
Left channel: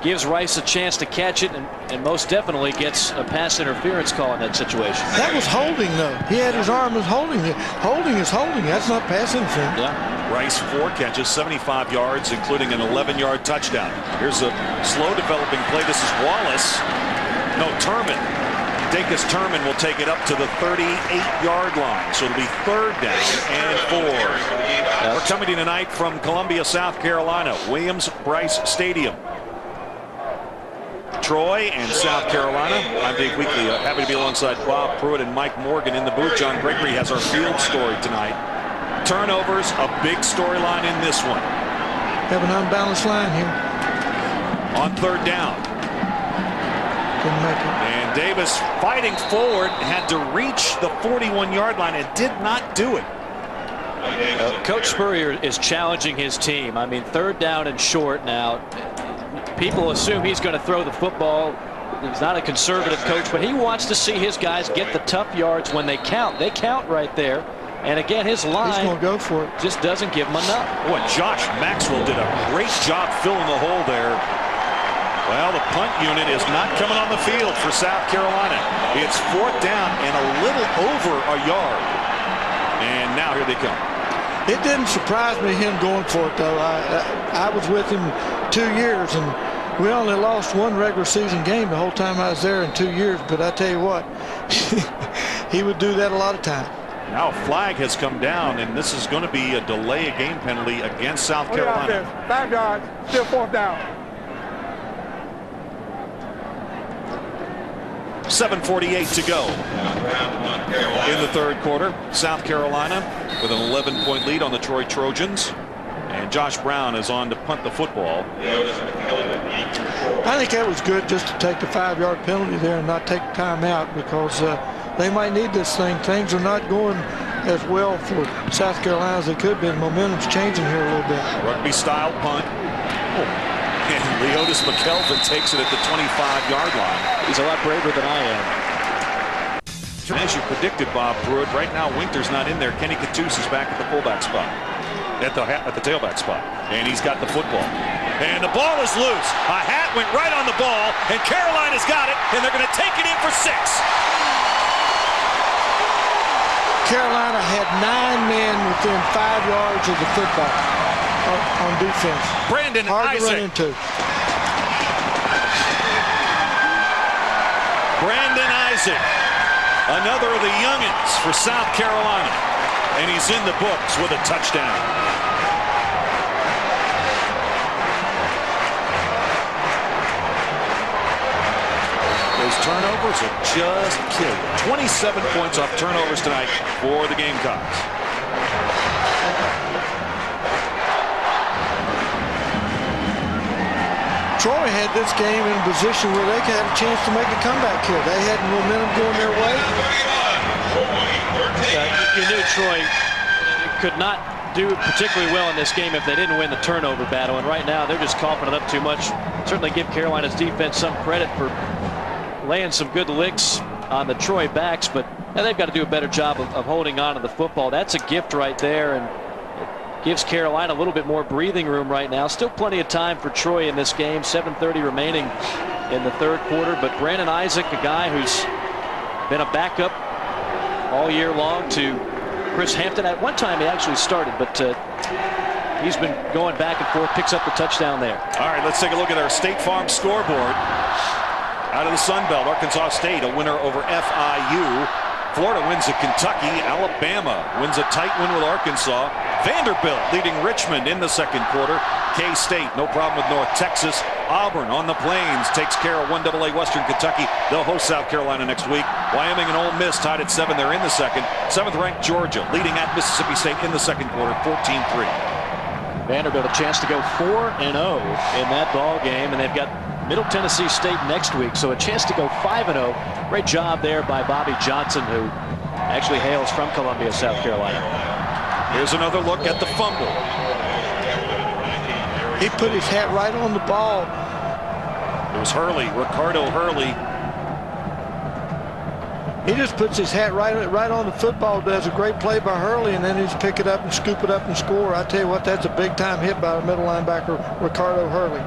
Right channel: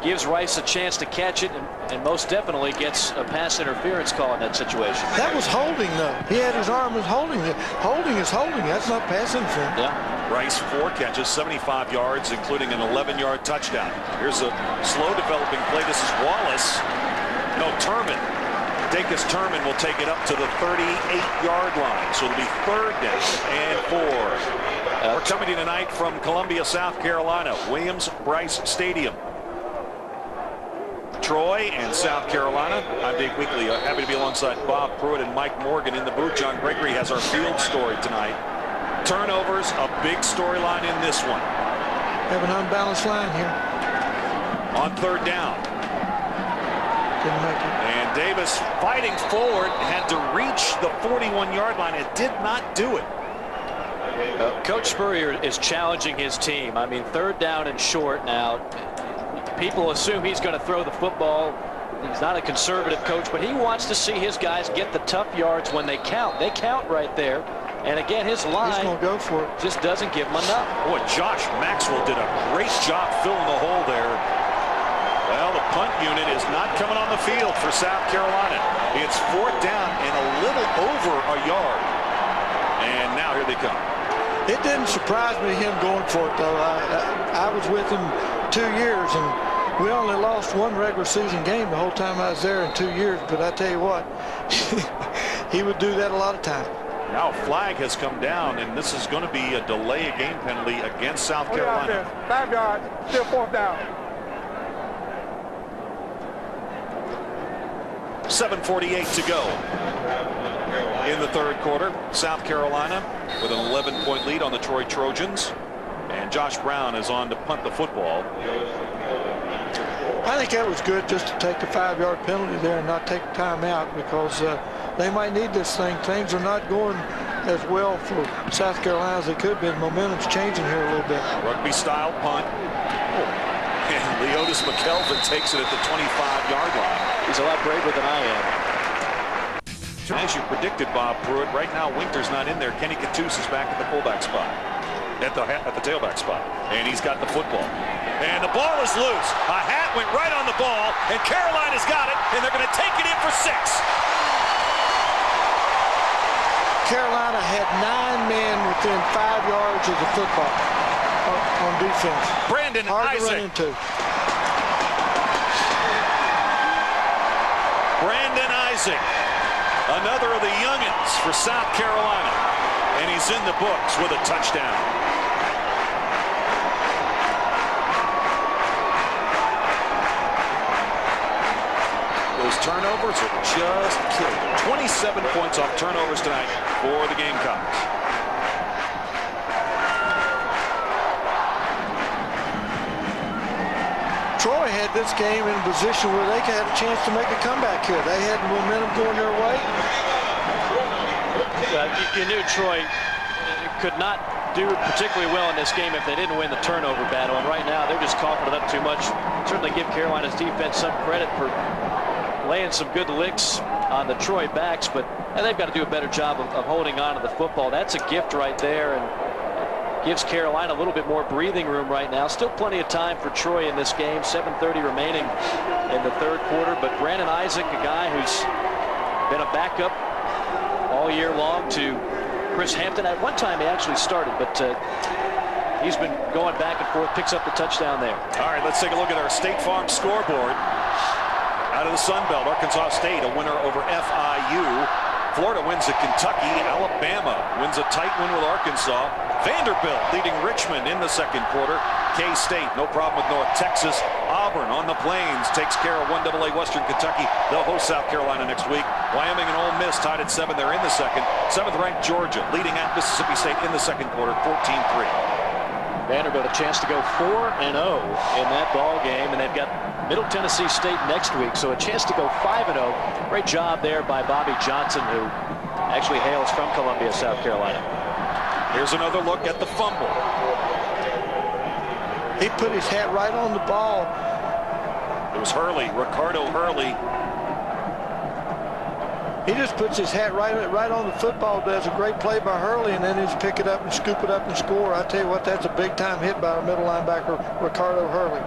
gives Rice a chance to catch it, and most definitely gets a pass interference call in that situation. That was holding, though. He had his arm as holding. Holding is holding. That's not pass interference. Yeah. Rice 4 catches, 75 yards, including an 11-yard touchdown. Here's a slow developing play. This is Wallace. No, Turman. Dacus Turman will take it up to the 38-yard line. So it'll be 3rd down and 4. We're coming to you tonight from Columbia, South Carolina, Williams-Brice Stadium. Troy and South Carolina. I'm Dave Weekley. Happy to be alongside Bob Pruitt and Mike Morgan in the booth. John Gregory has our field story tonight. Turnovers, a big storyline in this one. Have an unbalanced line here. On 3rd down. Didn't make it. And Davis fighting forward, had to reach the 41-yard line and did not do it. Coach Spurrier is challenging his team. I mean, 3rd down and short now. People assume he's going to throw the football. He's not a conservative coach, but he wants to see his guys get the tough yards when they count. They count right there. And again, his line He's gonna go for it. Just doesn't give him enough. Boy, Josh Maxwell did a great job filling the hole there. Well, the punt unit is not coming on the field for South Carolina. It's 4th down and a little over a yard. And now here they come. It didn't surprise me him going for it, though. I was with him 2 years, and we only lost 1 regular season game the whole time I was there in 2 years. But I tell you what, he would do that a lot of times. Now a flag has come down, and this is going to be a delay of game penalty against South Carolina. 5 yards, still 4th down. 7:48 to go in the 3rd quarter. South Carolina with an 11-point lead on the Troy Trojans. And Josh Brown is on to punt the football. I think that was good just to take the 5-yard penalty there and not take time out, because they might need this thing. Things are not going as well for South Carolina as they could be. Momentum's changing here a little bit. Rugby-style punt. And Leotis McKelvin takes it at the 25-yard line. He's a lot braver than I am. As you predicted, Bob Pruitt, right now Winter's not in there. Kenny Cattouse is back at the fullback spot, at the tailback spot, and he's got the football. And the ball is loose. A hat went right on the ball, and Carolina's got it, and they're going to take it in for 6. Carolina had 9 men within 5 yards of the football on defense. Brandon Hard Isaac. to run into. Brandon Isaac, another of the youngins for South Carolina, and he's in the books with a touchdown. Those turnovers will just kill you. 27 points off turnovers tonight for the Gamecocks. Troy had this game in a position where they had a chance to make a comeback here. They had momentum going their way. You knew Troy could not do particularly well in this game if they didn't win the turnover battle, and right now they're just coughing it up too much. Certainly give Carolina's defense some credit for laying some good licks on the Troy backs, but they've got to do a better job of holding on to the football. That's a gift right there, and it gives Carolina a little bit more breathing room right now. Still plenty of time for Troy in this game. 7:30 remaining in the third quarter, but Brandon Isaac, a guy who's been a backup all year long to Chris Hampton. At one time he actually started, but he's been going back and forth, picks up the touchdown there. All right, let's take a look at our State Farm scoreboard. Out of the Sun Belt, Arkansas State, a winner over FIU. Florida wins at Kentucky. Alabama wins a tight win with Arkansas. Vanderbilt leading Richmond in the second quarter. K-State, no problem with North Texas. Auburn on the Plains takes care of 1AA Western Kentucky. They'll host South Carolina next week. Wyoming and Ole Miss tied at 7. They're in the second. 7th-ranked Georgia leading at Mississippi State in the second quarter, 14-3. Vanderbilt a chance to go 4-0 in that ball game, and they've got Middle Tennessee State next week, so a chance to go 5-0. Great job there by Bobby Johnson, who actually hails from Columbia, South Carolina. Here's another look at the fumble. He put his hat right on the ball. It was Hurley, Ricardo Hurley. He just puts his hat right on the football, does a great play by Hurley, and then he's pick it up and scoop it up and score. I tell you what, that's a big-time hit by the middle linebacker, Ricardo Hurley.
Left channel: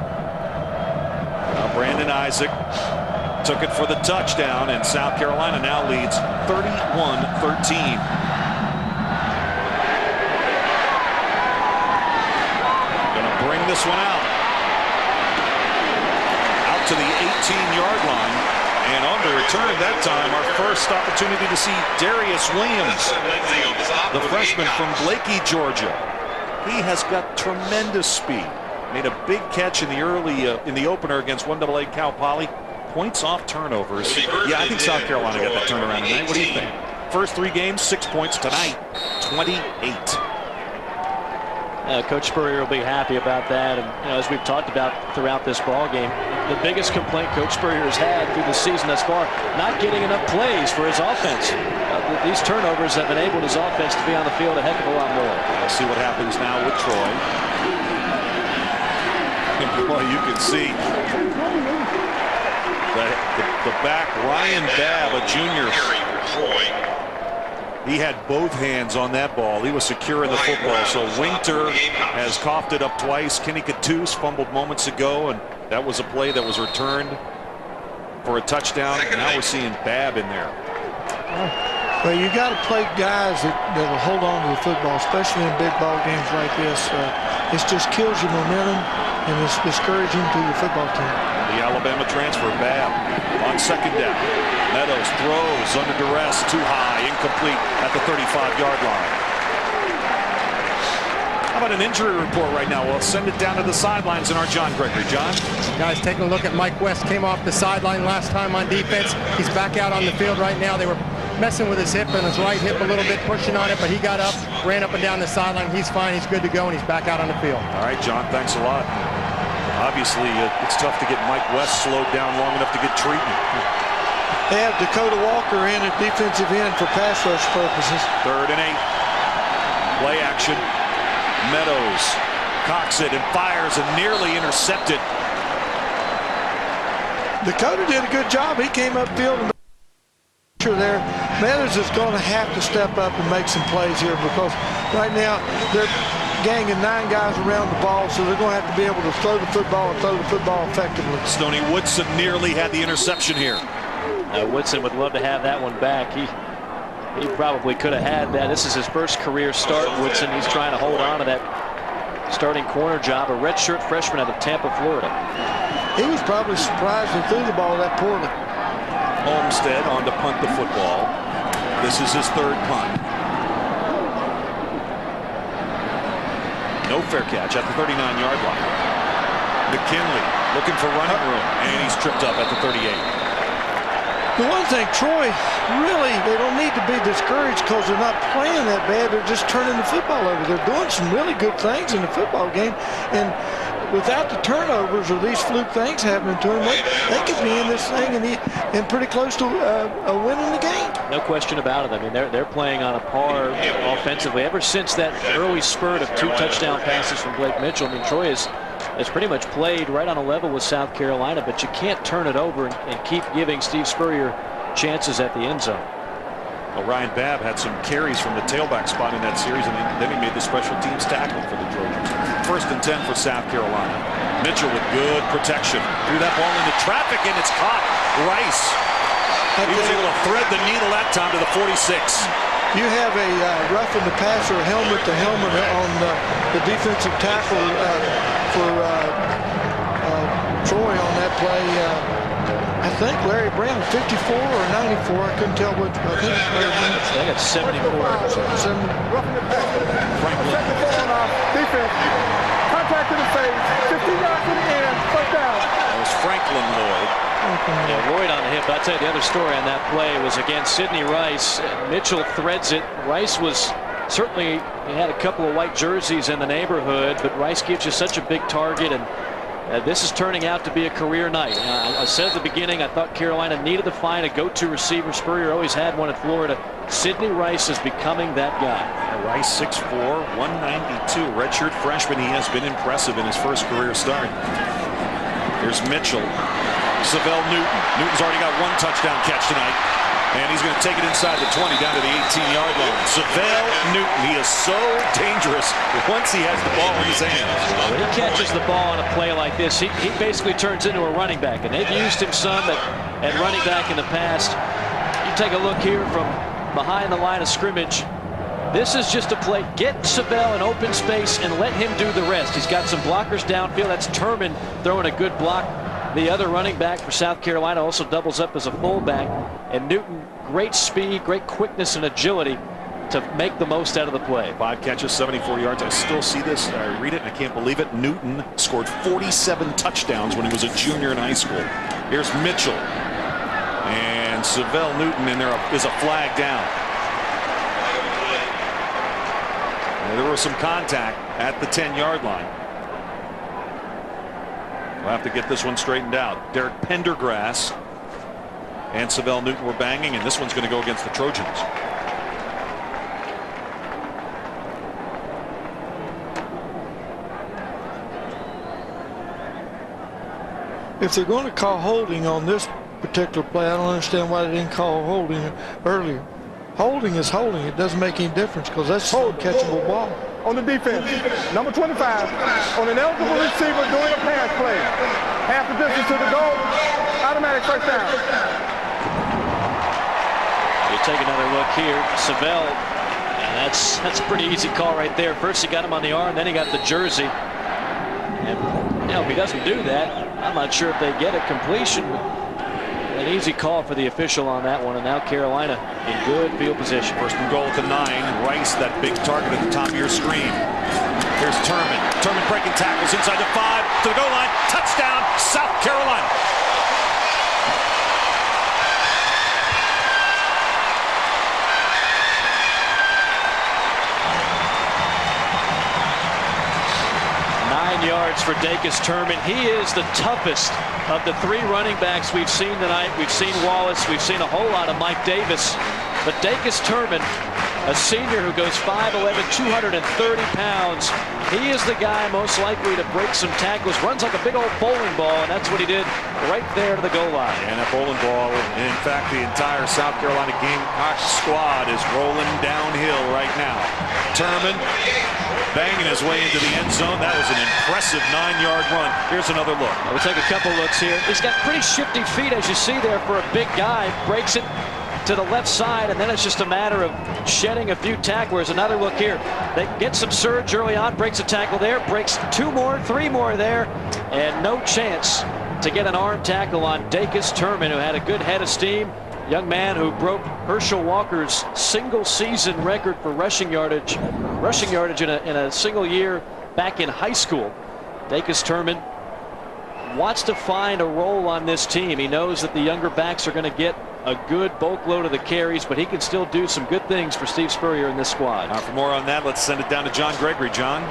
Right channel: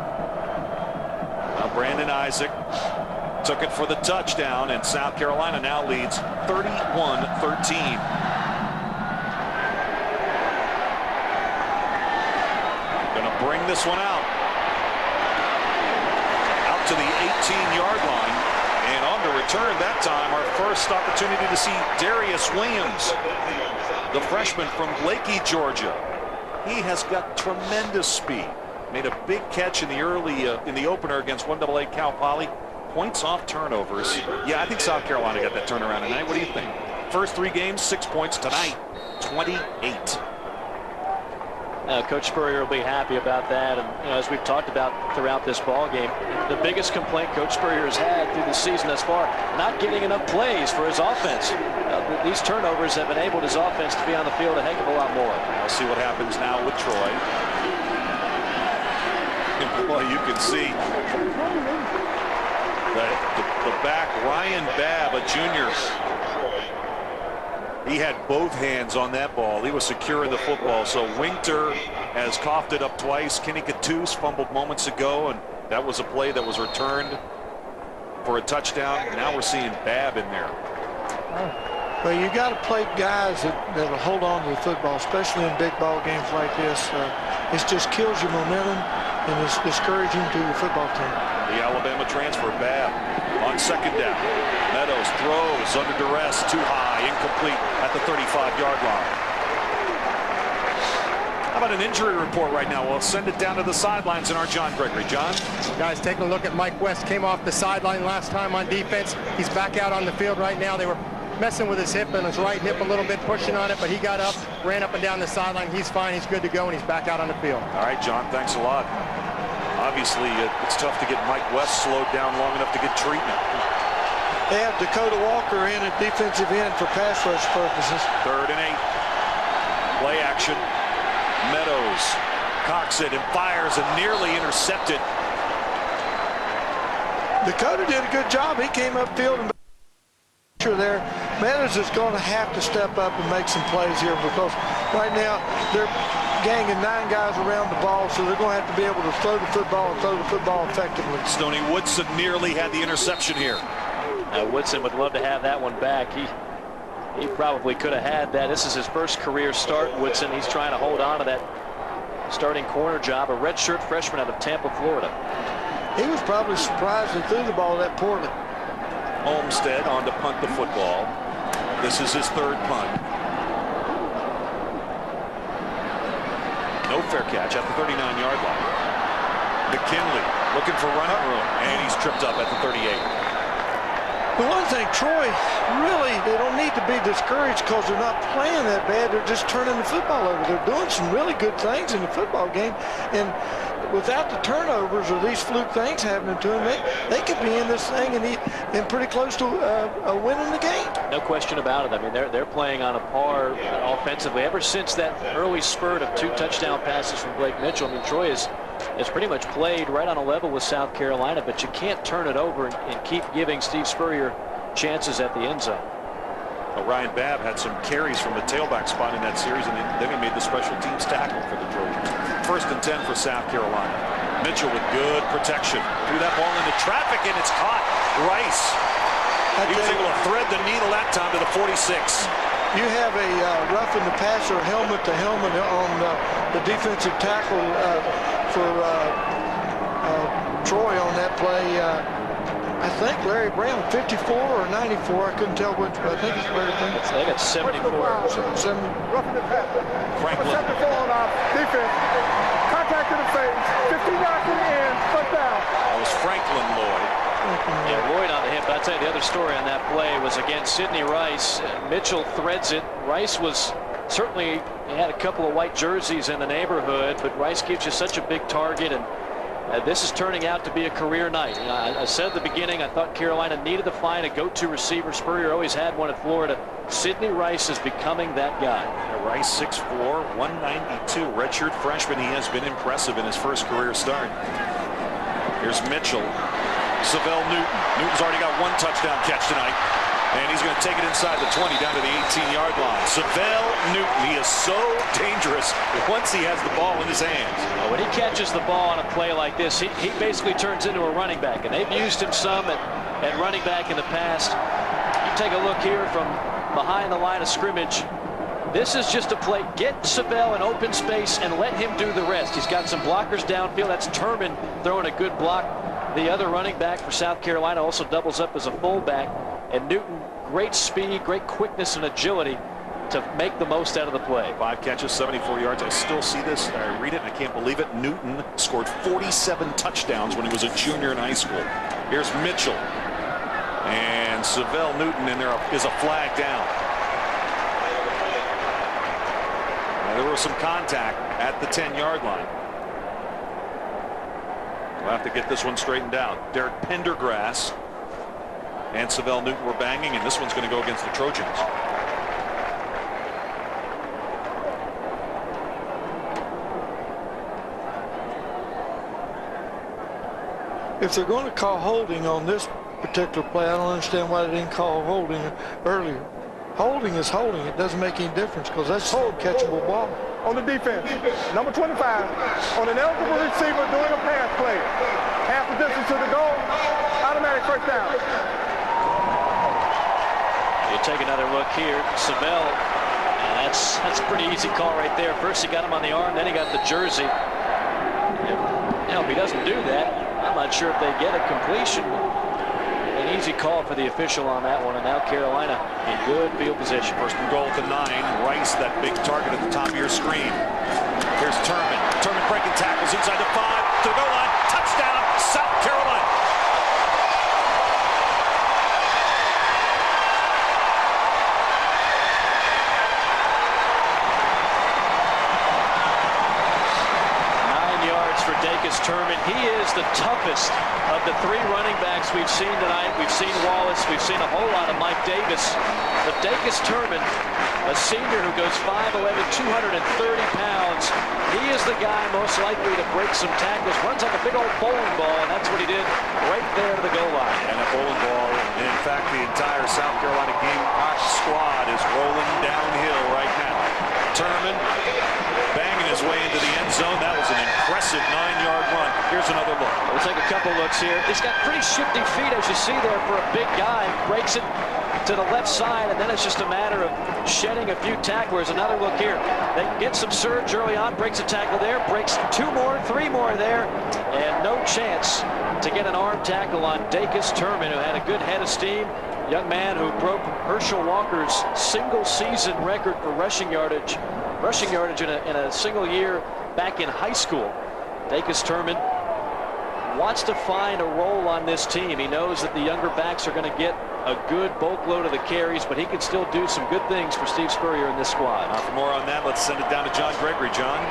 Now Brandon Isaac took it for the touchdown, and South Carolina now leads 31-13. Gonna bring this one out to the 18-yard line, and on to return that time. Our first opportunity to see Darius Williams, the freshman from Blakey, Georgia. He has got tremendous speed. Made a big catch in the in the opener against 1AA Cal Poly. Points off turnovers. Yeah, I think South Carolina got that turnaround tonight. What do you think? First 3 games, 6 points. Tonight, 28. Coach Spurrier will be happy about that, and as we've talked about throughout this ball game, the biggest complaint Coach Spurrier has had through the season thus far, not getting enough plays for his offense. These turnovers have enabled his offense to be on the field a heck of a lot more. We'll see what happens now with Troy. Well, you can see the back, Ryan Babb, a junior. He had both hands on that ball. He was secure in the football. So Winter has coughed it up twice. Kenny Cattouse fumbled moments ago, and that was a play that was returned for a touchdown. Now we're seeing Babb in there. Well, you got to play guys that'll hold on to the football, especially in big ball games like this. It just kills your momentum, and it's discouraging to your football team. The Alabama transfer, Babb on second down. Meadows throws under duress, too high, incomplete at the 35-yard line. How about an injury report right now? We'll send it down to the sidelines in our John Gregory. John? Guys, taking a look at Mike West. Came off the sideline last time on defense. He's back out on the field right now. They were messing with his hip and his right hip a little bit, pushing on it, but he got up, ran up and down the sideline. He's fine. He's good to go, and he's back out on the field. All right, John, thanks a lot. Obviously, it's tough to get Mike West slowed down long enough to get treatment. They have Dakota Walker in at defensive end for pass rush purposes. 3rd and 8. Play action. Meadows cocks it and fires and nearly intercepted. Dakota did a good job. He came upfield and there. Meadows is going to have to step up and make some plays here, because right now they're ganging 9 guys around the ball, so they're going to have to be able to throw the football and throw the football effectively. Stoney Woodson nearly had the interception here. Woodson would love to have that one back. He probably could have had that. This is his first career start, Woodson. He's trying to hold on to that starting corner job, a redshirt freshman out of Tampa, Florida. He was probably surprised they threw the ball that poorly. Olmstead on to punt the football. This is his 3rd punt. No fair catch at the 39-yard line. McKinley looking for running room, and he's tripped up at the 38. The one thing, Troy, really, they don't need to be discouraged because they're not playing that bad. They're just turning the football over. They're doing some really good things in the football game. And without the turnovers or these fluke things happening to them, they could be in this thing and pretty close to winning the game. No question about it. I mean, they're playing on a par offensively. Ever since that early spurt of 2 touchdown passes from Blake Mitchell, I mean, Troy has pretty much played right on a level with South Carolina, but you can't turn it over and keep giving Steve Spurrier chances at the end zone. Well, Ryan Babb had some carries from the tailback spot in that series, and then he made the special teams tackle for the Trojans. 1st and 10 for South Carolina. Mitchell with good protection. Threw that ball into traffic, and it's caught. Rice. He was able to thread the needle that time to the 46. You have a roughing the passer, helmet to helmet on the defensive tackle for Troy on that play. I think Larry Brown, 54 or 94. I couldn't tell which. I think it's Larry Brown. I got 74. Roughing the passer. Franklin. 74 on our defense. Contact to the face. 15 yards to the end. First down. That was Franklin Lloyd. Yeah, Lloyd on the hip. I'd say the other story on that play was against Sidney Rice. Mitchell threads it. Rice was certainly, he had a couple of white jerseys in the neighborhood, but Rice gives you such a big target, and this is turning out to be a career night. I said at the beginning I thought Carolina needed to find a go-to receiver. Spurrier always had one at Florida. Sidney Rice is becoming that guy. Rice 6'4", 192, redshirt freshman. He has been impressive in his first career start. Here's Mitchell. Savell Newton. Newton's already got 1 touchdown catch tonight, and he's going to take it inside the 20 down to the 18-yard line. Savell Newton, he is so dangerous once he has the ball in his hands. When he catches the ball on a play like this, he basically turns into a running back, and they've used him some at running back in the past. You take a look here from behind the line of scrimmage. This is just a play. Get Savell in open space and let him do the rest. He's got some blockers downfield. That's Turman throwing a good block. The other running back for South Carolina also doubles up as a fullback. And Newton, great speed, great quickness and agility to make the most out of the play. 5 catches, 74 yards. I still see this. I read it and I can't believe it. Newton scored 47 touchdowns when he was a junior in high school. Here's Mitchell. And Savell Newton, and there is a flag down. And there was some contact at the 10-yard line. We'll have to get this one straightened out. Derek Pendergrass and Savell Newton were banging, and this one's going to go against the Trojans. If they're going to call holding on this particular play, I don't understand why they didn't call holding earlier. Holding is holding. It doesn't make any difference because that's a catchable ball. On the defense, number 25, on an eligible receiver doing a pass play. Half the distance to the goal, automatic first down. You take another look here. Savell, and that's a pretty easy call right there. First he got him on the arm, then he got the jersey. And if he doesn't do that, I'm not sure if they get a completion. An easy call for the official on that one, and now Carolina in good field position. 1st and goal at the 9. Rice, that big target at the top of your screen. Here's Turman. Turman breaking tackles inside the 5 to the goal line. Touchdown, South Carolina. Yards for Dacus Turman. He is the toughest of the 3 running backs we've seen tonight. We've seen Wallace. We've seen a whole lot of Mike Davis. But Dacus Turman, a senior who goes 5'11", 230 pounds. He is the guy most likely to break some tackles. Runs like a big old bowling ball, and that's what he did right there to the goal line. And a bowling ball. In fact, the entire South Carolina Gamecock squad is rolling downhill right now. Turman banging his way into the end zone. That was an impressive 9-yard run. Here's another look. We'll take a couple looks here. He's got pretty shifty feet, as you see there, for a big guy. Breaks it to the left side, and then it's just a matter of shedding a few tacklers. Another look here. They get some surge early on, breaks a tackle there, breaks 2 more, 3 more there, and no chance to get an arm tackle on Dacus Turman, who had a good head of steam. Young man who broke Herschel Walker's single-season record for rushing yardage in a single year back in high school. Dacus Turman wants to find a role on this team. He knows that the younger backs are going to get a good bulk load of the carries, but he can still do some good things for Steve Spurrier in this squad. For more on that, let's send it down to John Gregory. John?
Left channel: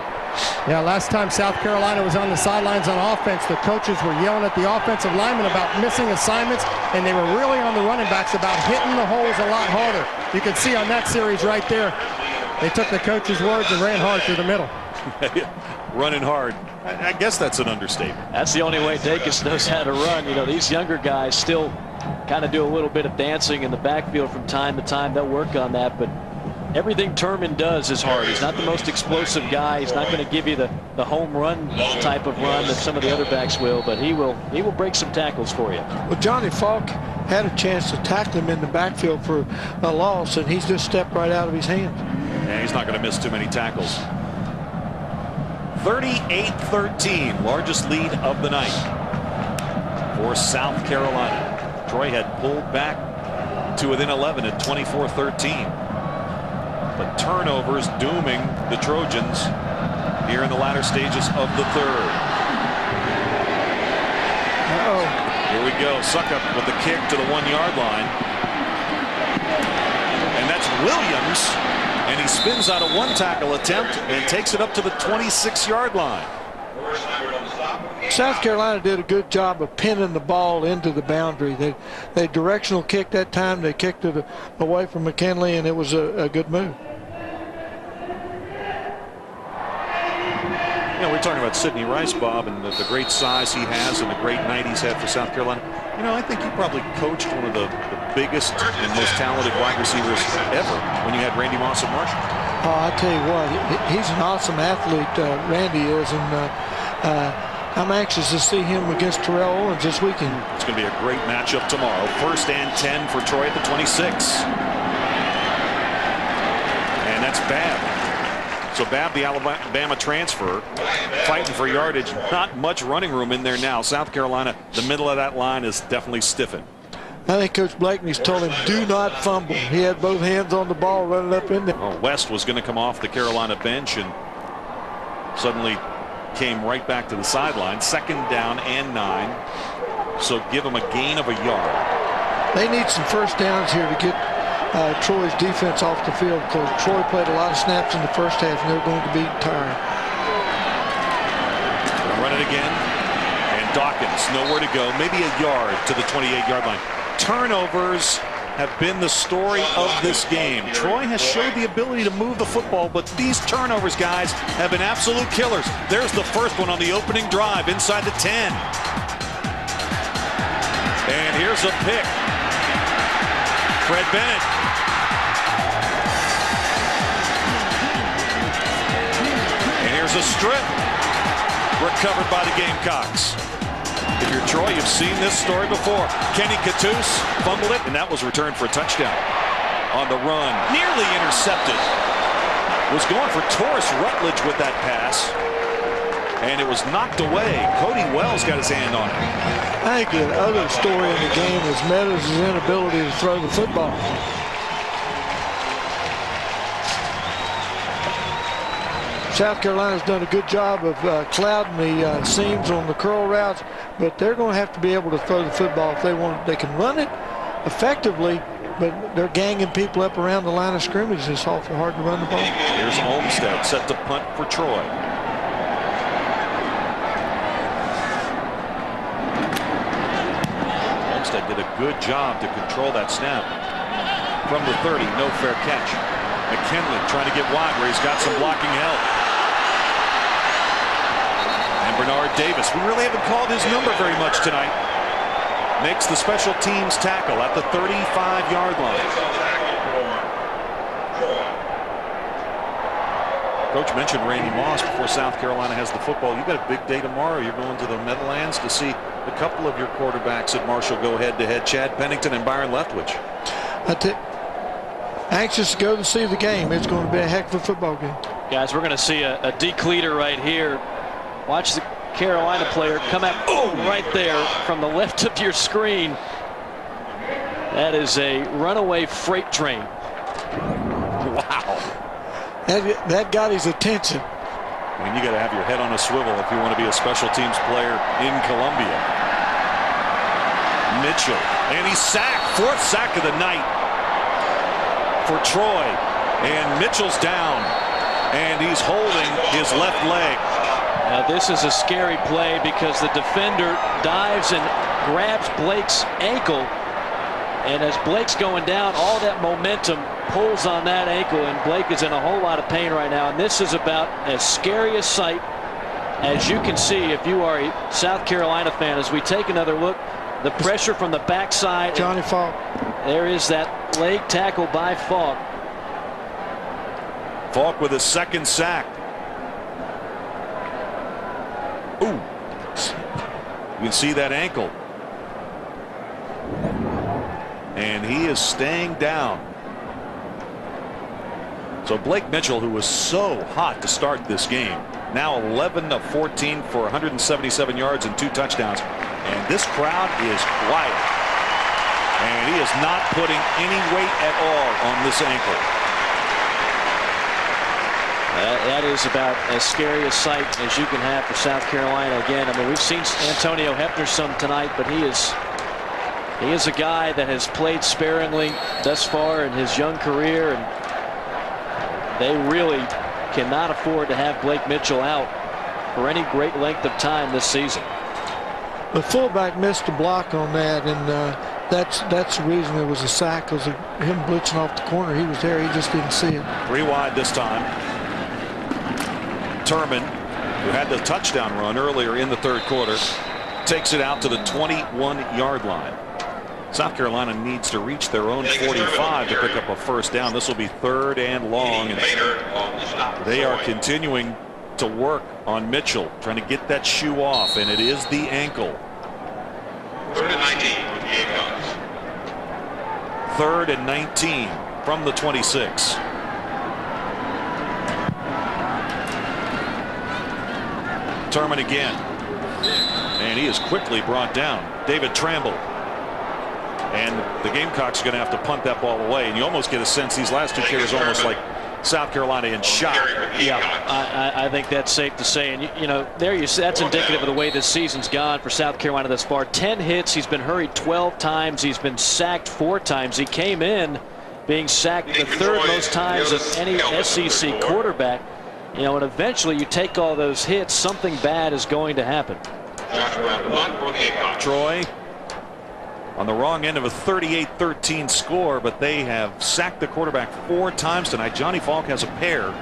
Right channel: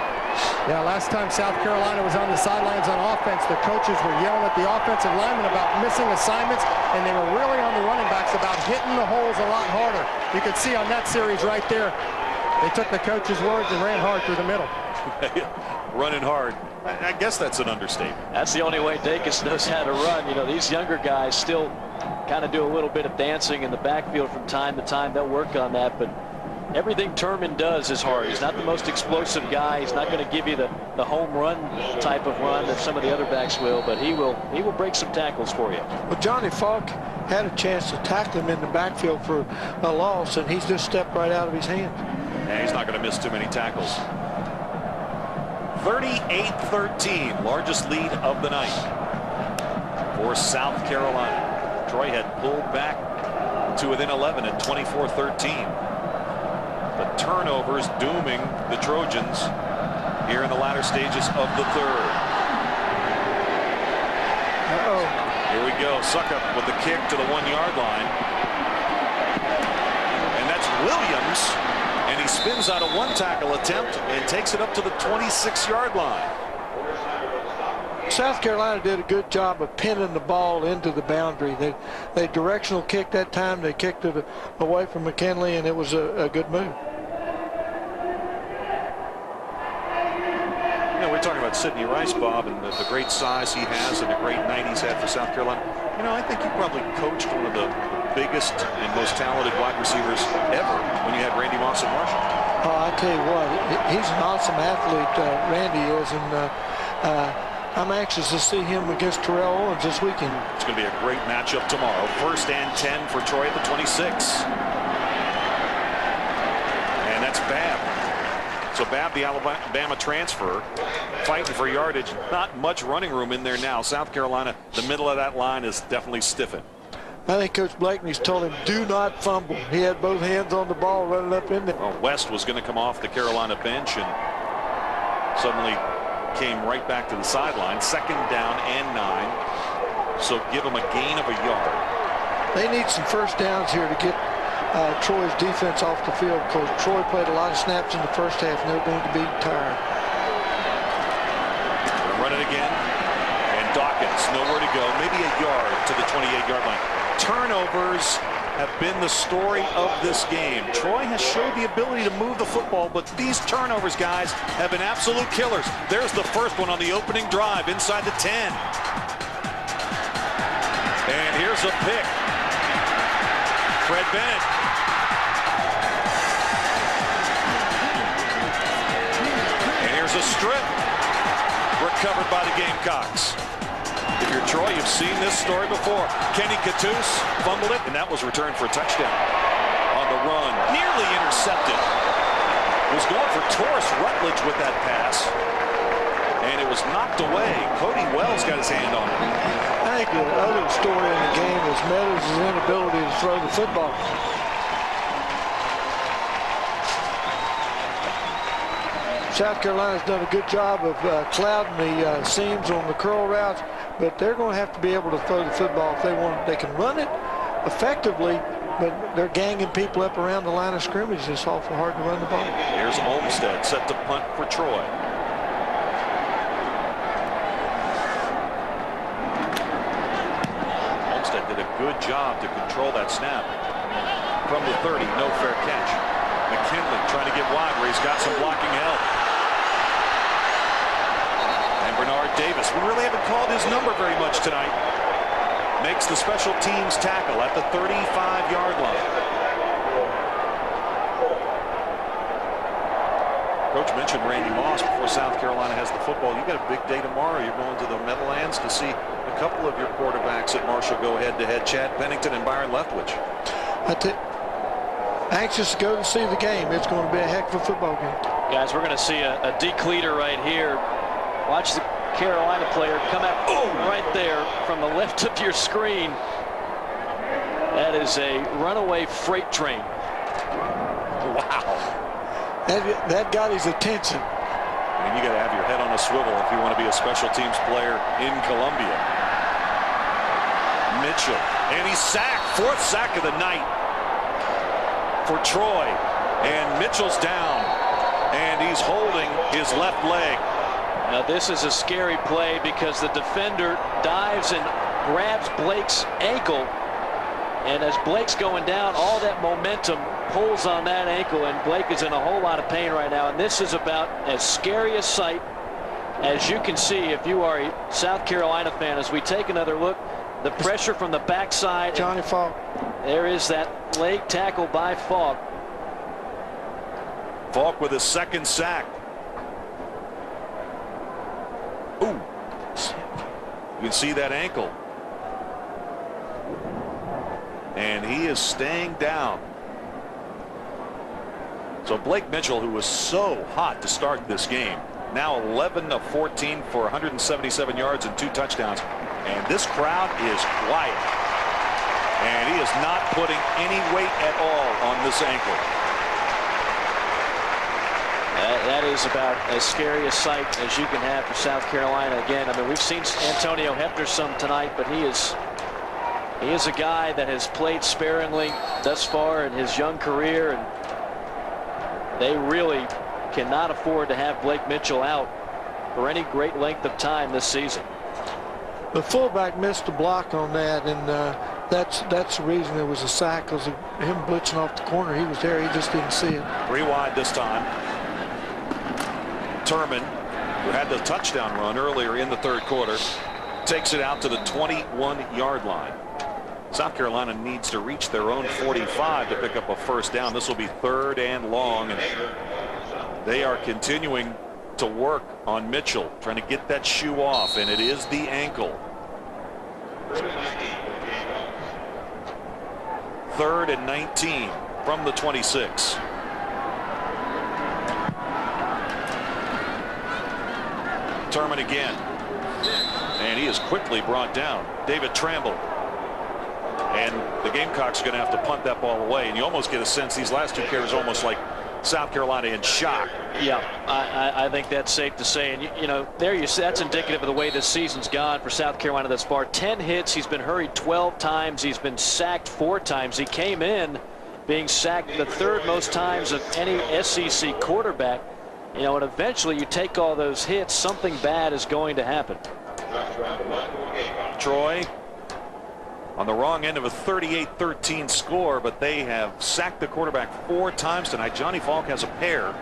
Yeah, last time South Carolina was on the sidelines on offense, the coaches were yelling at the offensive linemen about missing assignments, and they were really on the running backs about hitting the holes a lot harder. You can see on that series right there, they took the coach's words and ran hard through the middle. Running hard. I guess that's an understatement. That's the only way Dacus knows how to run. You know, these younger guys still kind of do a little bit of dancing in the backfield from time to time. They'll work on that, but everything Turman does is hard. He's not the most explosive guy. He's not going to give you the home run type of run that some of the other backs will, but he will break some tackles for you. Well, Johnny Falk had a chance to tackle him in the backfield for a loss, and he's just stepped right out of his hands. Yeah, he's not going to miss too many tackles. 38-13, largest lead of the night for South Carolina. Troy had pulled back to within 11 at 24-13. But turnovers dooming the Trojans here in the latter stages of the third. Here we go. Suckup with the kick to the 1-yard line. And that's Williams. And he spins out a one tackle attempt and takes it up to the 26-yard line. South Carolina did a good job of pinning the ball into the boundary. They directional kicked that time. They kicked it away from McKinley, and it was a good move. Yeah, we're talking about Sidney Rice, Bob, and the great size he has and the great night he's had for South Carolina. You know, I think you probably coached one of the biggest and most talented wide receivers ever when you had Randy Moss at Marshall. Oh, I tell you what, he's an awesome athlete, Randy is, and I'm anxious to see him against Terrell Owens this weekend. It's going to be a great matchup tomorrow. 1st and 10 for Troy at the 26. And that's Babb. So Babb, the Alabama transfer, fighting for yardage. Not much running room in there now. South Carolina, the middle of that line is definitely stiffened. I think Coach Blakeney's told him, do not fumble. He had both hands on the ball running up in there. Well, West was going to come off the Carolina bench and suddenly came right back to the sideline. 2nd down and 9. So give them a gain of a yard. They need some first downs here to get Troy's defense off the field, because Troy played a lot of snaps in the first half and they're going to be tired. Run it again. And Dawkins, nowhere to go. Maybe a yard to the 28-yard line. Turnovers have been the story of this game. Troy has showed the ability to move the football, but these turnovers, guys, have been absolute killers. There's the first one on the opening drive inside the 10. And here's a pick. Fred Bennett. And here's a strip. Recovered by the Gamecocks. If you're Troy, you've seen this story before. Kenny Cattouse fumbled it, and that was returned for a touchdown. On the run, nearly intercepted. Was going for Taurus Rutledge with that pass, and it was knocked away. Cody Wells got his hand on it. I think the other story in the game is Meadows' inability to throw the football. South Carolina's done a good job of clouding the seams on the curl routes, but they're going to have to be able to throw the football if they want. They can run it effectively, but they're ganging people up around the line of scrimmage. It's awful hard to run the ball. Here's Olmstead set to punt for Troy. Olmstead did a good job to control that snap. From the 30, no fair catch. McKinley trying to get wide where he's got some blocking help. And Bernard Davis, we really haven't called his number very much tonight, makes the special teams tackle at the 35-yard line. Coach mentioned Randy Moss before South Carolina has the football. You've got a big day tomorrow. You're going to the Meadowlands to see a couple of your quarterbacks at Marshall go head-to-head, Chad Pennington and Byron Leftwich. Anxious to go to see the game. It's going to be a heck of a football game. Guys, we're going to see a decleater right here. Watch the Carolina player come out right there from the left of your screen. That is a runaway freight train. Wow. That got his attention. And you got to have your head on a swivel if you want to be a special teams player in Columbia. Mitchell, and he's sacked. Fourth sack of the night for Troy. And Mitchell's down. And he's holding his left leg. Now this is a scary play because the defender dives and grabs Blake's ankle. And as Blake's going down, all that momentum pulls on that ankle, and Blake is in a whole lot of pain right now. And this is about as scary a sight as you can see if you are a South Carolina fan. As we take another look, the pressure from the backside. Johnny Falk. There is that leg tackle by Falk. Falk with his second sack. Ooh. You can see that ankle. And he is staying down. So Blake Mitchell, who was so hot to start this game, now 11 of 14 for 177 yards and 2 touchdowns. And this crowd is quiet. And he is not putting any weight at all on this ankle. That is about as scary a sight as you can have for South Carolina. Again, I mean, we've seen Antonio Hefner some tonight, but he is a guy that has played sparingly thus far in his young career, and they really cannot afford to have Blake Mitchell out for any great length of time this season. The fullback missed a block on that, and that's the reason it was a sack, because of him blitzing off the corner. He was there, he just didn't see it. 3 wide this time. Turman, who had the touchdown run earlier in the third quarter, takes it out to the 21-yard line. South Carolina needs to reach their own 45 to pick up a first down. This will be 3rd and long. And they are continuing to work on Mitchell, trying to get that shoe off, and it is the ankle. 3rd and 19 from the 26. Turman again. And he is quickly brought down. David Tramble. And the Gamecocks are going to have to punt that ball away. And you almost get a sense these last 2 carries almost like South Carolina in shock. Yeah, I think that's safe to say. And, you know, there you see, that's indicative of the way this season's gone for South Carolina thus far. 10 hits. He's been hurried 12 times. He's been sacked 4 times. He came in being sacked the 3rd most times of any SEC quarterback. You know, and eventually you take all those hits, something bad is going to happen. Troy on the wrong end of a 38-13 score, but they have sacked the quarterback 4 times tonight. Johnny Falk has a pair,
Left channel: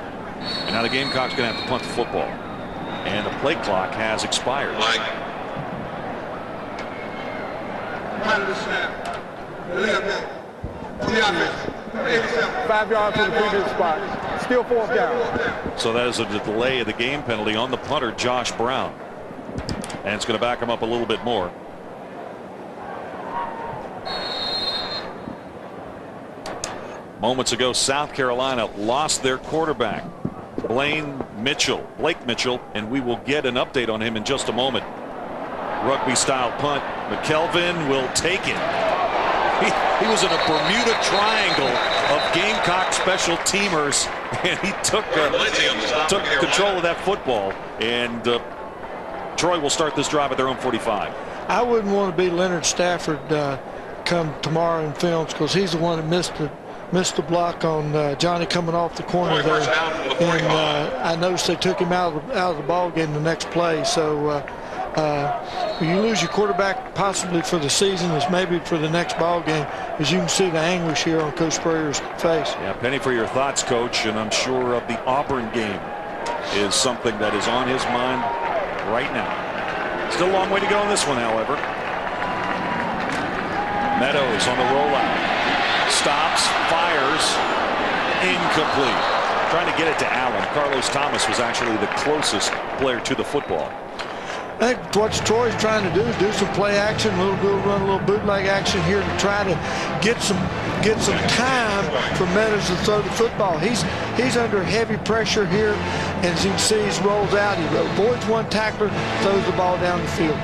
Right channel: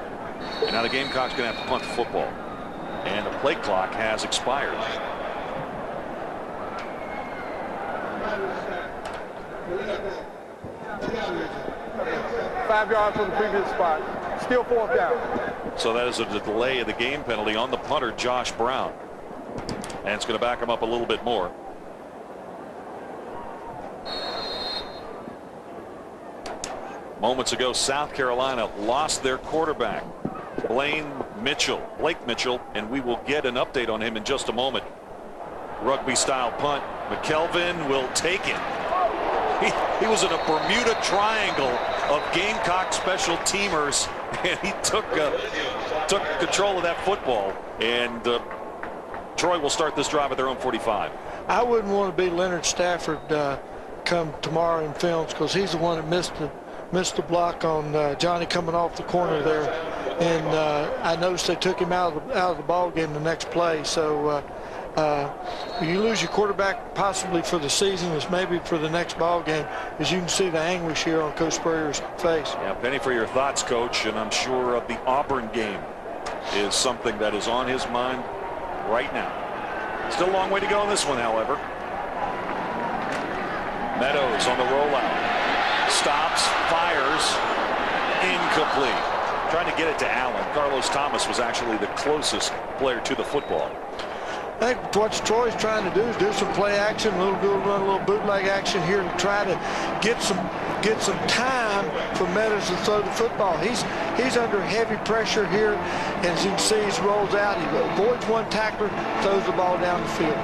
and now the Gamecocks going to have to punt the football. And the play clock has expired. Five yards from the previous spot. Still 4th down. So that is a delay of the game penalty on the punter, Josh Brown. And it's going to back him up a little bit more. Moments ago, South Carolina lost their quarterback, Blake Mitchell, and we will get an update on him in just a moment. Rugby style punt. McKelvin will take it. He was in a Bermuda Triangle of Gamecock special teamers, and he took control of that football. And Troy will start this drive at their own 45. I wouldn't want to be Leonard Stafford come tomorrow in films, because he's the one that missed the block on Johnny coming off the corner there. And I noticed they took him out of the ball game the next play. So you lose your quarterback possibly for the season, as maybe for the next ball game, as you can see the anguish here on Coach Spurrier's face. Yeah, Penny, for your thoughts, Coach, and I'm sure the Auburn game is something that is on his mind right now. Still a long way to go in this one, however. Meadows on the rollout. Stops, fires, incomplete. Trying to get it to Allen. Carlos Thomas was actually the closest player to the football. I think what Troy's trying to do is do some play action, run a little bootleg action here to try to get some time for Meadows to throw the football. He's under heavy pressure here, and as you can see, he rolls out. He avoids one tackler, throws the ball down the field.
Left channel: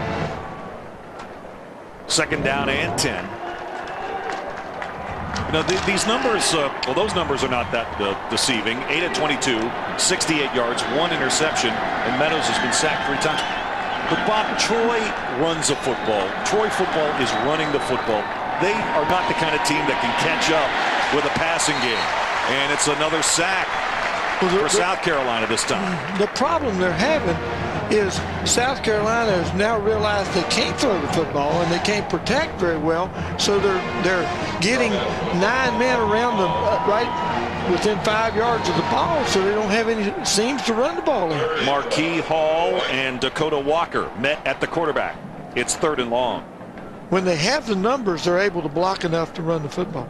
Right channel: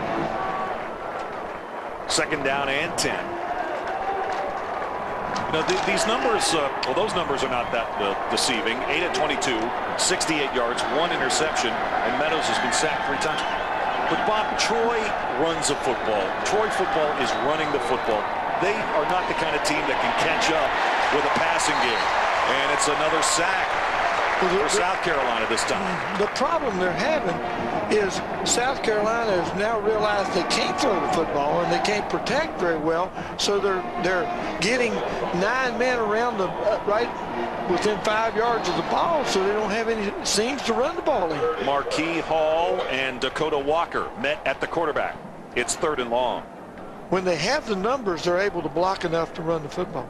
2nd down and 10. You know, these numbers, well, those numbers are not that deceiving. 8 of 22, 68 yards, 1 interception, and Meadows has been sacked 3 times. But Bob, Troy runs a football. Troy football is running the football. they are not the kind of team that can catch up with a passing game. And it's another sack for South Carolina this time. The problem they're having is South Carolina has now realized they can't throw the football and they can't protect very well, so they're getting 9 men around them right within 5 yards of the ball, so they don't have any seams to run the ball in. Marquis Hall and Dakota Walker met at the quarterback. It's 3rd and long. When they have the numbers, they're able to block enough to run the football.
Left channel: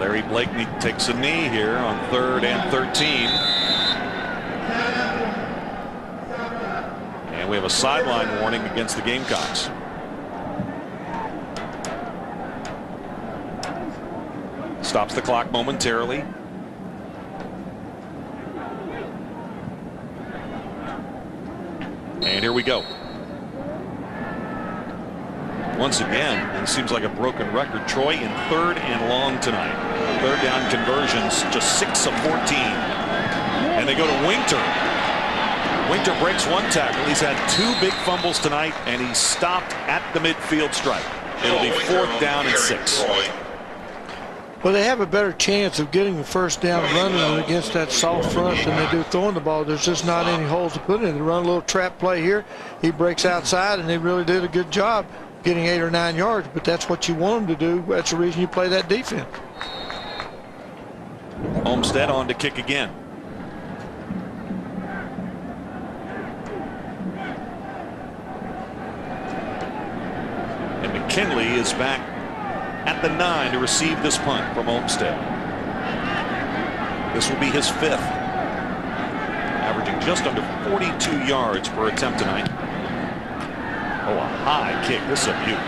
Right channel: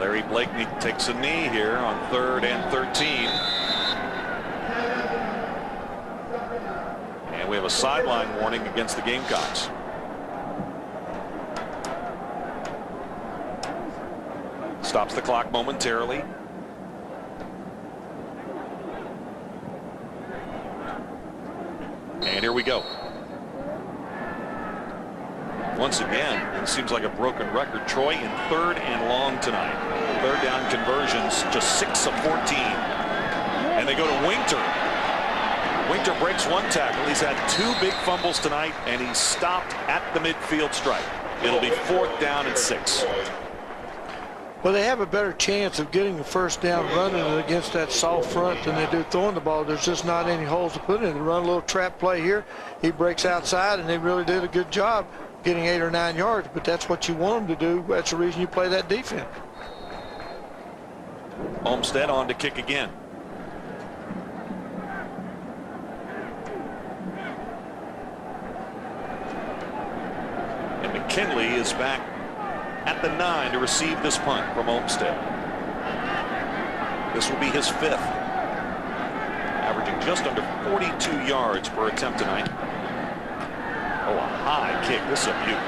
Larry Blakeney takes a knee here on 3rd and 13. And we have a sideline warning against the Gamecocks. Stops the clock momentarily. And here we go. Once again, it seems like a broken record. Troy in 3rd and long tonight. 3rd down conversions, just 6 of 14. And they go to Winter. Winter breaks 1 tackle. He's had 2 big fumbles tonight, and he's stopped at the midfield stripe. It'll be 4th down and 6. Well, they have a better chance of getting the first down running it against that soft front than they do throwing the ball. There's just not any holes to put in. They run a little trap play here. He breaks outside, and they really did a good job getting 8 or 9 yards, but that's what you want them to do. That's the reason you play that defense. Olmstead on to kick again. And McKinley is back at the 9 to receive this punt from Olmstead. This will be his 5th. Averaging just under 42 yards per attempt tonight. Oh, a high kick. This is a beaut.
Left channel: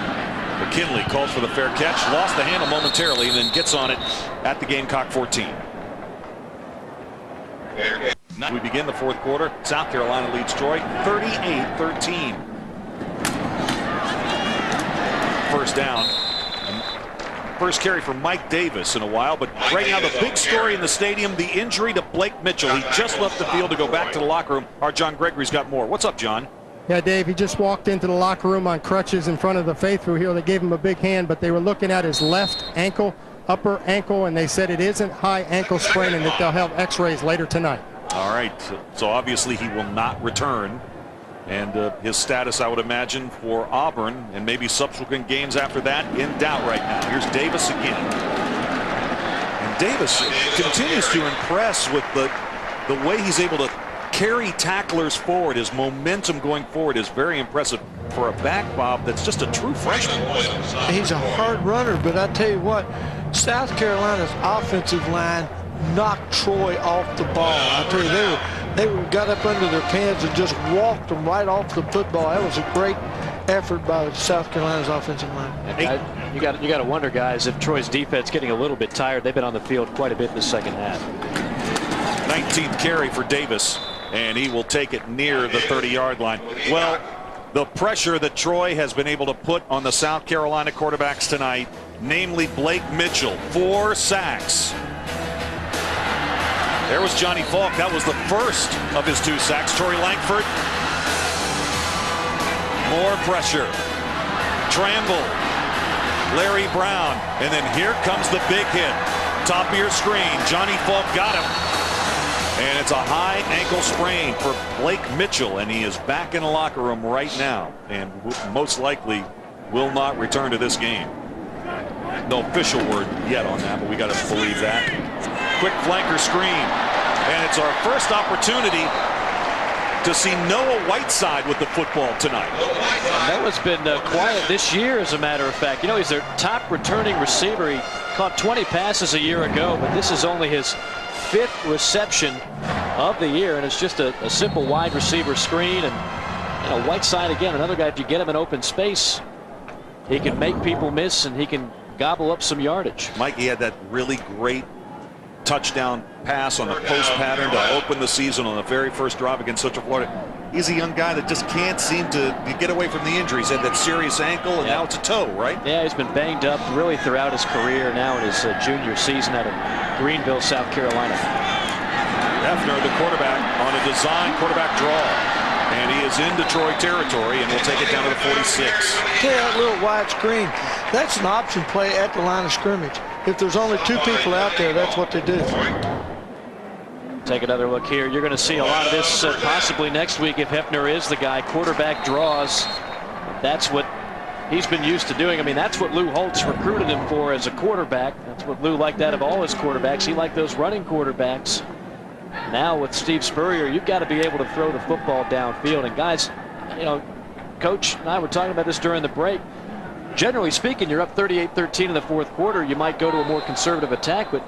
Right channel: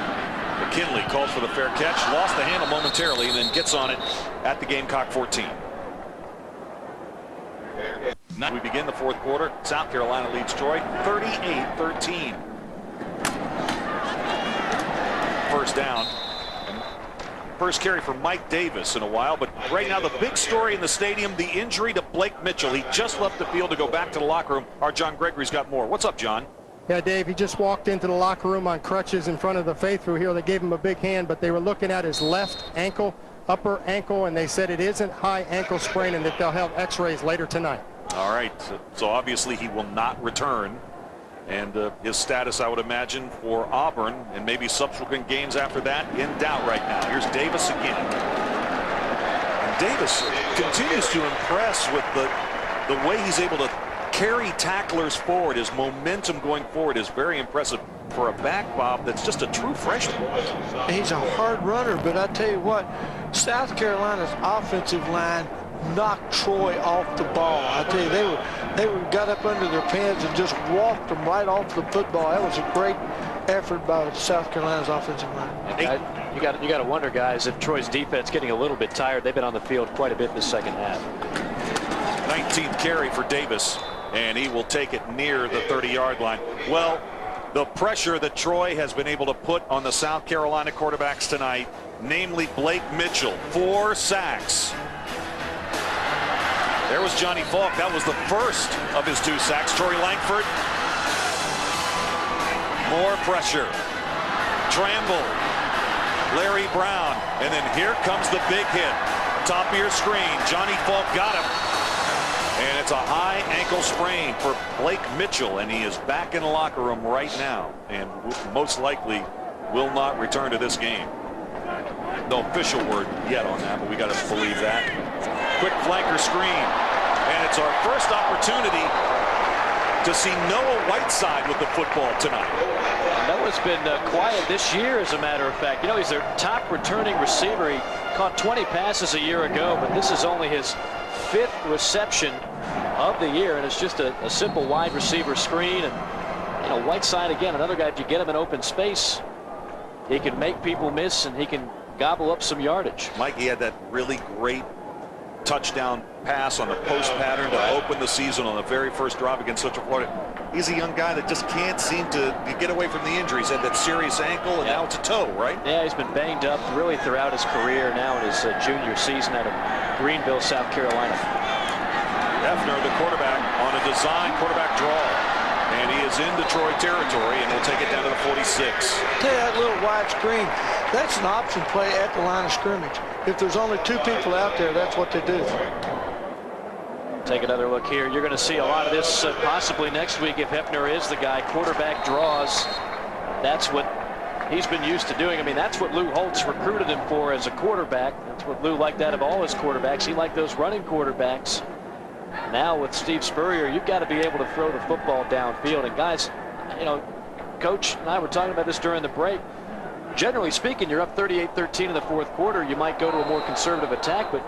McKinley calls for the fair catch, lost the handle momentarily, and then gets on it at the Gamecock 14. We begin the 4th quarter. South Carolina leads Troy 38-13. First down. First carry for Mike Davis in a while, but right now the big story in the stadium, the injury to Blake Mitchell. He just left the field to go back to the locker room. Our John Gregory's got more. What's up, John? Yeah, Dave, he just walked into the locker room on crutches in front of the faithful here. They gave him a big hand, but they were looking at his left ankle, upper ankle, and they said it isn't high ankle sprain and that they'll have x-rays later tonight. All right, so obviously he will not return. And his status, I would imagine, for Auburn and maybe subsequent games after that in doubt right now. Here's Davis again. And Davis continues to impress with the way he's able to carry tacklers forward. His momentum going forward is very impressive for a back, Bob, that's just a true freshman. He's a hard runner, but I tell you what, South Carolina's offensive line knocked Troy off the ball. I tell you, they got up under their pants and just walked them right off the football. That was a great effort by South Carolina's offensive line. And you got to wonder, guys, if Troy's defense getting a little bit tired. They've been on the field quite a bit in the second half. 19th carry for Davis, and he will take it near the 30-yard line. Well, the pressure that Troy has been able to put on the South Carolina quarterbacks tonight, namely Blake Mitchell, 4 sacks. There was Johnny Falk. That was the first of his 2 sacks. Torrey Langford. More pressure. Tramble. Larry Brown. And then here comes the big hit. Top of your screen. Johnny Falk got him. And it's a high ankle sprain for Blake Mitchell. And he is back in the locker room right now. And most likely will not return to this game. No official word yet on that, but we got to believe that. Quick flanker screen, and it's our first opportunity to see Noah Whiteside with the football tonight. Noah's been quiet this year, as a matter of fact. You know, he's their top returning receiver. He caught 20 passes a year ago, but this is only his 5th reception of the year, and it's just a simple wide receiver screen. And, you know, Whiteside, again, another guy, if you get him in open space, he can make people miss, and he can gobble up some yardage. Mike, he had that really great touchdown pass on the post pattern to open the season on the very first drive against Central Florida. He's a young guy that just can't seem to get away from the injuries. He had that serious ankle, and now it's a toe, right? Yeah, he's been banged up really throughout his career, now in his junior season out of Greenville, South Carolina. Hefner, the quarterback, on a design quarterback draw. And he is in Detroit territory and will take it down to the 46. Tell you, that little wide screen, that's an option play at the line of scrimmage. If there's only 2 people out there, that's what they do. Take another look here. You're going to see a lot of this possibly next week if Hefner is the guy. Quarterback draws. That's what he's been used to doing. I mean, that's what Lou Holtz recruited him for as a quarterback. That's what Lou liked out of all his quarterbacks. He liked those running quarterbacks. Now with Steve Spurrier, you've got to be able to throw the football downfield. And guys, you know, Coach and I were talking about this during the break. Generally speaking, you're up 38-13 in the fourth quarter. You might go to a more conservative attack, but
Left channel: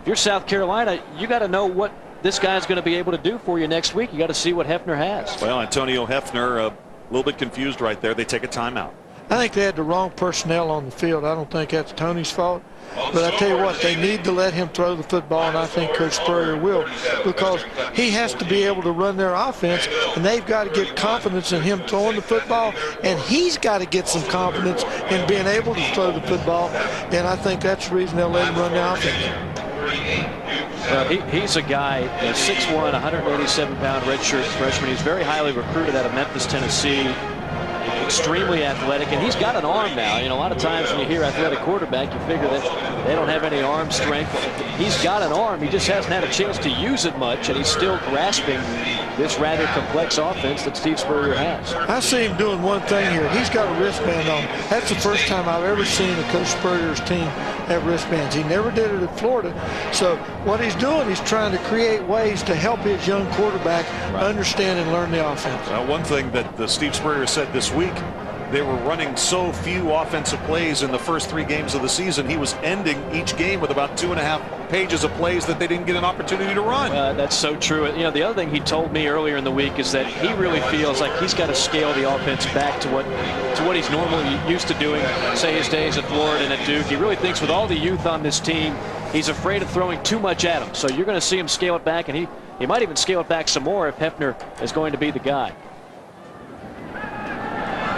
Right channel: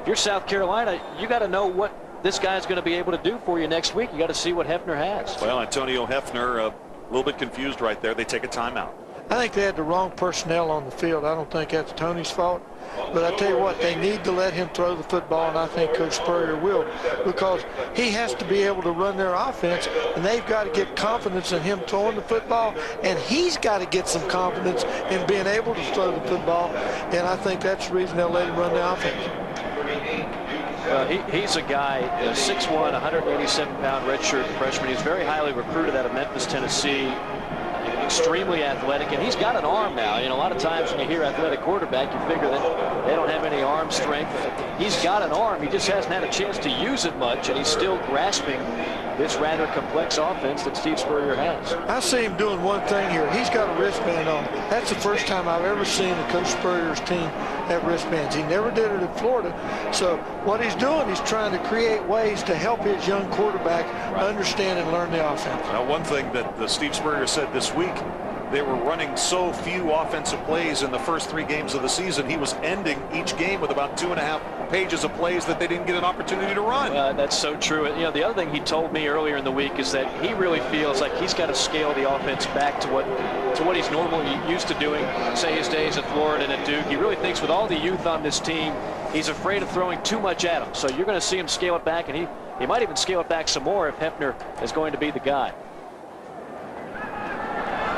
if you're South Carolina, you got to know what this guy's going to be able to do for you next week. You got to see what Hefner has. Well, Antonio Hefner, a little bit confused right there. They take a timeout. I think they had the wrong personnel on the field. I don't think that's Tony's fault. But I tell you what, they need to let him throw the football, and I think Coach Spurrier will, because he has to be able to run their offense, and they've got to get confidence in him throwing the football, and he's got to get some confidence in being able to throw the football, and I think that's the reason they'll let him run the offense. Well, he's a guy, a 6'1", 187-pound redshirt freshman. He's very highly recruited out of Memphis, Tennessee. Extremely athletic, and he's got an arm now. You know, a lot of times when you hear athletic quarterback, you figure that they don't have any arm strength. He's got an arm. He just hasn't had a chance to use it much, and he's still grasping this rather complex offense that Steve Spurrier has. I see him doing one thing here. He's got a wristband on. That's the first time I've ever seen a Coach Spurrier's team have wristbands. He never did it at Florida. So what he's doing, he's trying to create ways to help his young quarterback understand and learn the offense. One thing that Steve Spurrier said this week, they were running so few offensive plays in the first 3 games of the season. He was ending each game with about 2.5 pages of plays that they didn't get an opportunity to run. That's so true. You know, the other thing he told me earlier in the week is that he really feels like he's got to scale the offense back to what he's normally used to doing, say his days at Florida and at Duke. He really thinks with all the youth on this team, he's afraid of throwing too much at him. So you're going to see him scale it back, and he might even scale it back some more if Hefner is going to be the guy.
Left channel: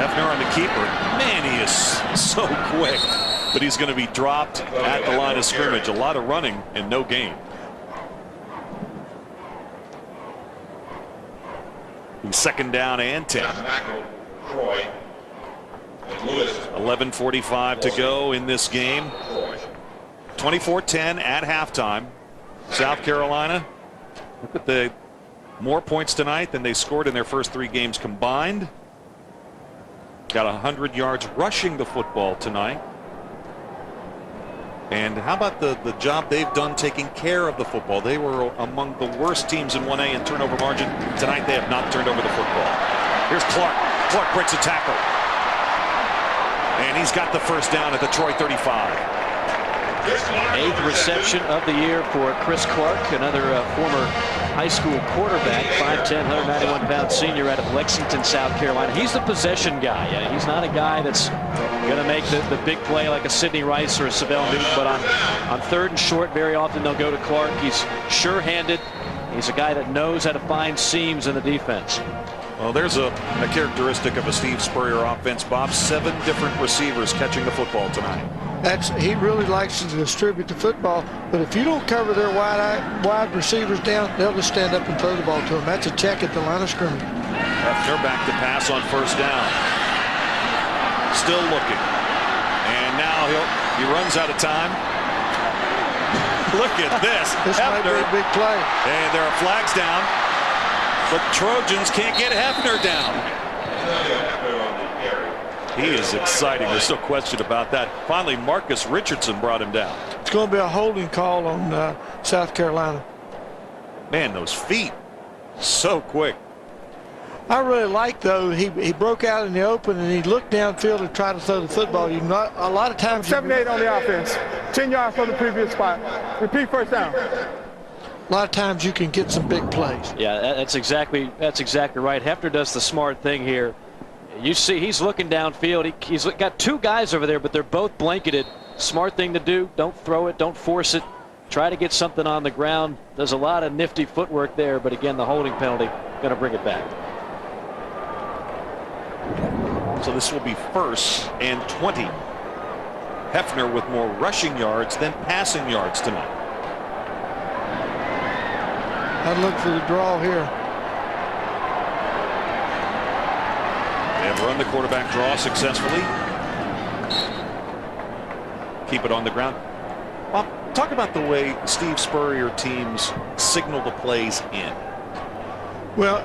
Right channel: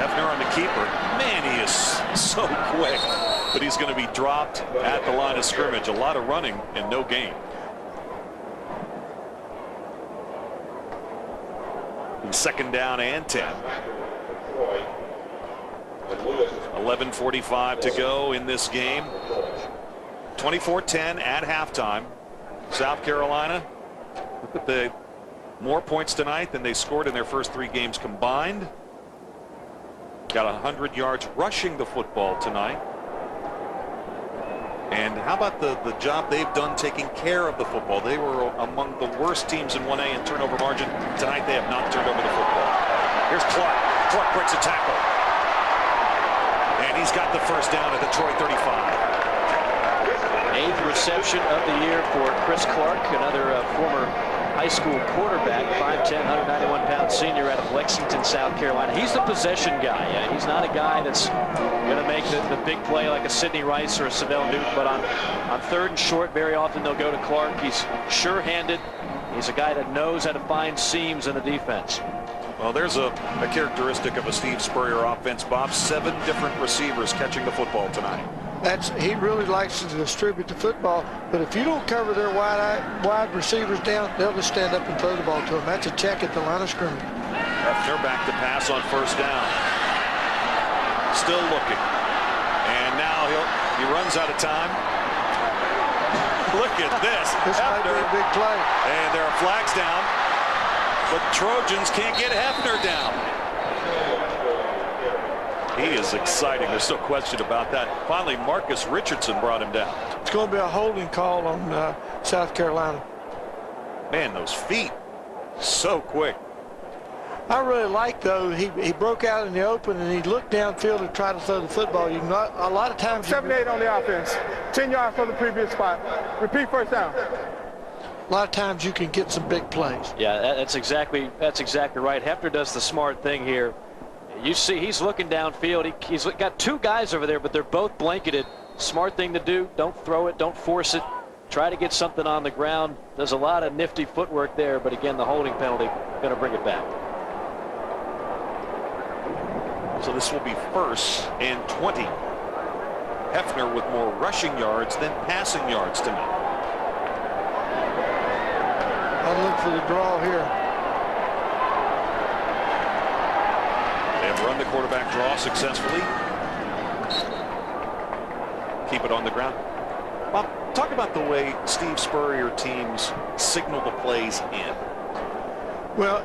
Hefner on the keeper. Man, he is so quick. But he's going to be dropped at the line of scrimmage. A lot of running and no gain. He's 2nd down and 10. 11:45 to go in this game. 24-10 at halftime. South Carolina, look at the more points tonight than they scored in their first 3 games combined. Got 100 yards rushing the football tonight. And how about the job they've done taking care of the football? They were among the worst teams in 1A in turnover margin. Tonight they have not turned over the football. Here's Clark. Clark breaks a tackle. And he's got the first down at Detroit 35. 8th reception of the year for Chris Clark, another former high school quarterback, 5'10", 191-pound senior out of Lexington, South Carolina. He's the possession guy. He's not a guy that's going to make the big play like a Sidney Rice or a Savell Newton, but on 3rd and short, very often they'll go to Clark. He's sure-handed. He's a guy that knows how to find seams in the defense. Well, there's a characteristic of a Steve Spurrier offense, Bob. 7 different receivers catching the football tonight. He really likes to distribute the football, but if you don't cover their wide receivers down, they'll just stand up and throw the ball to them. That's a check at the line of scrimmage. Hefner back to pass on 1st down. Still looking. And now he runs out of time. Look at this. This might be a big play. And there are flags down, but Trojans can't get Hefner down. He is exciting. There's no question about that. Finally, Marcus Richardson brought him down. It's going to be a holding call on South Carolina. Man, those feet, so quick. I really like, though, he broke out in the open and he looked downfield to try to throw the football. A lot of times 7-8 on the offense. 10 yards from the previous spot. Repeat first down. A lot of times you can get some big plays. Yeah, that's exactly right. Hefner does the smart thing here. You see he's looking downfield. He's got 2 guys over there, but they're both blanketed. Smart thing to do. Don't throw it. Don't force it. Try to get something on the ground. There's a lot of nifty footwork there, but again, the holding penalty going to bring it back. So this will be 1st and 20. Hefner with more rushing yards than passing yards tonight. I'd look for the draw here. They have run the quarterback draw successfully. Keep it on the ground. Bob, talk about the way Steve Spurrier teams signal the plays in. Well,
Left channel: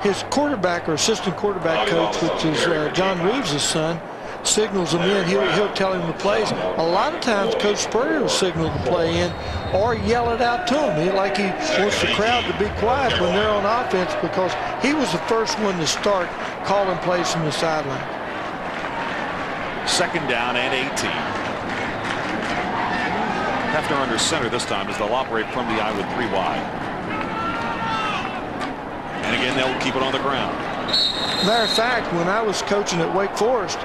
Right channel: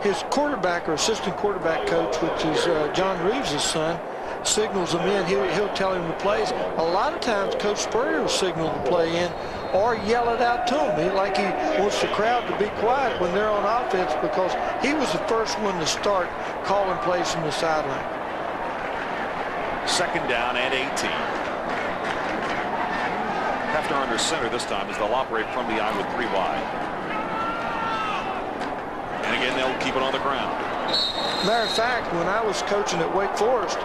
his quarterback or assistant quarterback coach, which is John Reeves' son, signals them in. He'll tell him the plays. A lot of times Coach Spurrier will signal the play in or yell it out to him. He wants the crowd to be quiet when they're on offense, because he was the first one to start calling plays from the sideline. 2nd down and 18. Hefner under center this time as they'll operate from the I with 3 wide. And again, they'll keep it on the ground. Matter of fact, when I was coaching at Wake Forest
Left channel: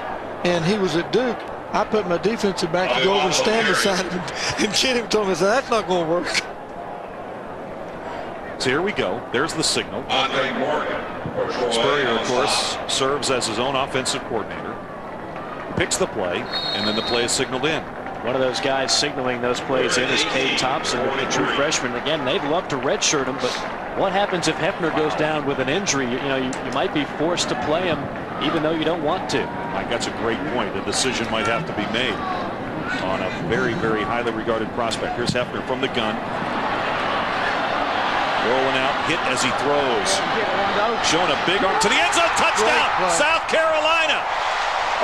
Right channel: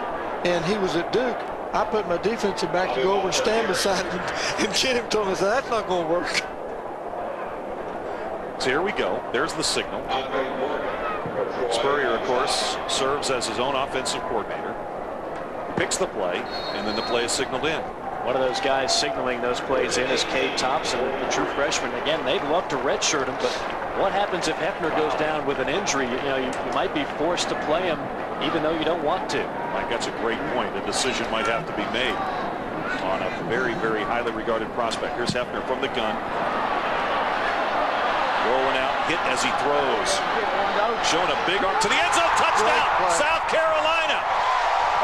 and he was at Duke, I put my defensive back to go over and stand beside him, and Jim told me, that's not going to work. So here we go. There's the signal. Spurrier, of course, serves as his own offensive coordinator. Picks the play, and then the play is signaled in. One of those guys signaling those plays in is Cade Thompson, the true freshman. Again, they'd love to redshirt him, but what happens if Hefner goes down with an injury? You might be forced to play him even though you don't want to. Mike, that's a great point. A decision might have to be made on a very, very highly regarded prospect. Here's Hefner from the gun. Rolling out, hit as he throws. Showing a big arm to the end zone. Touchdown, South Carolina.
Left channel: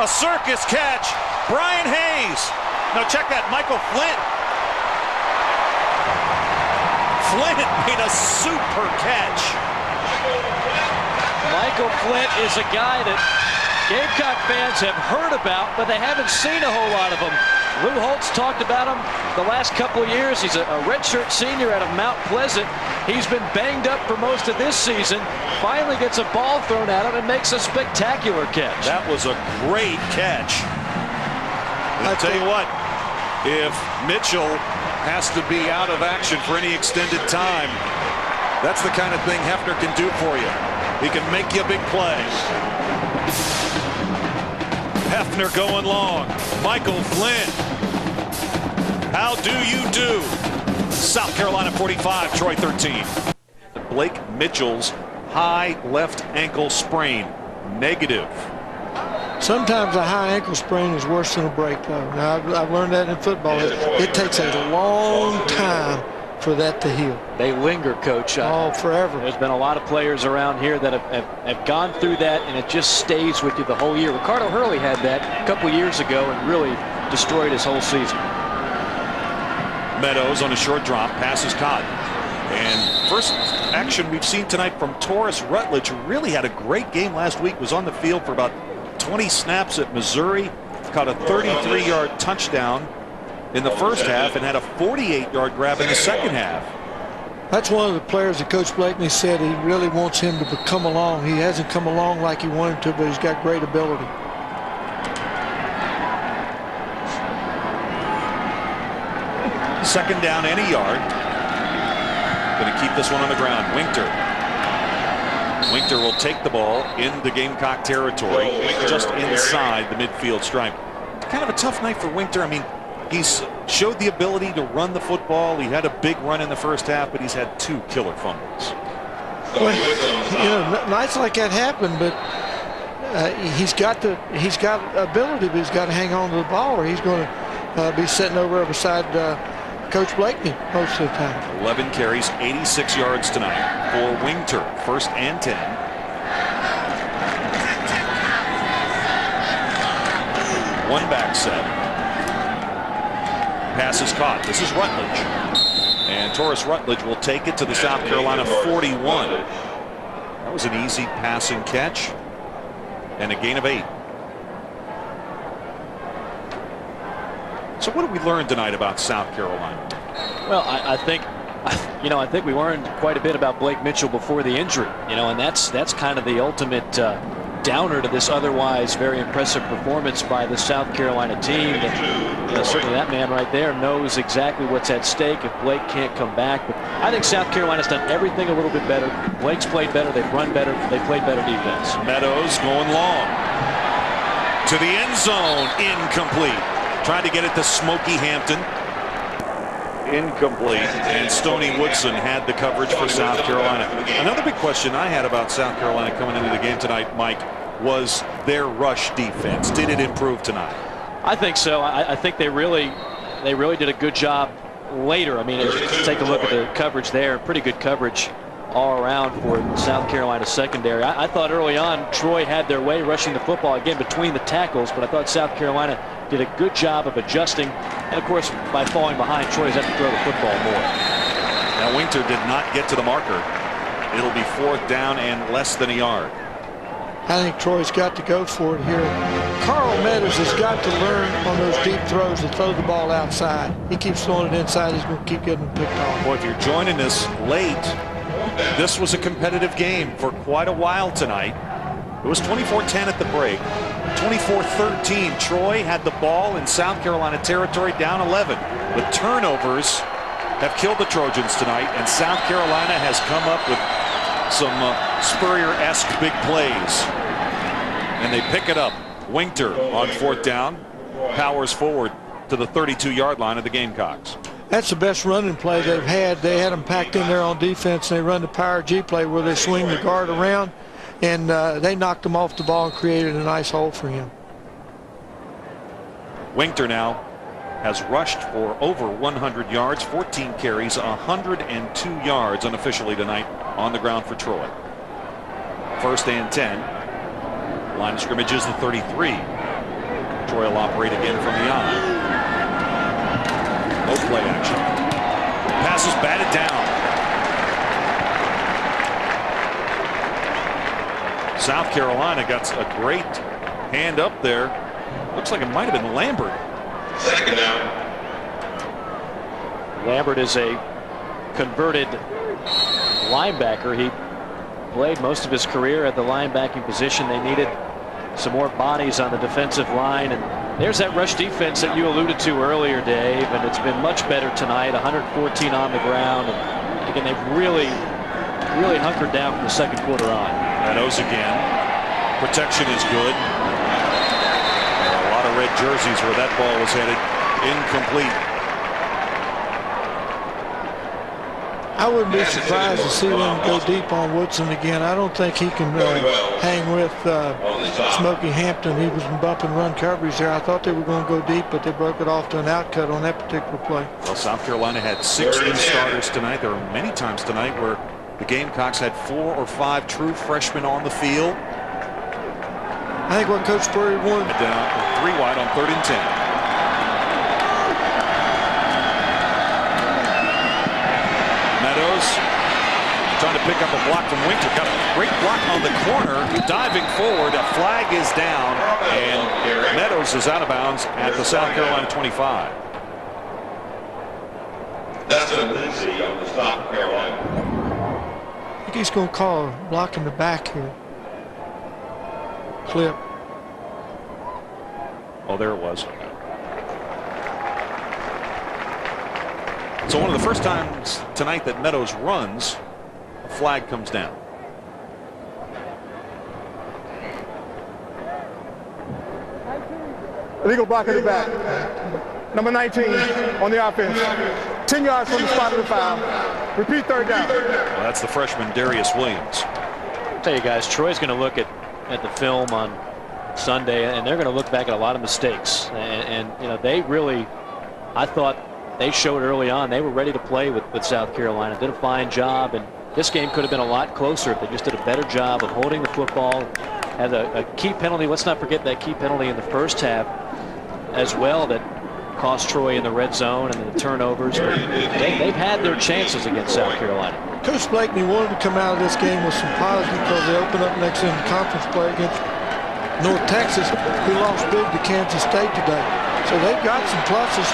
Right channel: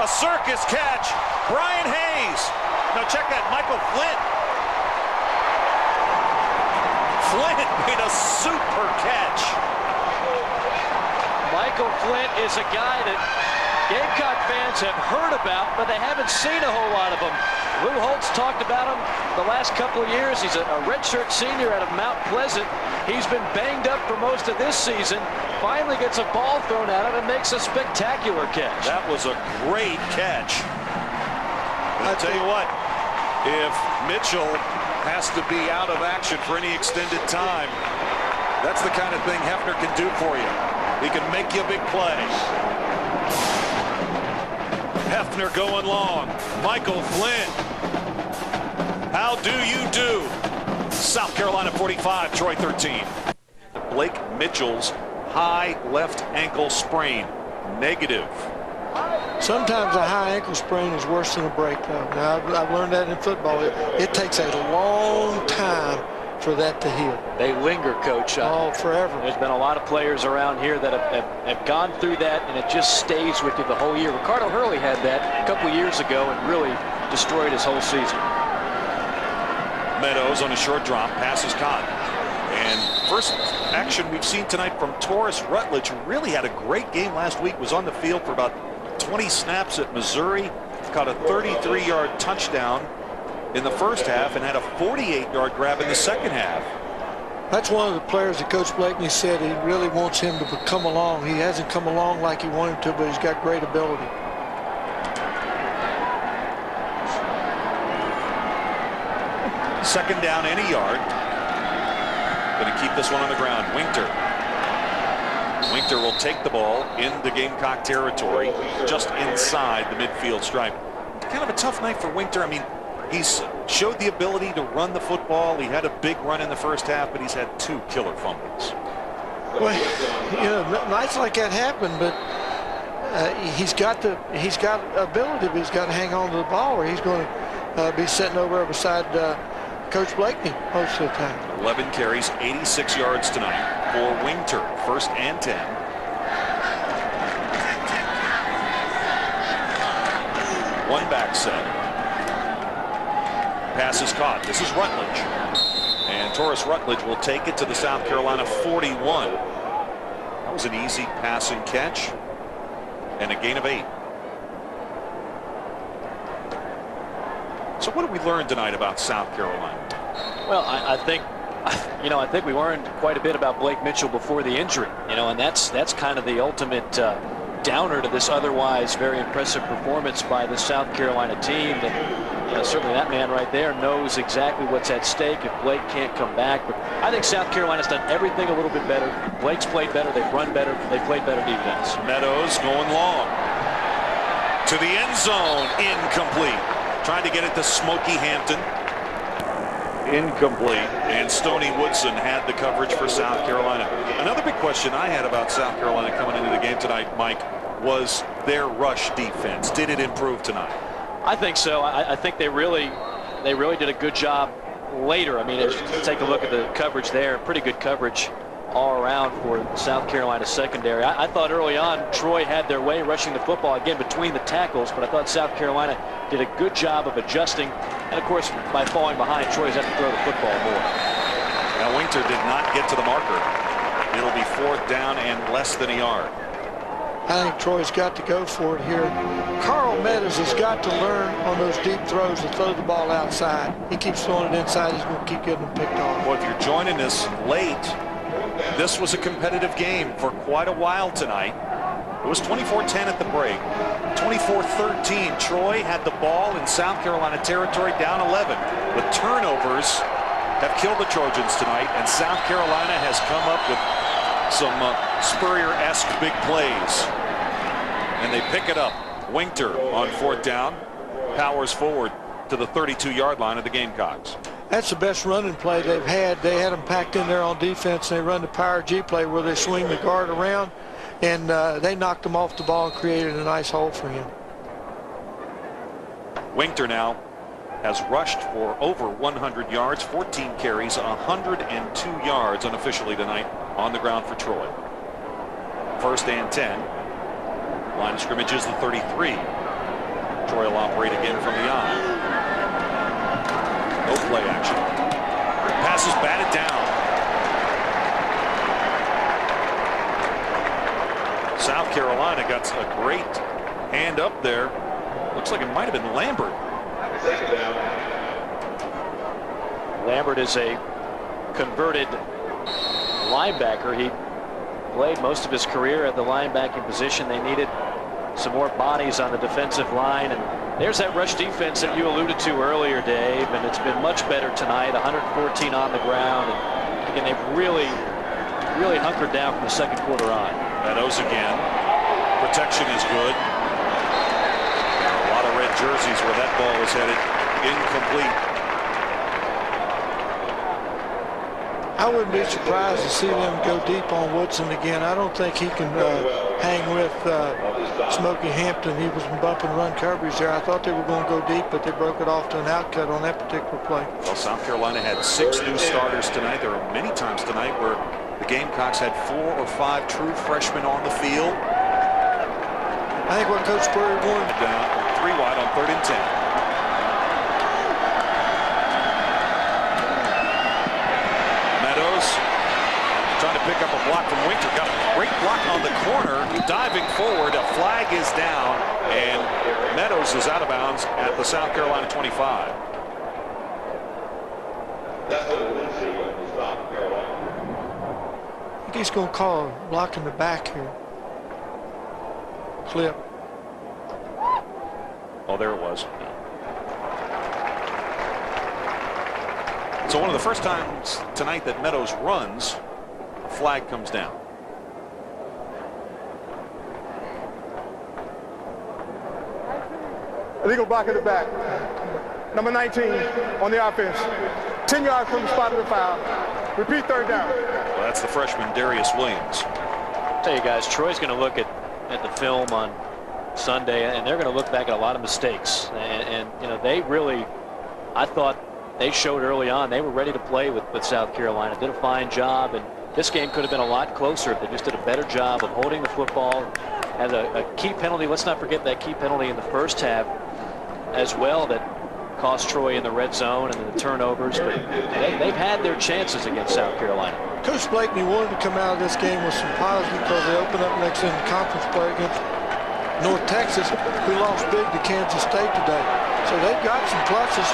A circus catch. Brian Hayes. Now check that, Michael Flint. Flint made a super catch. Michael Flint is a guy that Gamecock fans have heard about, but they haven't seen a whole lot of him. Lou Holtz talked about him the last couple of years. He's a redshirt senior out of Mount Pleasant. He's been banged up for most of this season. Finally gets a ball thrown at him and makes a spectacular catch. That was a great catch. And I'll tell you what, if Mitchell has to be out of action for any extended time, that's the kind of thing Hefner can do for you. He can make you a big play. Hefner going long. Michael Flint. How do you do? South Carolina 45, Troy 13. Blake Mitchell's high left ankle sprain. Negative. Sometimes a high ankle sprain is worse than a break, though. Now, I've learned that in football. It takes a long time for that to heal. They linger, Coach. Oh, forever. There's been a lot of players around here that have gone through that, and it just stays with you the whole year. Ricardo Hurley had that a couple years ago and really destroyed his whole season. Meadows on a short drop, passes caught. And first action we've seen tonight from Taurus Rutledge, who really had a great game last week, was on the field for about 20 snaps at Missouri, caught a 33-yard touchdown in the first half and had a 48-yard grab in the second half. That's one of the players that Coach Blakeney said he really wants him to come along. He hasn't come along like he wanted to, but he's got great ability. Second down and a yard. Going to keep this one on the ground. Winter will take the ball in the Gamecock territory, just inside the midfield stripe. Kind of a tough night for Winter. I mean, he's showed the ability to run the football. He had a big run in the first half, but he's had 2 killer fumbles. Well, nights like that happen, but he's got ability, but he's got to hang on to the ball, or he's going to be sitting over beside Coach Blakeney most of the time. 11 carries, 86 yards tonight for Winter. 1st and 10. One back set. Pass is caught. This is Rutledge. And Taurus Rutledge will take it to the South Carolina 41. That was an easy pass and catch. And a gain of 8. So what did we learn tonight about South Carolina? Well, I think we learned quite a bit about Blake Mitchell before the injury, and that's kind of the ultimate downer to this otherwise very impressive performance by the South Carolina team. That, certainly that man right there knows exactly what's at stake if Blake can't come back. But I think South Carolina's done everything a little bit better. Blake's played better. They've run better. They played better defense. Meadows going long to the end zone, incomplete. Trying to get it to Smokey Hampton. Incomplete. And Stoney Woodson had the coverage for South Carolina. Another big question I had about South Carolina coming into the game tonight, Mike, was their rush defense? Did it improve tonight? I think so. I think they really did a good job later. I mean, as you take a look at the coverage there, pretty good coverage all around for South Carolina secondary. I thought early on Troy had their way rushing the football again between the tackles, but I thought South Carolina did a good job of adjusting, and of course by falling behind, Troy's had to throw the football more. Now Winter did not get to the marker. It'll be 4th down and less than a yard. I think Troy's got to go for it here. Carl Meadows has got to learn on those deep throws to throw the ball outside. He keeps throwing it inside, he's going to keep getting them picked off. Well, if you're joining us late, this was a competitive game for quite a while tonight. It was 24-10 at the break. 24-13. Troy had the ball in South Carolina territory, down 11. The turnovers have killed the Trojans tonight, and South Carolina has come up with some Spurrier-esque big plays. And they pick it up. Winter on 4th down powers forward to the 32-yard line of the Gamecocks. That's the best running play they've had. They had them packed in there on defense, and they run the power G play where they swing the guard around, and they knocked him off the ball and created a nice hole for him. Winter now has rushed for over 100 yards, 14 carries, 102 yards unofficially tonight on the ground for Troy. 1st and 10. Line of scrimmage is the 33. Troy will operate again from the I. No play action. Pass is batted down. South Carolina got a great hand up there. Looks like it might have been Lambert. Lambert is a converted linebacker. He played most of his career at the linebacking position. They needed some more bodies on the defensive line, and there's that rush defense that you alluded to earlier, Dave, and it's been much better tonight. 114 on the ground, and again, they've really hunkered down from the second quarter on. Meadows again. Protection is good. There are a lot of red jerseys where that ball was headed. Incomplete. I wouldn't be surprised to see them go deep on Woodson again. I don't think he can hang with Smokey Hampton. He was bumping run coverage there. I thought they were going to go deep, but they broke it off to an outcut on that particular play. Well, South Carolina had 6 new starters tonight. There are many times tonight where the Gamecocks had 4 or 5 true freshmen on the field. I think what Coach Spurrier wanted. 3 wide on 3rd and 10. Trying to pick up a block from Winter. Got a great block on the corner. Diving forward. A flag is down. And Meadows is out of bounds at the South Carolina 25. That's the Lindsay of the South Carolina. I think he's going to call a block in the back here. Clip. Oh, there it was. So one of the first times tonight that Meadows runs, a flag comes down. Illegal block at the back. Number 19 on the offense. 10 yards from the spot of the foul. Repeat 3rd down. Well, that's the freshman Darius Williams. I'll tell you guys, Troy's going to look at the film on Sunday, and they're going to look back at a lot of mistakes. And you know, they really, I thought they showed early on they were ready to play with South Carolina. Did a fine job, and this game could have been a lot closer if they just did a better job of holding the football. Had a key penalty. Let's not forget that key penalty in the first half as well that cost Troy in the red zone and the turnovers. But they've had their chances against South Carolina. Coach Blakeney wanted to come out of this game with some positive because they open up next in the conference play against North Texas, who lost big to Kansas State today. So they've got some pluses.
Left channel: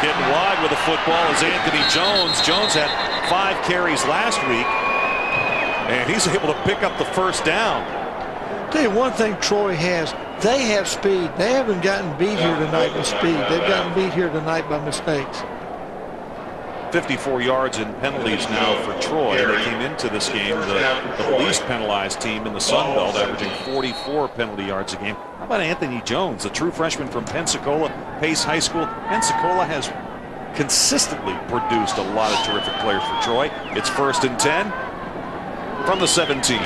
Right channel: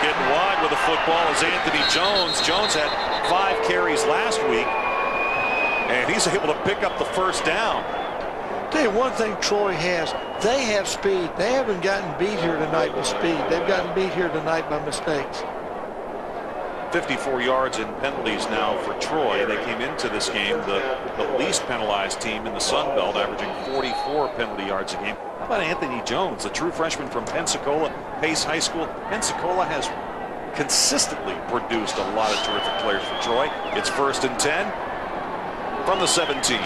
Getting wide with the football is Anthony Jones. Jones had 5 carries last week, and he's able to pick up the first down. Tell you one thing Troy has, they have speed. They haven't gotten beat here tonight with speed. They've gotten beat here tonight by mistakes. 54 yards in penalties now for Troy. They came into this game the least penalized team in the Sun Belt, averaging 44 penalty yards a game. How about Anthony Jones, a true freshman from Pensacola, Pace High School? Pensacola has consistently produced a lot of terrific players for Troy. It's 1st and 10 from the 17.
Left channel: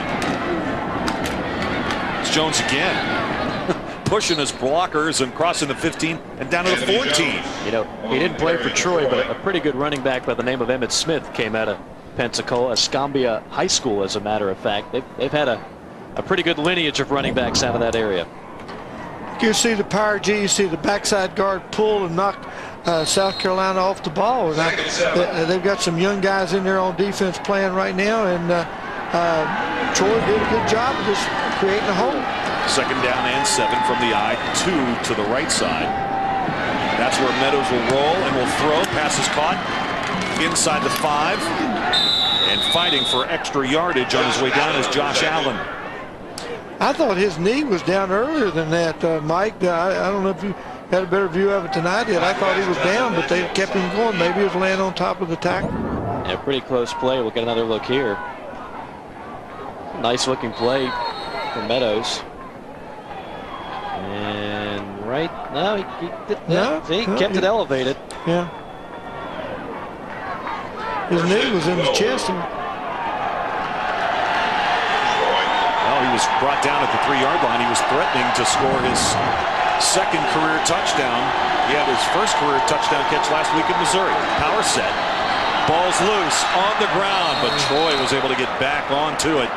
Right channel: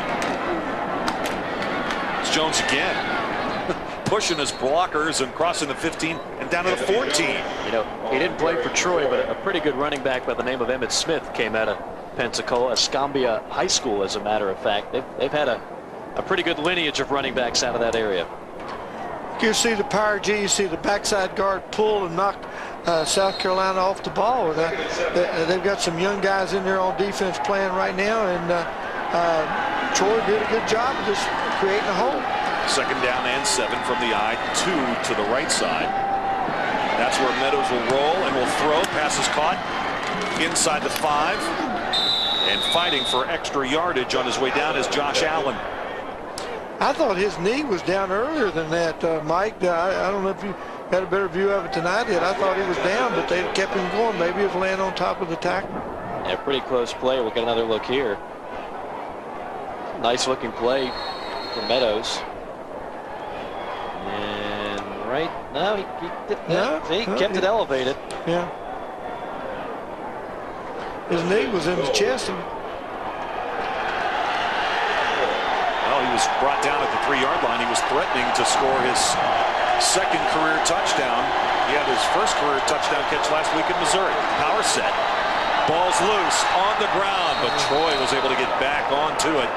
Here's Jones again. Pushing his blockers and crossing the 15 and down to the 14. You know, he didn't play for Troy, but a pretty good running back by the name of Emmitt Smith came out of Pensacola, Escambia High School, as a matter of fact. They've had a pretty good lineage of running backs out of that area. You see the power G, you see the backside guard pull and knock South Carolina off the ball. And they've got some young guys in there on defense playing right now, and Troy did a good job of just creating a hole. 2nd down and 7 from the I-2 to the right side. That's where Meadows will roll and will throw. Pass is caught inside the 5. And fighting for extra yardage on his way down is Josh Allen. I thought his knee was down earlier than that, Mike. I don't know if you got a better view of it than I did. I thought he was down, but they kept him going. Maybe he was laying on top of the tackle. Yeah, pretty close play. We'll get another look here. Nice looking play for Meadows. And he kept it elevated. Yeah. His knee was in the chest. Well, he was brought down at the 3-yard line. He was threatening to score his 2nd career touchdown. He had his 1st career touchdown catch last week in Missouri. Power set. Ball's loose on the ground, but Troy was able to get back onto it.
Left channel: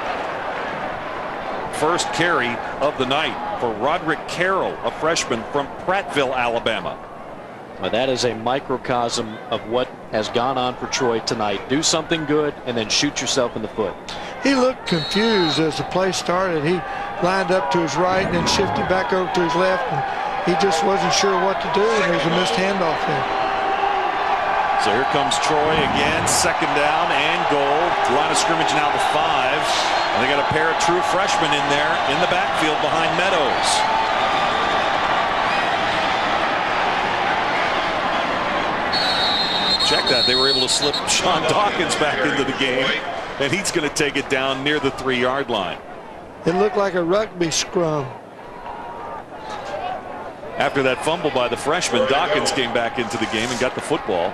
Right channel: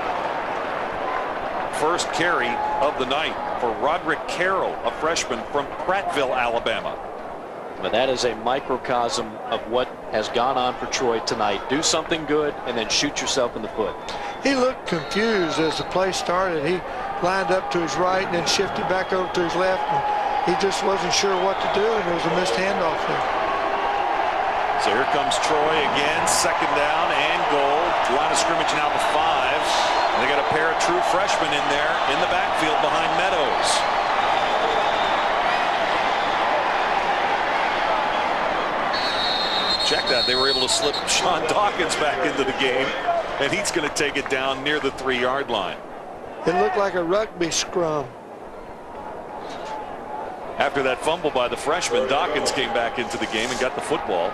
First carry of the night for Roderick Carroll, a freshman from Prattville, Alabama. Well, that is a microcosm of what has gone on for Troy tonight. Do something good and then shoot yourself in the foot. He looked confused as the play started. He lined up to his right and then shifted back over to his left, and he just wasn't sure what to do, and there was a missed handoff there. So here comes Troy again, 2nd down and goal. Line of scrimmage now the 5. And they got a pair of true freshmen in there in the backfield behind Meadows. Check that. They were able to slip Sean Dawkins back into the game, and he's going to take it down near the 3-yard line. It looked like a rugby scrum. After that fumble by the freshman, Dawkins came back into the game and got the football.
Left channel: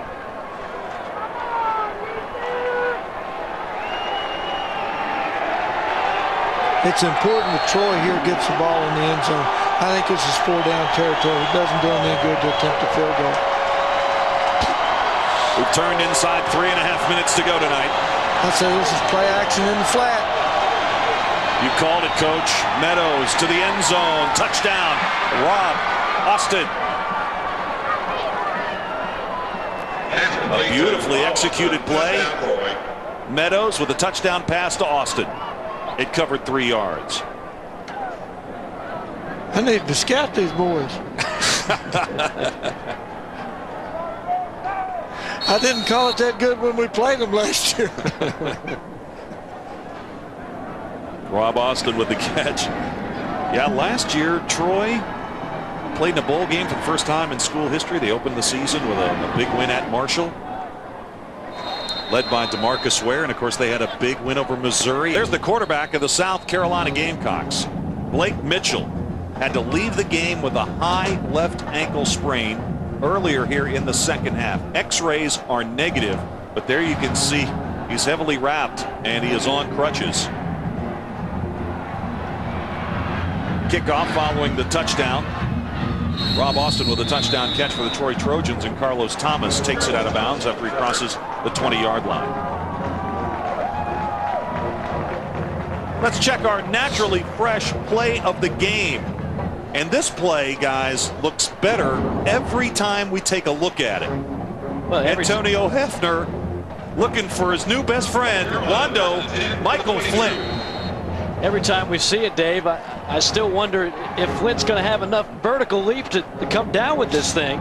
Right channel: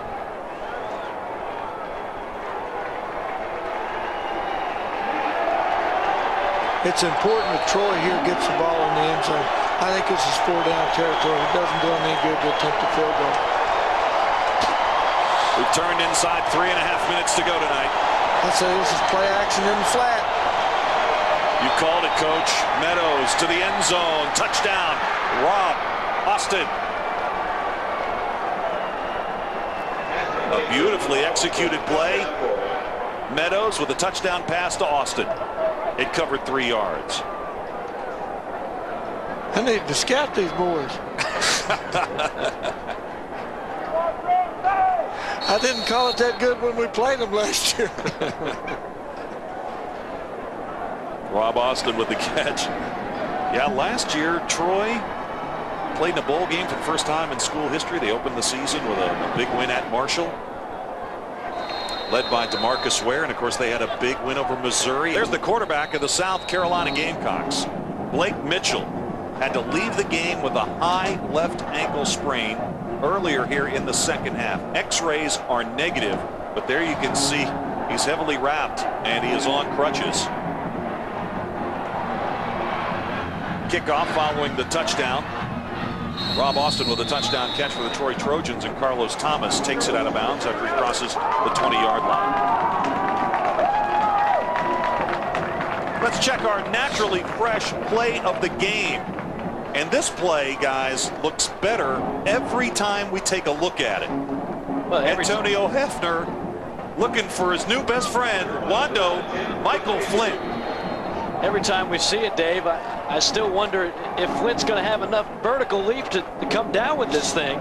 It's important that Troy here gets the ball in the end zone. I think this is 4-down territory. It doesn't do them any good to attempt a field goal. We've turned inside 3.5 minutes to go tonight. I say this is play action in the flat. You called it, Coach. Meadows to the end zone. Touchdown. Rob Austin. A beautifully executed play. Meadows with a touchdown pass to Austin. It covered 3 yards. I need to scout these boys. I didn't call it that good when we played them last year. Rob Austin with the catch. Yeah, last year Troy played in a bowl game for the first time in school history. They opened the season with a big win at Marshall, led by DeMarcus Ware, and of course they had a big win over Missouri. There's the quarterback of the South Carolina Gamecocks. Blake Mitchell had to leave the game with a high left ankle sprain earlier here in the 2nd half. X-rays are negative, but there you can see he's heavily wrapped and he is on crutches. Kickoff following the touchdown. Rob Austin with a touchdown catch for the Troy Trojans, and Carlos Thomas takes it out of bounds after he crosses the 20-yard line. Let's check our naturally fresh play of the game. And this play, guys, looks better every time we take a look at it. Well, Antonio Hefner looking for his new best friend, Wando Michael Flint. Every time we see it, Dave, I still wonder if Flint's going to have enough vertical leap to come down with this thing.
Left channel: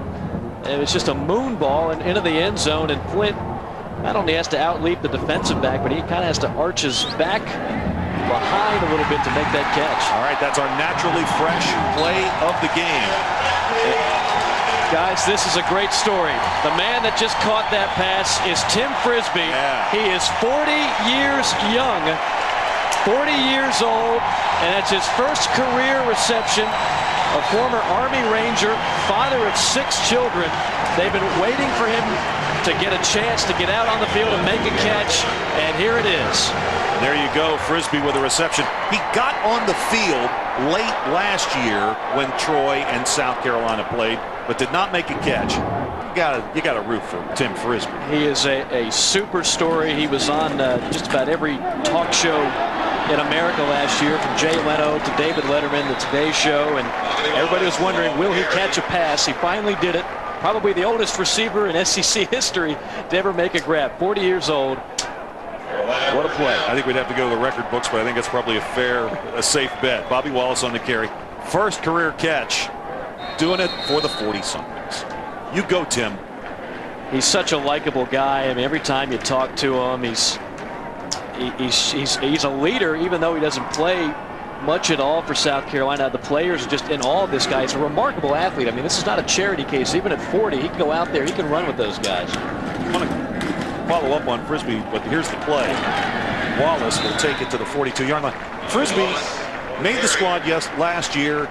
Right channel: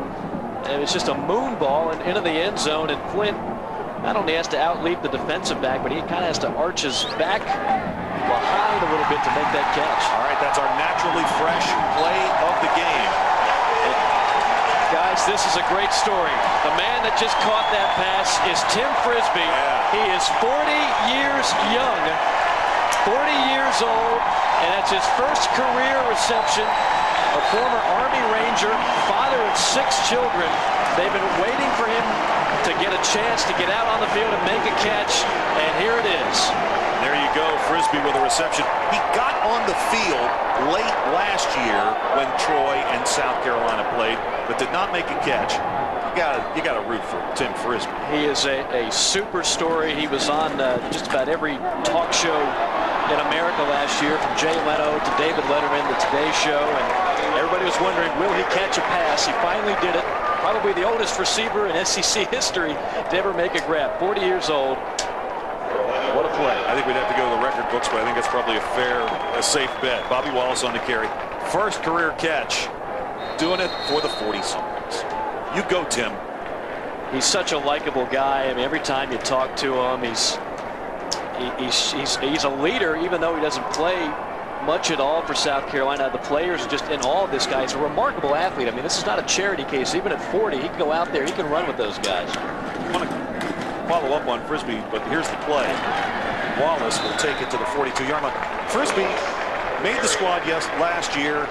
And it's just a moon ball and into the end zone, and Flint not only has to outleap the defensive back, but he kind of has to arch his back behind a little bit to make that catch. All right, that's our naturally fresh play of the game. Guys, this is a great story. The man that just caught that pass is Tim Frisbee. Yeah. He is 40 years young, 40 years old, and that's his first career reception. A former Army Ranger, father of 6 children. They've been waiting for him to get a chance to get out on the field and make a catch, and here it is. There you go, Frisbee with a reception. He got on the field late last year when Troy and South Carolina played, but did not make a catch. You got to root for Tim Frisbee. He is a super story. He was on just about every talk show in America last year, from Jay Leno to David Letterman, the Today Show, and everybody was wondering, will he catch a pass? He finally did it. Probably the oldest receiver in SEC history to ever make a grab. 40 years old. What a play. I think we'd have to go to the record books, but I think that's probably a safe bet. Bobby Wallace on the carry. First career catch, doing it for the 40-somethings. You go, Tim. He's such a likable guy. I mean, every time you talk to him, he's a leader, even though he doesn't play much at all for South Carolina. The players are just in awe of this guy. He's a remarkable athlete. I mean, this is not a charity case. Even at 40, he can go out there. He can run with those guys. I want to follow up on Frisbee, but here's the play. Wallace will take it to the 42-yard line. Frisbee made the squad last year.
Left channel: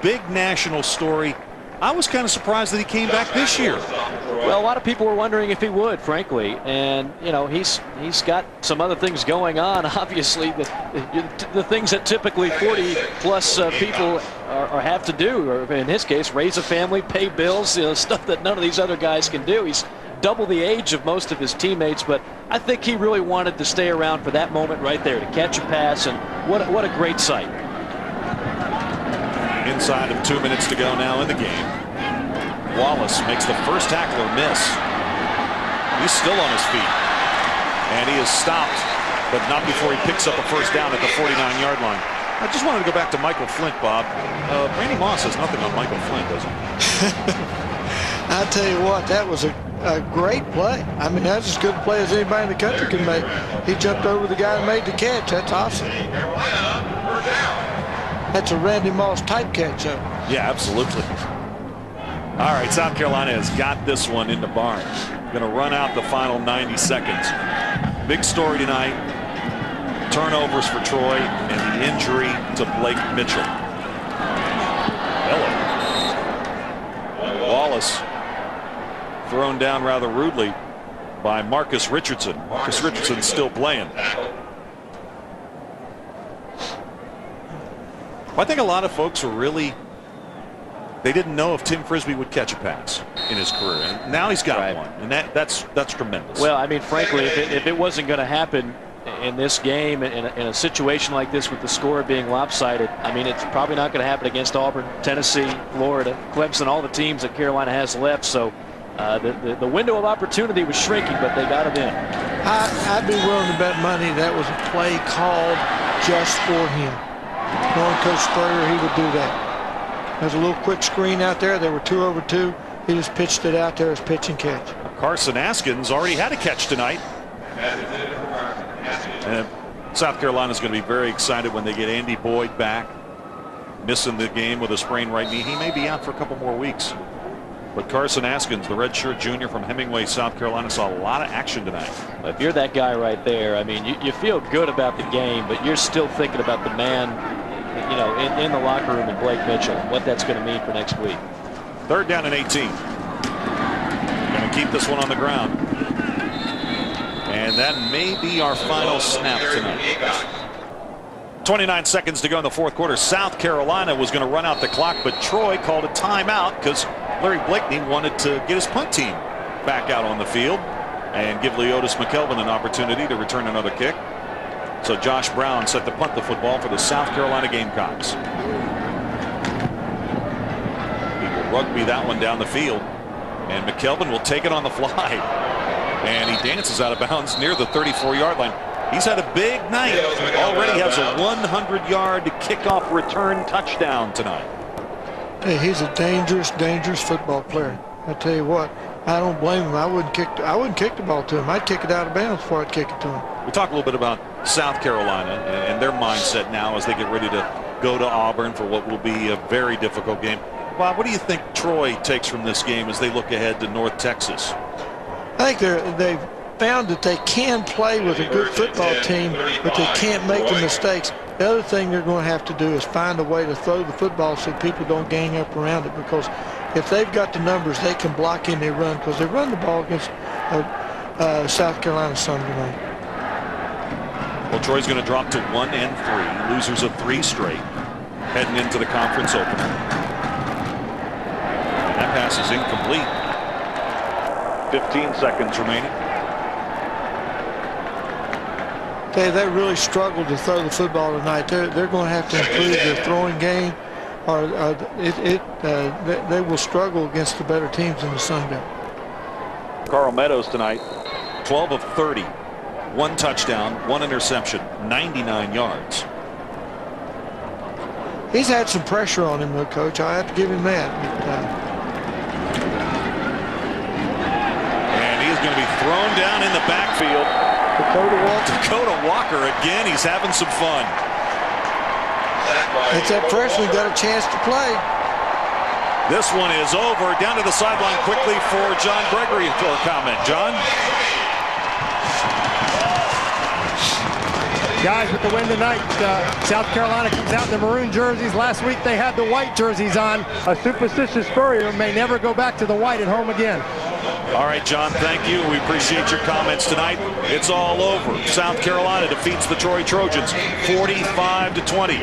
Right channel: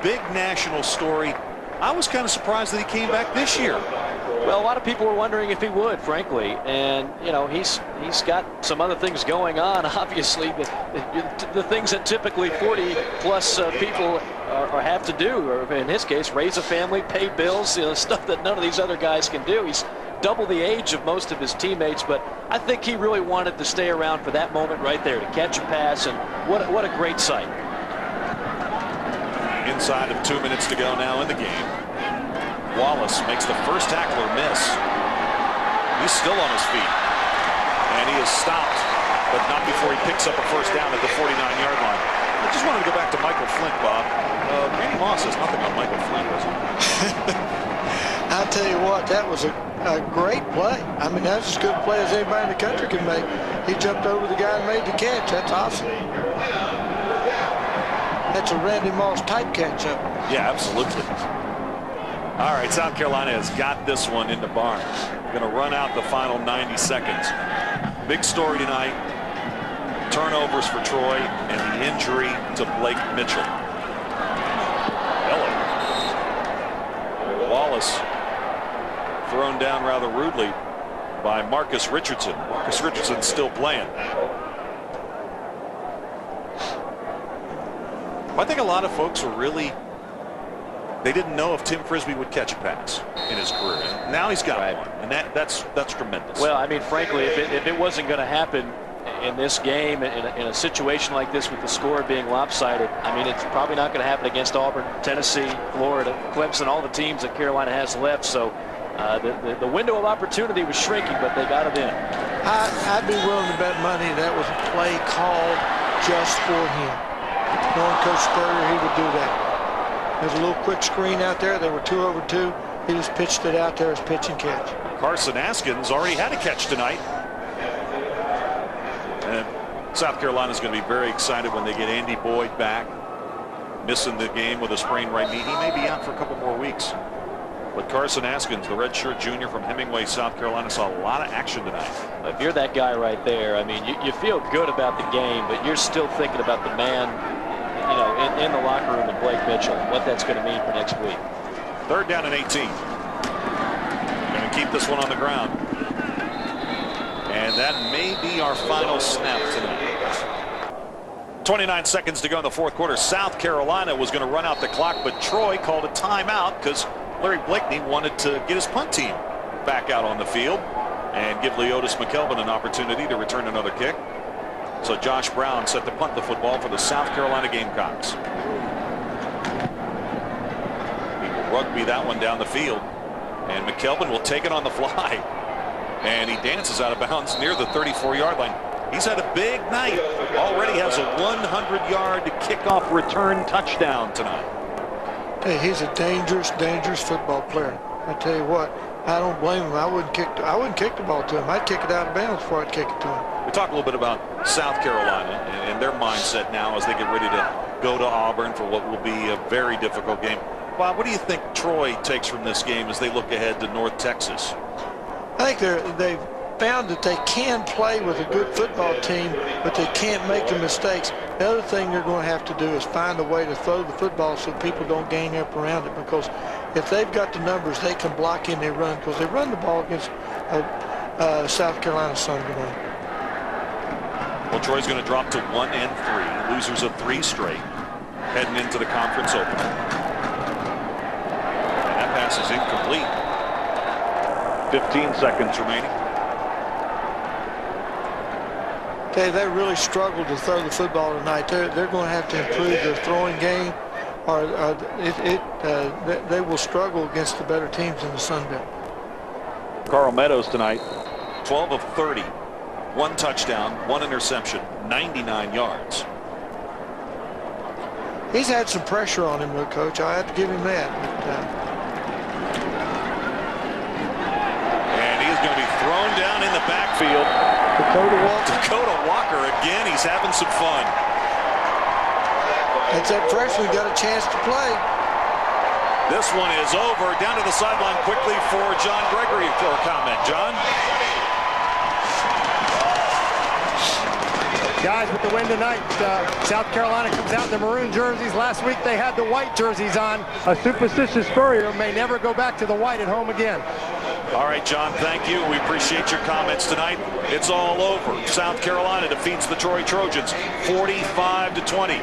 Big national story. I was kind of surprised that he came back this year. Well, a lot of people were wondering if he would, frankly, and you know he's got some other things going on. Obviously, the things that typically 40-plus people have to do, or in his case, raise a family, pay bills, stuff that none of these other guys can do. He's double the age of most of his teammates, but I think he really wanted to stay around for that moment right there to catch a pass, and what a great sight. Inside of 2 minutes to go now in the game. Wallace makes the first tackler miss. He's still on his feet. And he is stopped, but not before he picks up a first down at the 49-yard line. I just wanted to go back to Michael Flint, Bob. Randy Moss has nothing on Michael Flint, does he? I tell you what, that was a great play. I mean, that's as good a play as anybody in the country can make. He jumped over the guy and made the catch. That's awesome. That's a Randy Moss type catch up. Yeah, absolutely. All right, South Carolina has got this one into Barnes. Going to run out the final 90 seconds. Big story tonight. Turnovers for Troy and the injury to Blake Mitchell. Hello. Wallace thrown down rather rudely by Marcus Richardson. Marcus Richardson still playing. I think a lot of folks were really, they didn't know if Tim Frisbee would catch a pass in his career. And now he's got one, and that's tremendous. Well, I mean, frankly, if it wasn't going to happen in this game, in a situation like this with the score being lopsided, I mean, it's probably not going to happen against Auburn, Tennessee, Florida, Clemson, all the teams that Carolina has left. So the window of opportunity was shrinking, but they got it in. I'd be willing to bet money that was a play called just for him. Knowing Coach Spurrier, he would do that. There's a little quick screen out there. They were 2 over 2. He just pitched it out there as pitch and catch. Carson Askins already had a catch tonight. And South Carolina's going to be very excited when they get Andy Boyd back. Missing the game with a sprained right knee. He may be out for a couple more weeks. But Carson Askins, the redshirt junior from Hemingway, South Carolina, saw a lot of action tonight. If you're that guy right there, I mean, you feel good about the game, but you're still thinking about the man, in the locker room, and Blake Mitchell, what that's going to mean for next week. 3rd down and 18. Going to keep this one on the ground. And that may be our final snap tonight. 29 seconds to go in the 4th quarter. South Carolina was going to run out the clock, but Troy called a timeout because Larry Blakeney wanted to get his punt team back out on the field and give Leotis McKelvin an opportunity to return another kick. So Josh Brown set to punt the football for the South Carolina Gamecocks. He will rugby that one down the field, and McKelvin will take it on the fly. And he dances out of bounds near the 34-yard line. He's had a big night. Already has a 100-yard kickoff return touchdown tonight. Hey, he's a dangerous, dangerous football player. I tell you what, I don't blame him. I wouldn't kick the ball to him. I'd kick it out of bounds before I'd kick it to him. We talked a little bit about South Carolina and their mindset now as they get ready to go to Auburn for what will be a very difficult game. Bob, what do you think Troy takes from this game as they look ahead to North Texas? I think they've found that they can play with a good football team, but they can't make the mistakes. The other thing they're going to have to do is find a way to throw the football so people don't gang up around it, because if they've got the numbers, they can block in their run, because they run the ball against South Carolina Sunday night. Well, Troy's going to drop to 1-3, losers of 3 straight, heading into the conference opener. And that pass is incomplete. 15 seconds remaining. They really struggled to throw the football tonight. They're going to have to improve their throwing game, or they will struggle against the better teams in the Sun Belt. Carl Meadows tonight, 12 of 30, 1 touchdown, 1 interception, 99 yards. He's had some pressure on him, though, Coach. I have to give him that. And he's going to be thrown down in the backfield. Dakota Walker again. He's having some fun. That's that freshman got a chance to play. This one is over. Down to the sideline quickly for John Gregory for a comment. John? Guys, with the win tonight, South Carolina comes out in the maroon jerseys. Last week they had the white jerseys on. A superstitious Spurrier may never go back to the white at home again. All right, John, thank you. We appreciate your comments tonight. It's all over. South Carolina defeats the Troy Trojans 45-20.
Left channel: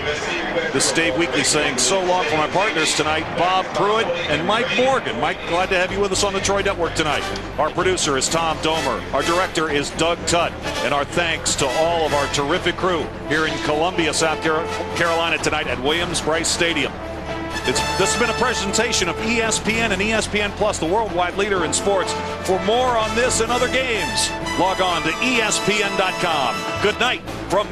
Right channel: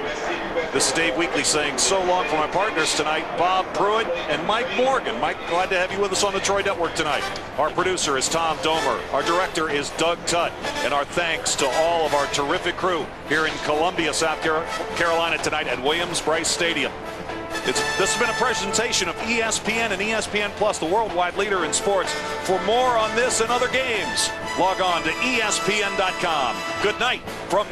This is Dave Weekley saying so long for my partners tonight, Bob Pruitt and Mike Morgan. Mike, glad to have you with us on the Troy Network tonight. Our producer is Tom Domer. Our director is Doug Tutt. And our thanks to all of our terrific crew here in Columbia, South Carolina tonight at Williams-Brice Stadium. This has been a presentation of ESPN and ESPN Plus, the worldwide leader in sports. For more on this and other games, log on to ESPN.com. Good night from